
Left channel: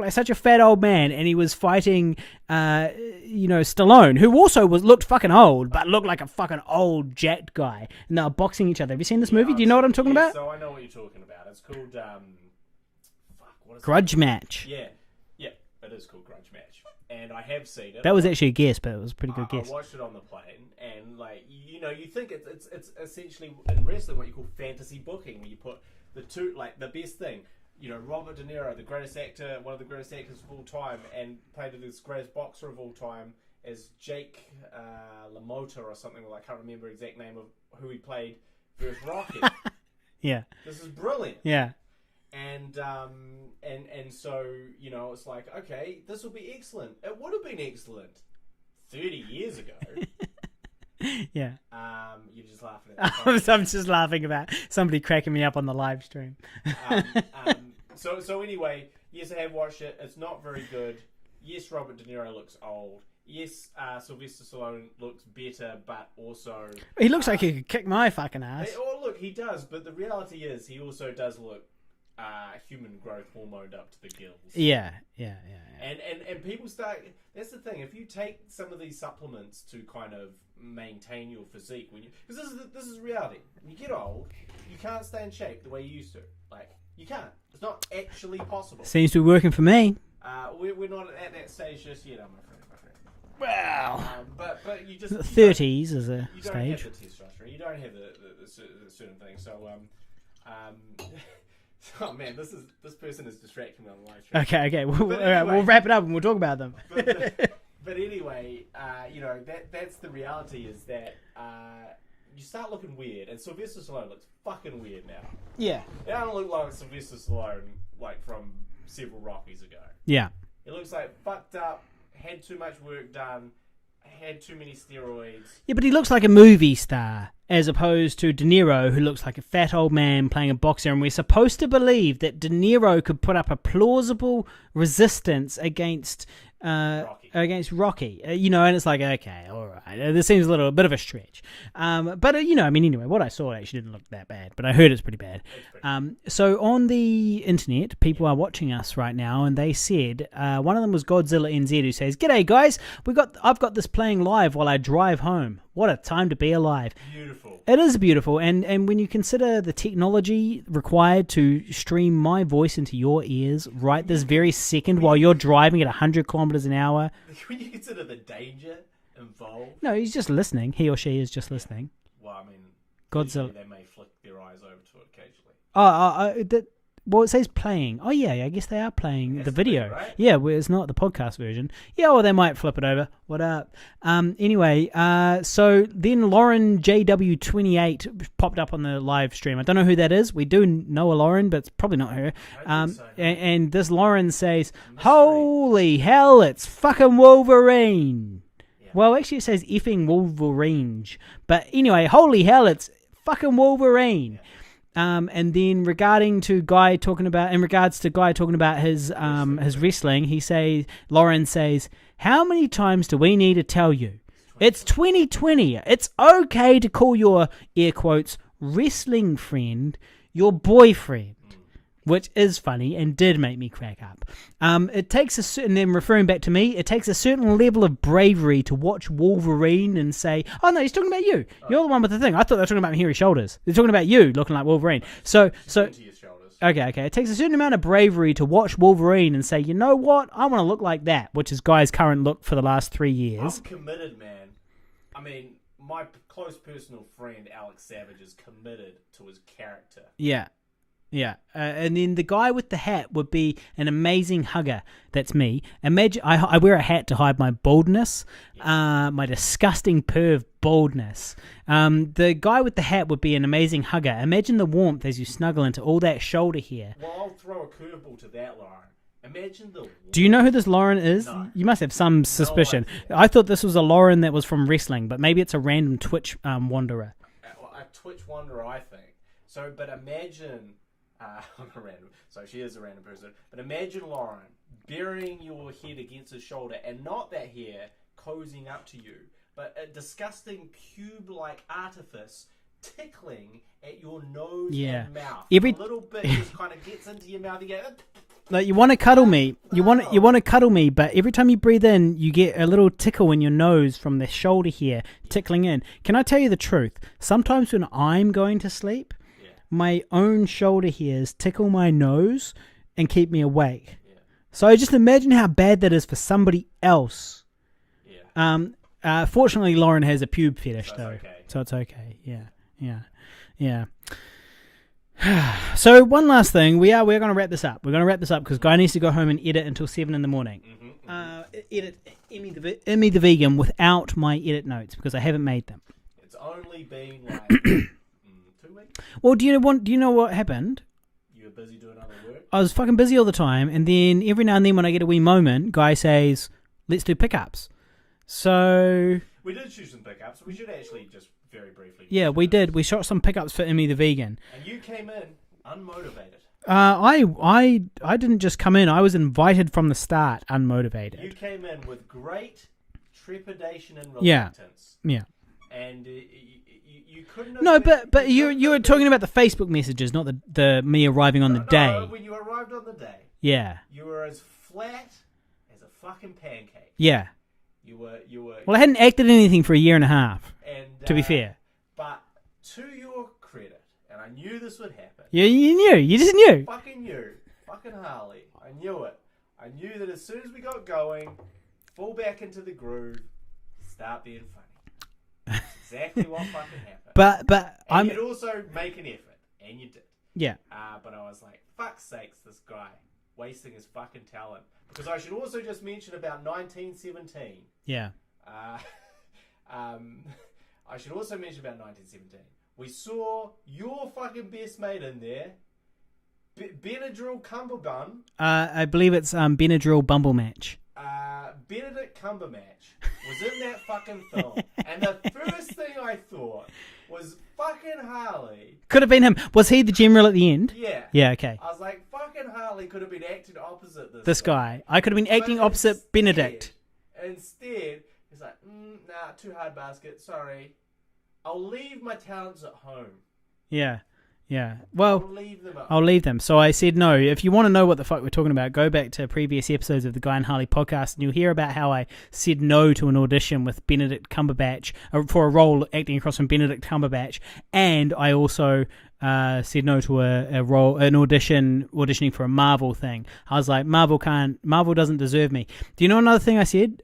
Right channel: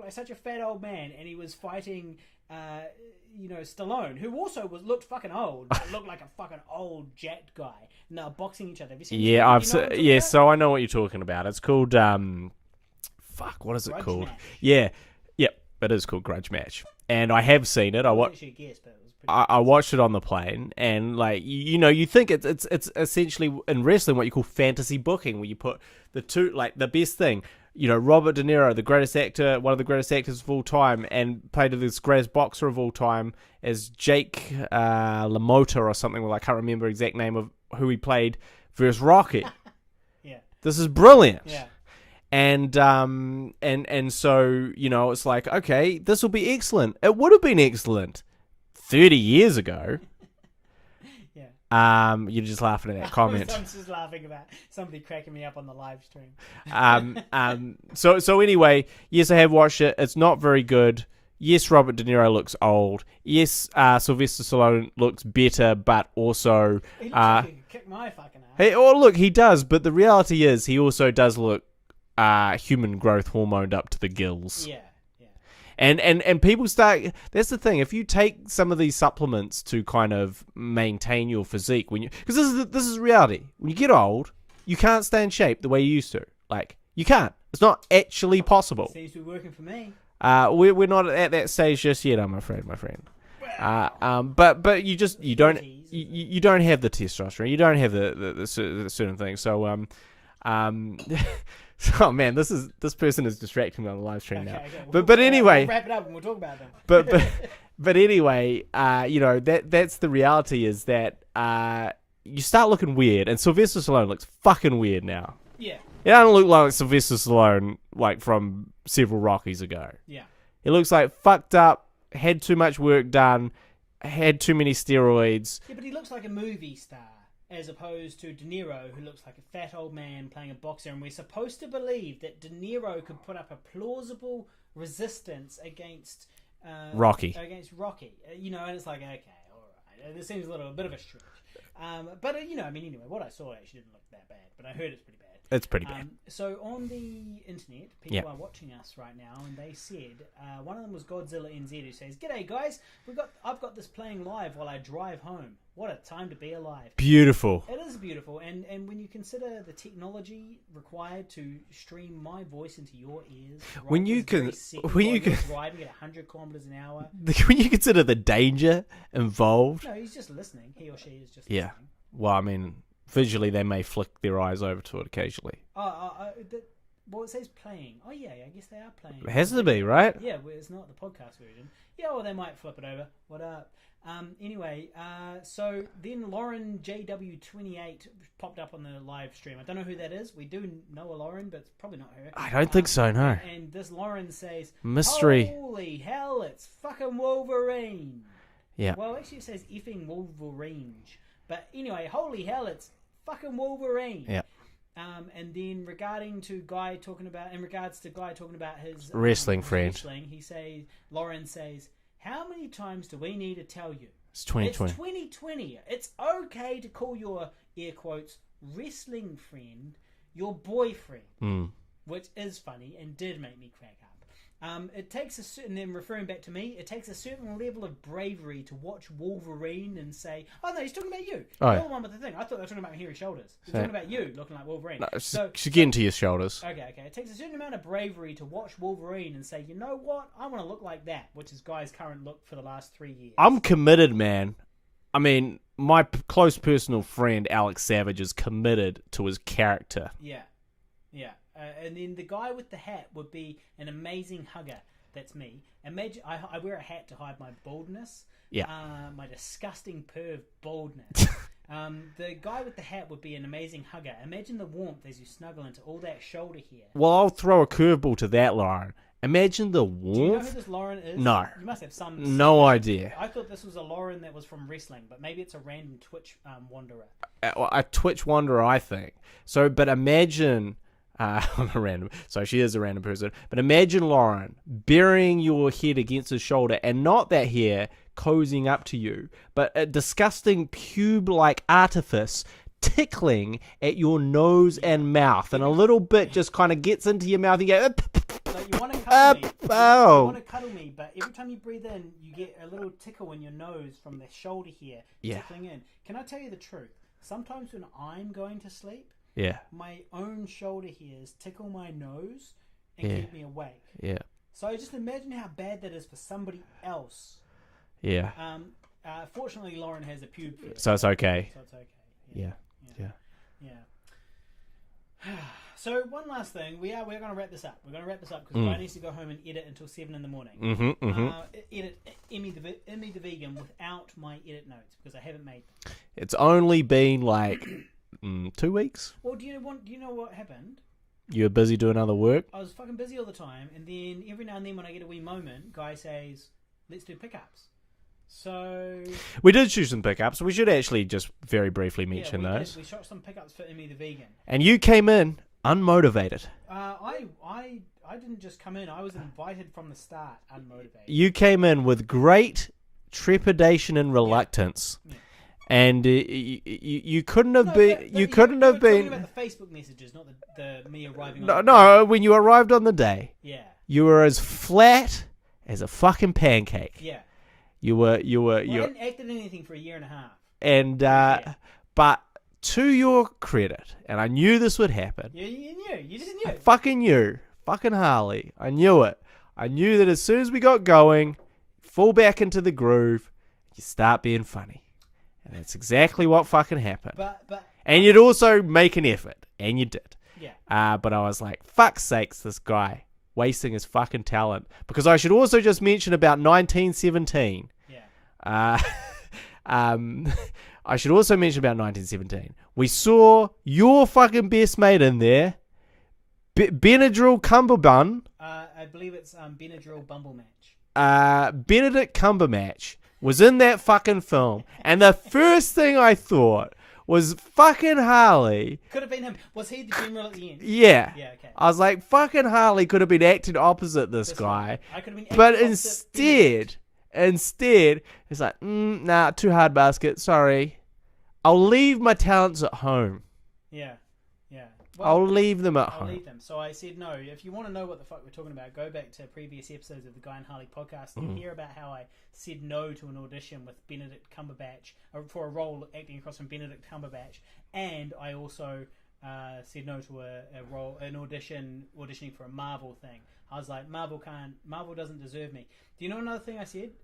like such a fat old man, and he was fighting Stallone, who also looked fucking old, but looked like a fucking old jacked guy, and they were boxing each other. Have you seen this movie? Do you know what I'm talking about? Yeah, so I know what you're talking about. It's called what is it called? Grudge Match. Yeah, it is called Grudge Match, and I have seen it. That was actually a guess, but it was pretty good. I watched it on the plane, and like you think it's essentially in wrestling what you call fantasy booking, where you put the two, like the best thing, Robert De Niro, the greatest actor, one of the greatest actors of all time, and played this greatest boxer of all time as Jake LaMotta or something. Well, I can't remember the exact name of who he played versus Rocky. Yeah, this is brilliant. Yeah. And so, it's like, okay, this will be excellent. It would have been excellent 30 years ago. Yeah. You're just laughing at that comment. I'm just laughing about somebody cracking me up on the live stream. So anyway, yes, I have watched it. It's not very good. Yes, Robert De Niro looks old. Yes, Sylvester Stallone looks better, but also... He looks like he could kick my fucking ass. Look, he does, but the reality is he also does look human growth hormoned up to the gills. Yeah. And people start. That's the thing. If you take some of these supplements to kind of maintain your physique, because this is reality. When you get old, you can't stay in shape the way you used to. Like you can't. It's not actually possible. Seems to be working for me. We're not at that stage just yet. I'm afraid, my friend. Wow. But you 30s you don't have the testosterone. You don't have the certain things. So oh man, this person is distracting me on the live stream. Okay. But anyway, we'll wrap it up and we'll talk about them. but But anyway, that's the reality is that you start looking weird, and Sylvester Stallone looks fucking weird now. Yeah. He doesn't look like Sylvester Stallone like from several Rockies ago. Yeah. He looks like fucked up, had too much work done, had too many steroids. Yeah, but he looks like a movie star as opposed to De Niro, who looks like a fat old man playing a boxer, and we're supposed to believe that De Niro could put up a plausible resistance against Rocky. And it's like, okay, all right. This seems a bit of a stretch. But anyway, what I saw actually didn't look that bad, but I heard it's pretty bad. It's pretty bad. So on the internet, people are watching us right now, and they said, one of them was Godzilla NZ, who says, "G'day guys, I've got this playing live while I drive home. What a time to be alive." Beautiful. It is beautiful, and when you consider the technology required to stream my voice into your ears very second while you're driving at 100 kilometers an hour. When you consider the danger involved. No, he's just listening. He or she is just listening. Well, I mean, visually they may flick their eyes over to it occasionally. Well, it says playing. Oh, yeah, I guess they are playing it has the to video. be, right? Yeah, well, it's not the podcast version. Yeah, well, they might flip it over. What up? Anyway, so then Lauren JW28 popped up on the live stream. I don't know who that is. We do know a Lauren, but it's probably not her. I don't think so, no. And this Lauren says, Mystery. "Holy hell, it's fucking Wolverine." Yeah. Well, actually, it says effing Wolverine. But anyway, holy hell, it's fucking Wolverine. Yeah. And then in regards to Guy talking about his wrestling, Lauren says, "How many times do we need to tell you? It's 2020. It's okay to call your, air quotes, wrestling friend your boyfriend." Which is funny and did make me crack up. It takes referring back to me, it takes a certain level of bravery to watch Wolverine and say, "Oh no, he's talking about you. You're the one with the thing. I thought they were talking about hairy shoulders. They're talking about you looking like Wolverine." No, so get into your shoulders. Okay. It takes a certain amount of bravery to watch Wolverine and say, "You know what? I want to look like that," which is Guy's current look for the last 3 years. I'm committed, man. I mean, my close personal friend Alex Savage is committed to his character. Yeah. Yeah, and then the guy with the hat would be an amazing hugger. That's me. Imagine I wear a hat to hide my baldness, my disgusting perv baldness. The guy with the hat would be an amazing hugger. Imagine the warmth as you snuggle into all that shoulder hair. Well, I'll throw a curveball to that, Lauren. Imagine the warmth. Do you know who this Lauren is? No. You must have some suspicion. No idea. I thought this was a Lauren that was from wrestling, but maybe it's a random Twitch wanderer. A Twitch wanderer, I think. So, but imagine... I'm a random, so she is a random person. But imagine Lauren burying your head against his shoulder, and not that hair cozying up to you, but a disgusting pube-like artifice tickling at your nose and mouth, and a little bit just kind of gets into your mouth. And you go, like, you want to cuddle me. You want to cuddle me, but every time you breathe in, you get a little tickle in your nose from the shoulder hair tickling in. Can I tell you the truth? Sometimes when I'm going to sleep, my own shoulder hairs tickle my nose and keep me awake. Yeah. So just imagine how bad that is for somebody else. Yeah. Fortunately, Lauren has a pube fetish. So it's okay. So it's okay. Yeah. So one last thing, we're going to wrap this up. We're going to wrap this up because Guy needs to go home and edit until 7 in the morning. Edit Emmy the Vegan without my edit notes because I haven't made them. It's only been like 2 weeks. Well, do you know what happened? You were busy doing other work? I was fucking busy all the time, and then every now and then when I get a wee moment, Guy says, "Let's do pickups." So we did shoot some pickups. We should actually just very briefly mention we those. did. We shot some pickups for Emmy the Vegan. And you came in unmotivated. I didn't just come in. I was invited from the start, unmotivated. You came in with great trepidation and reluctance. Yeah. And you couldn't have been... No, but you were talking about the Facebook messages, not the me arriving on the day. No, when you arrived on the day. Yeah. You were as flat as a fucking pancake. Yeah. You were. Well, I hadn't acted anything for a year and a half, and to be fair. But to your credit, and I knew this would happen. Yeah, you knew. You just knew. Fucking knew. Fucking Harley. I knew it. I knew that as soon as we got going, fall back into the groove, you start being funny. And that's exactly what fucking happened. And you'd also make an effort, and you did. Yeah. But I was like, fuck's sakes, this guy. wasting his fucking talent. Because I should also just mention about 1917. Yeah. I should also mention about 1917. We saw your fucking best mate in there, Benadryl Cumberbun. I believe it's Benadryl Bumblematch. Benedict Cumberbatch was in that fucking film, and the first thing I thought was fucking Harley. Could have been him. Was he the general at the end? Yeah. Yeah, okay. I was like, fucking Harley could have been acting opposite this guy. I could have been acting opposite Benedict. Instead, it's like, nah, too hard basket, sorry. I'll leave my talents at home. Yeah. Yeah. Well, I'll leave them at home. I'll leave them. So I said no. If you want to know what the fuck we're talking about, go back to previous episodes of the Guy and Harley podcast and you'll hear about how I said no to an audition with Benedict Cumberbatch for a role acting across from Benedict Cumberbatch, and I also said no to an auditioning for a Marvel thing. I was like, Marvel doesn't deserve me. Do you know another thing I said?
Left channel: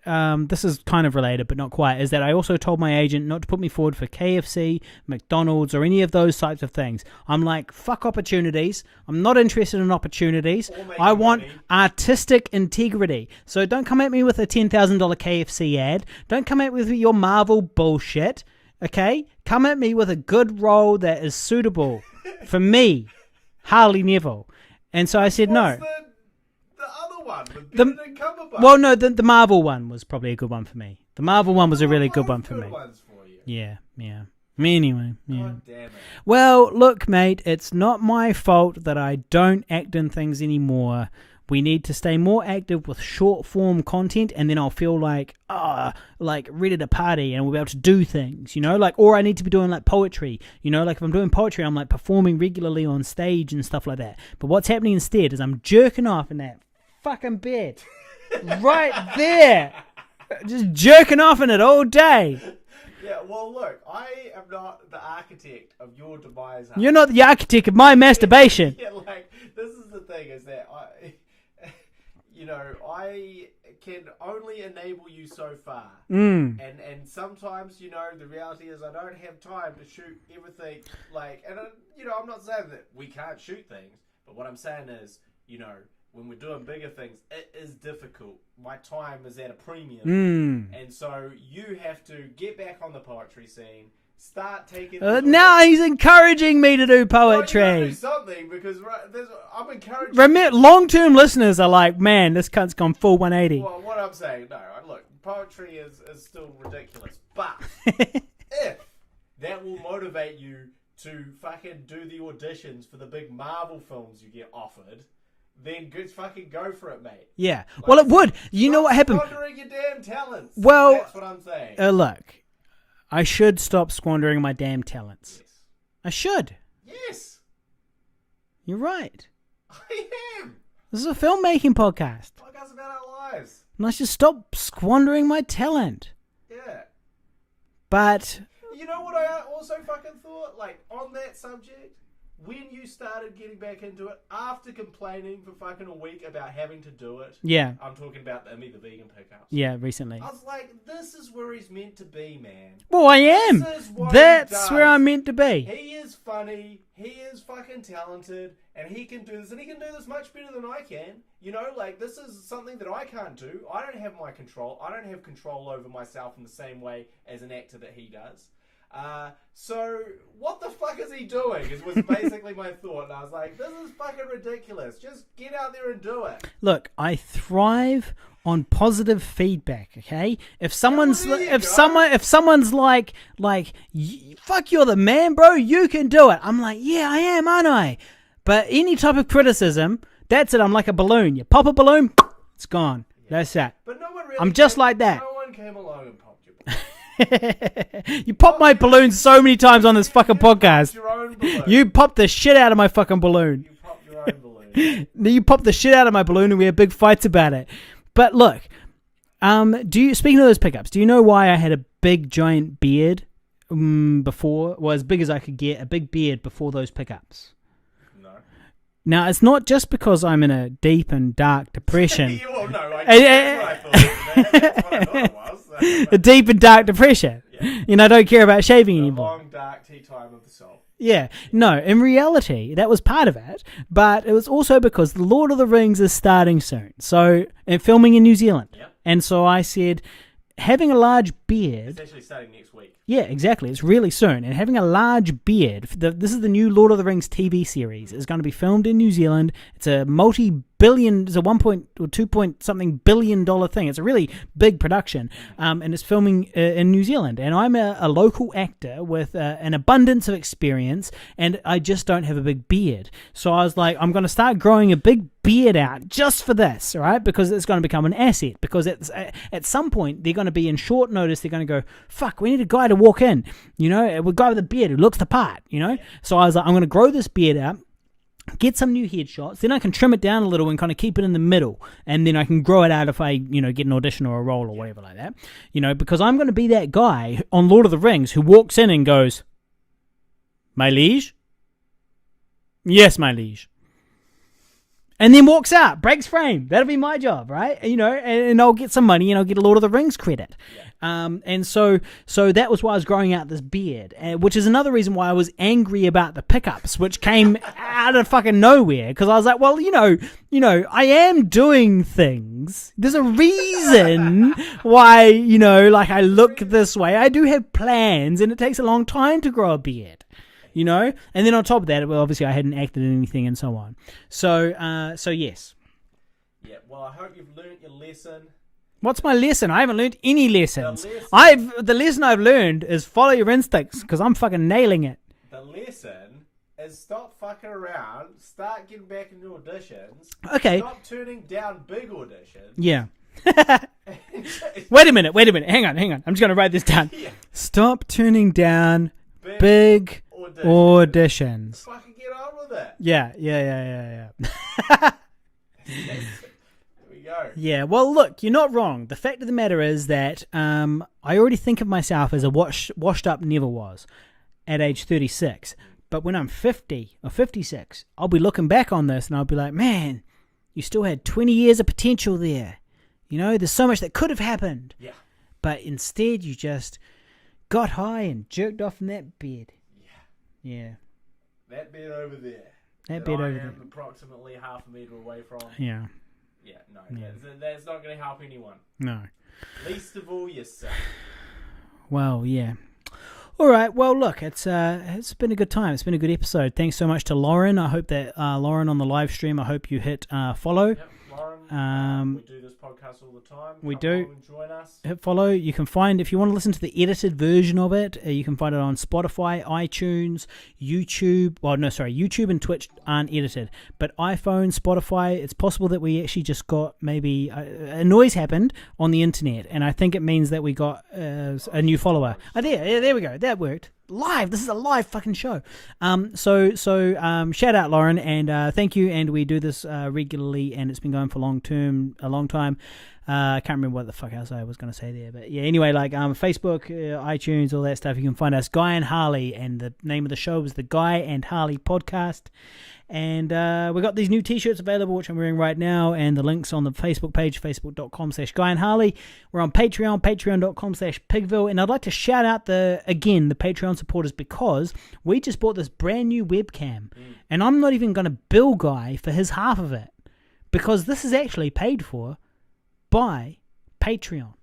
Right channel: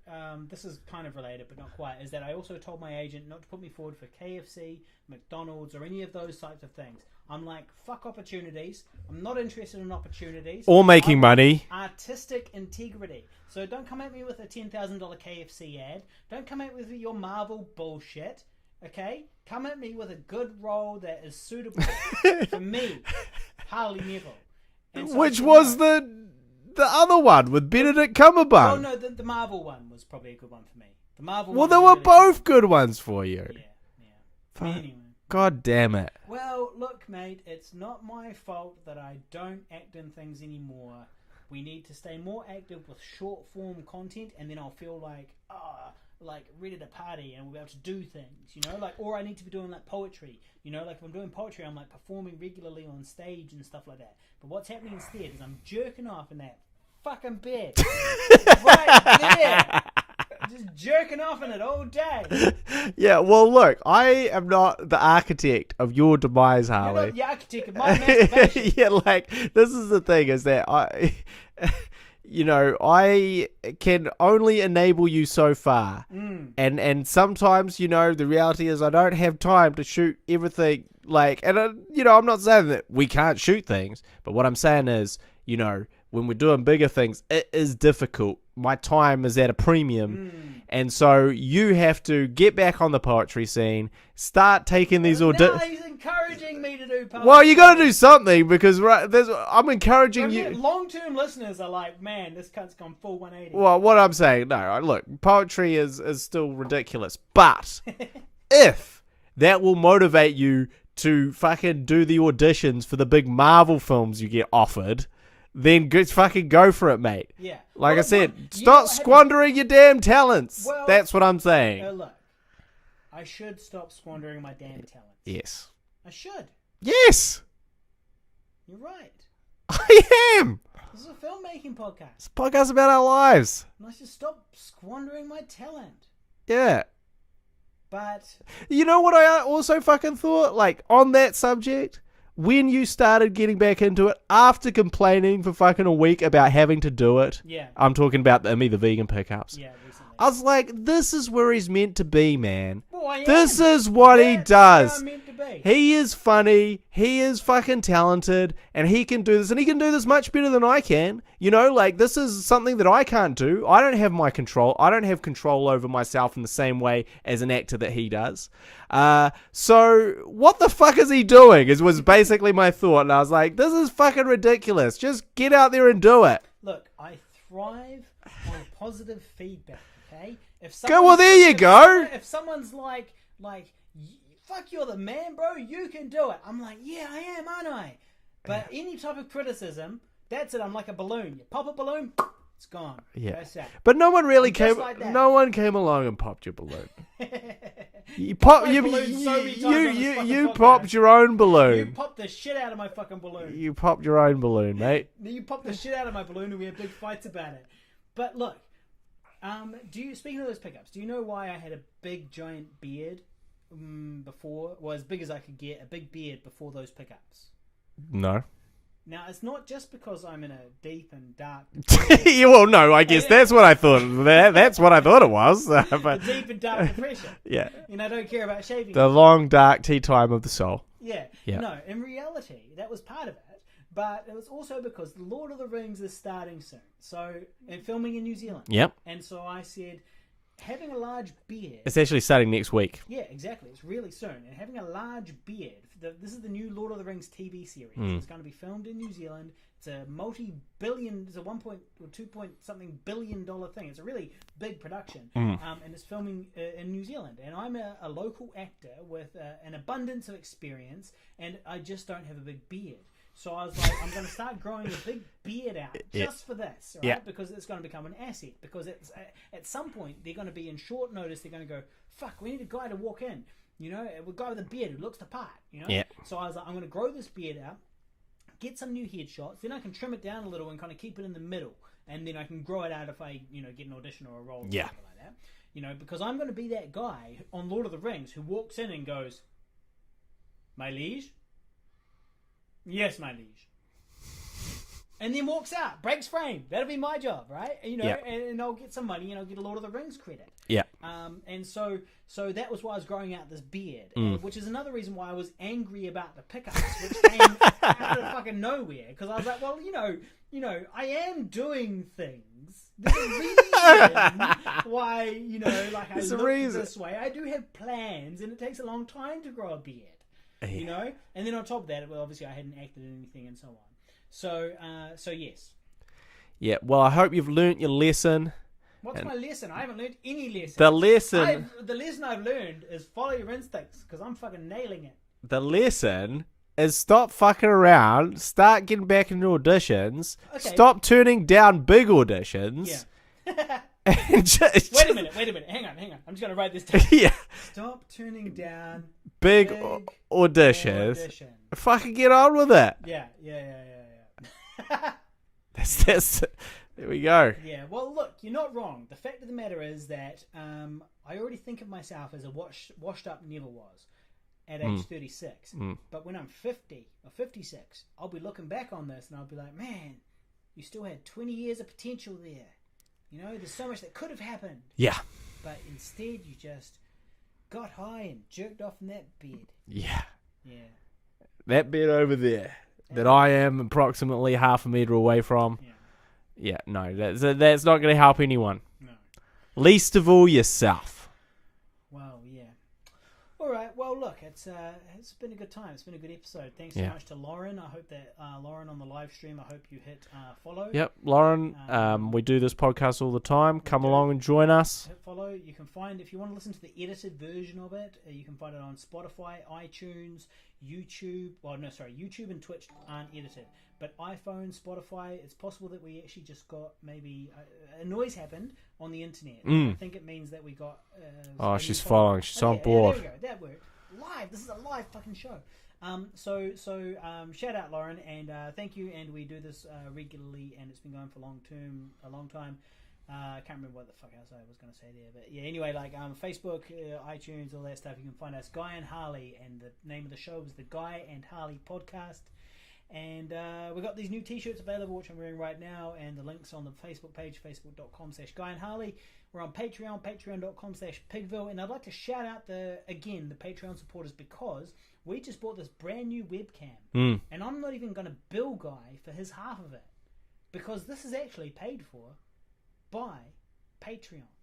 This is kind of related, but not quite. Is that I also told my agent not to put me forward for KFC, McDonald's, or any of those types of things. I'm like, fuck opportunities. I'm not interested in opportunities or making money. Artistic integrity. So don't come at me with a $10,000 KFC ad. Don't come at me with your Marvel bullshit. Okay? Come at me with a good role that is suitable for me, Harley Neville. And so I said no. Which was the other one with Benedict Cumberbatch? Well, no, the Marvel one was probably a good one for me. The Marvel one was a really good one. They were both good ones for you. Yeah. Anyway. God damn it. Well, look, mate, it's not my fault that I don't act in things anymore. We need to stay more active with short form content, and then I'll feel like ready to party, and we'll be able to do things, or I need to be doing like poetry, if I'm doing poetry, I'm like performing regularly on stage and stuff like that. But what's happening instead is I'm jerking off in that fucking bed right there. Just jerking off in it all day. Yeah, well, look, I am not the architect of your demise, Harley. You're not the architect of my masturbation. Yeah, this is the thing, is that I can only enable you so far. And sometimes, the reality is I don't have time to shoot everything. I'm not saying that we can't shoot things, but what I'm saying is, when we're doing bigger things, it is difficult. My time is at a premium. And so you have to get back on the poetry scene, start taking these auditions. Now he's encouraging me to do poetry. Well, you got to do something, because I'm encouraging you. Long-term listeners are like, man, this cunt's gone full 180. Well, what I'm saying, no, look, poetry is still ridiculous. But if that will motivate you to fucking do the auditions for the big Marvel films you get offered, then fucking go for it, mate. Yeah. Like it would. You know what happened? Squandering your damn talents. Well, that's what I'm saying. Look, I should stop squandering my damn talents. Yes. I should. Yes. You're right. I am. This is a filmmaking podcast. It's a podcast about our lives. And I should stop squandering my talent. Yeah. But you know what I also fucking thought? On that subject, when you started getting back into it after complaining for fucking a week about having to do it. Yeah. I'm talking about the vegan pickups. Yeah, recently. I was like, this is where he's meant to be, man. Well, I am. This is what he does. That's where I'm meant to be. He is funny. He is fucking talented. And he can do this. And he can do this much better than I can. This is something that I can't do. I don't have my control. I don't have control over myself in the same way as an actor that he does. So what the fuck is he doing? Was basically my thought. And I was like, this is fucking ridiculous. Just get out there and do it. Look, I thrive on positive feedback, okay? If someone's if someone's like fuck, you're the man, bro, you can do it. I'm like, yeah, I am, aren't I? But any type of criticism, that's it. I'm like a balloon. You pop a balloon, it's gone. Yeah. That's that. But no one really just like that. No one came along and popped your balloon. You popped my balloon so many times on this fucking podcast. You popped your own balloon. You popped the shit out of my fucking balloon. You popped your own balloon, eh? You popped the shit out of my balloon and we had big fights about it. But look, speaking of those pickups, do you know why I had a big giant beard before? Well, as big as I could get, a big beard before those pickups. No. Now, it's not just because I'm in a deep and dark depression. Well, no, I guess that's what I thought. That's what I thought it was. A deep and dark depression. Yeah. I don't care about shaving the anymore. long, dark tea time of the soul. Yeah. No, in reality, that was part of it, but it was also because The Lord of the Rings is starting soon. So, and filming in New Zealand. Yep. And so I said, having a large beard... It's actually starting next week. Yeah, exactly. It's really soon. And having a large beard... This is the new Lord of the Rings TV series. It's going to be filmed in New Zealand. It's a multi-billion... It's a 1 point or 2 point something billion dollar thing. It's a really big production. And it's filming in New Zealand. And I'm a local actor with an abundance of experience, and I just don't have a big beard. So I was like, I'm going to start growing a big beard out just for this, right? Because it's going to become an asset. Because at some point, they're going to be in short notice. They're going to go, fuck, we need a guy to walk in, a guy with a beard who looks the part, So I was like, I'm going to grow this beard out, get some new headshots, then I can trim it down a little and kind of keep it in the middle, and then I can grow it out if I, get an audition or a role or whatever like that, because I'm going to be that guy on Lord of the Rings who walks in and goes, my liege? Yes, my liege. And then walks out, breaks frame. That'll be my job, right? And I'll get some money and I'll get a Lord of the Rings credit. Yeah. And so that was why I was growing out this beard, which is another reason why I was angry about the pickups, which came out of fucking nowhere. Because I was like, well, I am doing things. There's a reason why, I look this way. I do have plans, and it takes a long time to grow a beard. And then on top of that, well, obviously I hadn't acted in anything and so on. So yes. Yeah, well, I hope you've learnt your lesson. What's my lesson? I haven't learnt any lessons. The lesson I've learned is follow your instincts, because I'm fucking nailing it. The lesson is stop fucking around, start getting back into auditions, stop turning down big auditions. Yeah. Wait a minute. Hang on. I'm just going to write this down. Yeah. Stop turning down big audition. Fucking get on with it. Yeah. There we go. Yeah, well, look, you're not wrong. The fact of the matter is that I already think of myself as a washed up never was at age 36. But when I'm 50 or 56, I'll be looking back on this and I'll be like, man, you still had 20 years of potential there. There's so much that could have happened. Yeah. But instead, you just got high and jerked off in that bed. Yeah. Yeah. That bed over there that I am approximately half a meter away from. Yeah. Yeah, no, that's not going to help anyone. No. Least of all yourself. Well, yeah. All right. Well, look, it's been a good time. It's been a good episode. Thanks so much to Lauren. I hope that Lauren on the live stream, I hope you hit follow. Yep, Lauren. We do this podcast all the time. Come along and join us. Hit follow. You can find, if you want to listen to the edited version of it, you can find it on Spotify, iTunes, YouTube. Well, no, sorry, YouTube and Twitch aren't edited, but iPhone, Spotify. It's possible that we actually just got maybe a noise happened on the internet, and I think it means that we got a new follower. There we go. That worked. Live. This is a live fucking show. So shout out Lauren, and thank you. And we do this regularly, and it's been going for a long time. I can't remember what the fuck else I was going to say there, but yeah. Anyway, like Facebook, iTunes, all that stuff. You can find us, Guy and Harley, and the name of the show is the Guy and Harley Podcast. And we've got these new t-shirts available, which I'm wearing right now, and the links on the Facebook page, facebook.com/Guy and Harley. We're on Patreon, patreon.com/Pigville. And I'd like to shout out the Patreon supporters, because we just bought this brand new webcam. And I'm not even going to bill Guy for his half of it, because this is actually paid for by Patreon.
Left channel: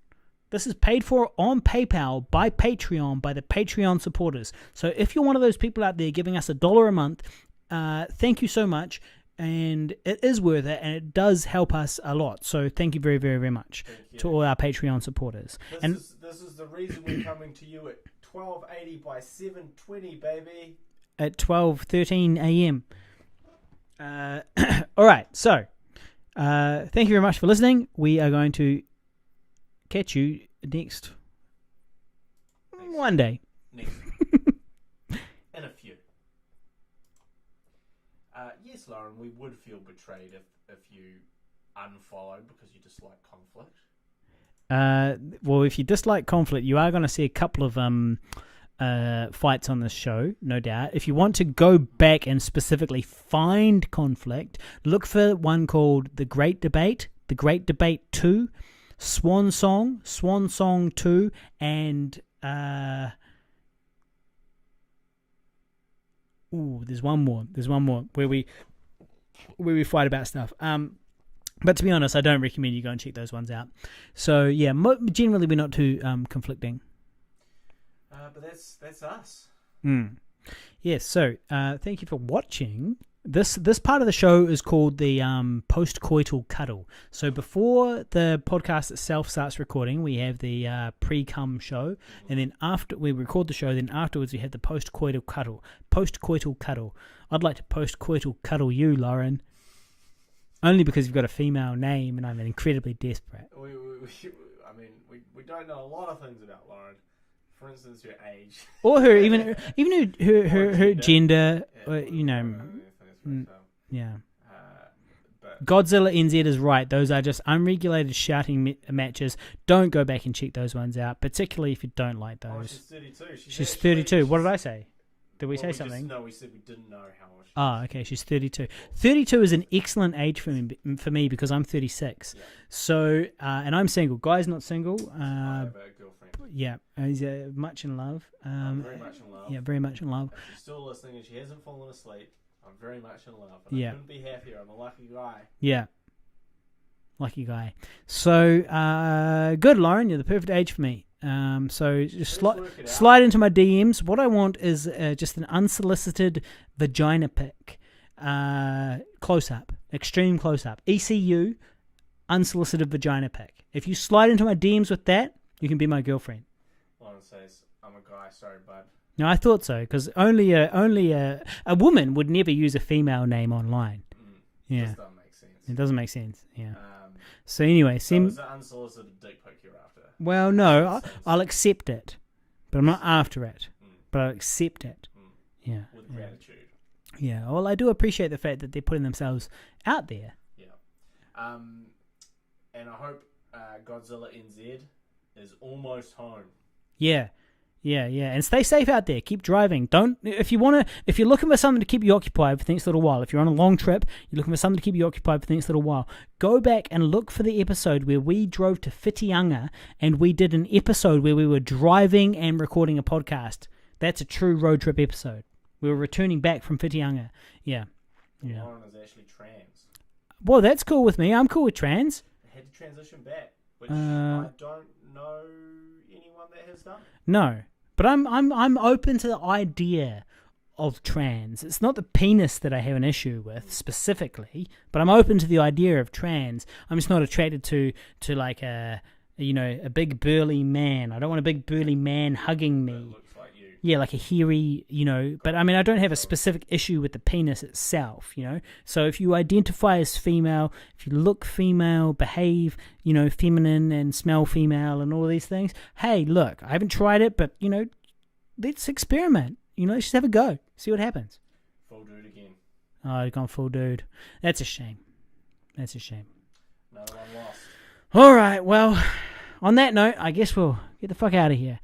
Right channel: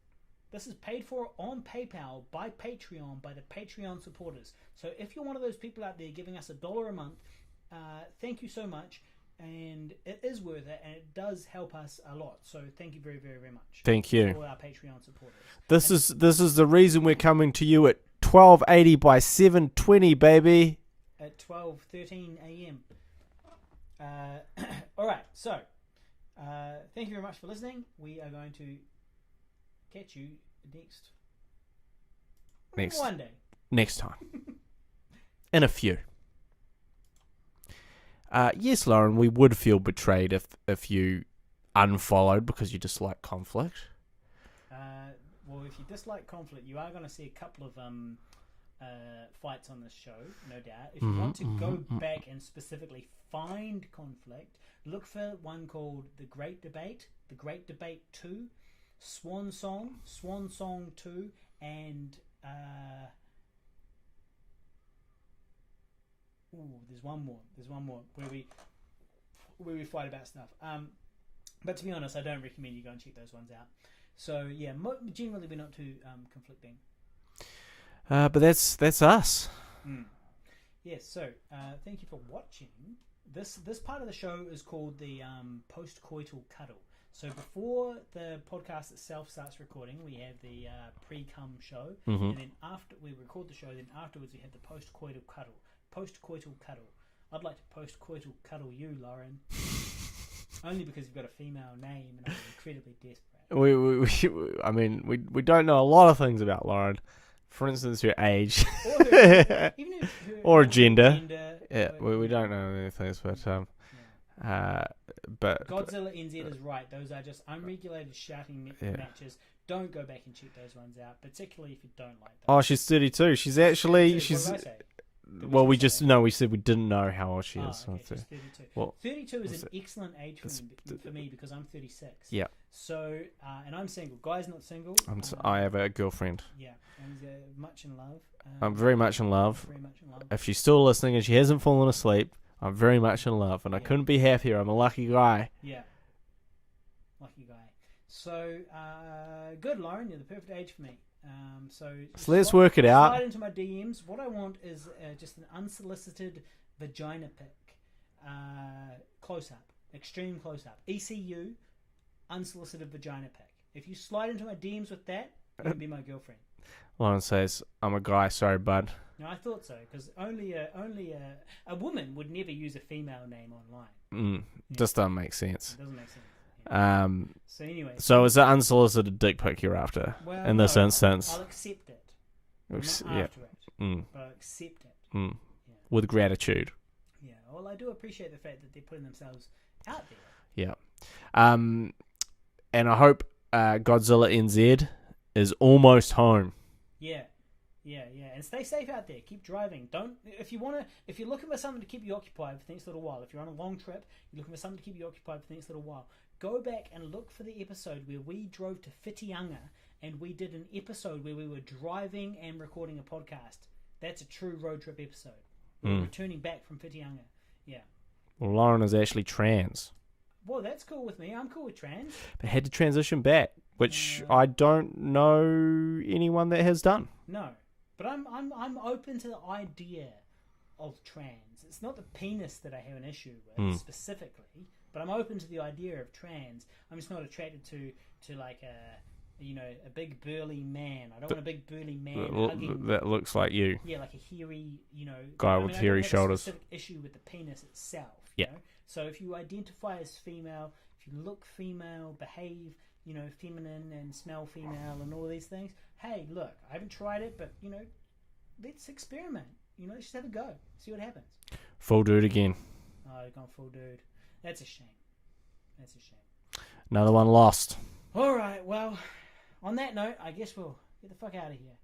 This is paid for on PayPal by Patreon, by the Patreon supporters. So if you're one of those people out there giving us $1 a month, thank you so much, and it is worth it, and it does help us a lot. So thank you very, very, very much. Thank you to all our Patreon supporters. This is the reason we're coming to you at 1280 by 720, baby. At 12:13 a.m. All right, so thank you very much for listening. We are going to catch you next one day. Next time. In a few. Yes, Lauren, we would feel betrayed if you unfollowed because you dislike conflict. Well, if you dislike conflict, you are going to see a couple of fights on this show, no doubt. If you want to go back and specifically find conflict, look for one called The Great Debate 2, Swan Song 2, and Ooh, there's one more where we fight about stuff. But to be honest, I don't recommend you go and check those ones out. So yeah, generally we're not too conflicting. But that's us. Yes. So thank you for watching. This part of the show is called the post-coital cuddle. So before the podcast itself starts recording, we have the pre-cum show, and then after we record the show, then afterwards we have the post-coital cuddle. Post-coital cuddle. I'd like to post-coital cuddle you, Lauren. Only because you've got a female name and I'm incredibly desperate. We don't know a lot of things about Lauren. For instance, her age. Or her gender. Yeah, we don't know anything, but Godzilla NZ is right. Those are just unregulated shouting matches. Don't go back and check those ones out, particularly if you don't like those. Oh, she's 32. She's actually 32. What did I say? We said we didn't know how old she is. Oh, okay. She's 32. Well, 32 is an excellent age for me because I'm 36. Yeah. So, and I'm single. Guy's not single. I have a girlfriend. Yeah. He's much in love. I'm very much in love. Yeah, very much in love. If she's still listening and she hasn't fallen asleep, I'm very much in love. And I couldn't be happier. I'm a lucky guy. Yeah. Lucky guy. So, good, Lauren. You're the perfect age for me. So let's work it out. Slide into my DMs. What I want is just an unsolicited vagina pic, close up, extreme close up, ECU, unsolicited vagina pic. If you slide into my DMs with that, you can be my girlfriend. Lauren says, "I'm a guy, sorry, bud." No, I thought so because only a woman would never use a female name online. Just doesn't make sense. It doesn't make sense. Yeah. So anyway, so is it unsolicited dick pic you're after? Well, in no, this instance? I'll accept it, but I'm not after it. But I'll accept it. Yeah, with gratitude. Yeah. Well, I do appreciate the fact that they're putting themselves out there. Yeah. And I hope Godzilla NZ is almost home. Yeah. And stay safe out there. Keep driving. If you're looking for something to keep you occupied for the next little while, if you're on a long trip, you're looking for something to keep you occupied for the next little while, go back and look for the episode where we drove to Whitianga and we did an episode where we were driving and recording a podcast. That's a true road trip episode. We were returning back from Whitianga. Yeah. Well, Lauren is actually trans. Well, that's cool with me. I'm cool with trans. But had to transition back, which I don't know anyone that has done. No. But I'm open to the idea of trans. It's not the penis that I have an issue with specifically, but I'm open to the idea of trans. I'm just not attracted to like a big burly man. I don't want a big burly man hugging me. That looks like you. Yeah, like a hairy, but I mean, I don't have a specific issue with the penis itself, you know? So if you identify as female, if you look female, behave, feminine and smell female and all of these things, hey, look, I haven't tried it, but, let's experiment. Let's just have a go. See what happens. Full dude again. Oh, I've gone full dude. That's a shame. Another one lost. All right, well, on that note, I guess we'll get the fuck out of here.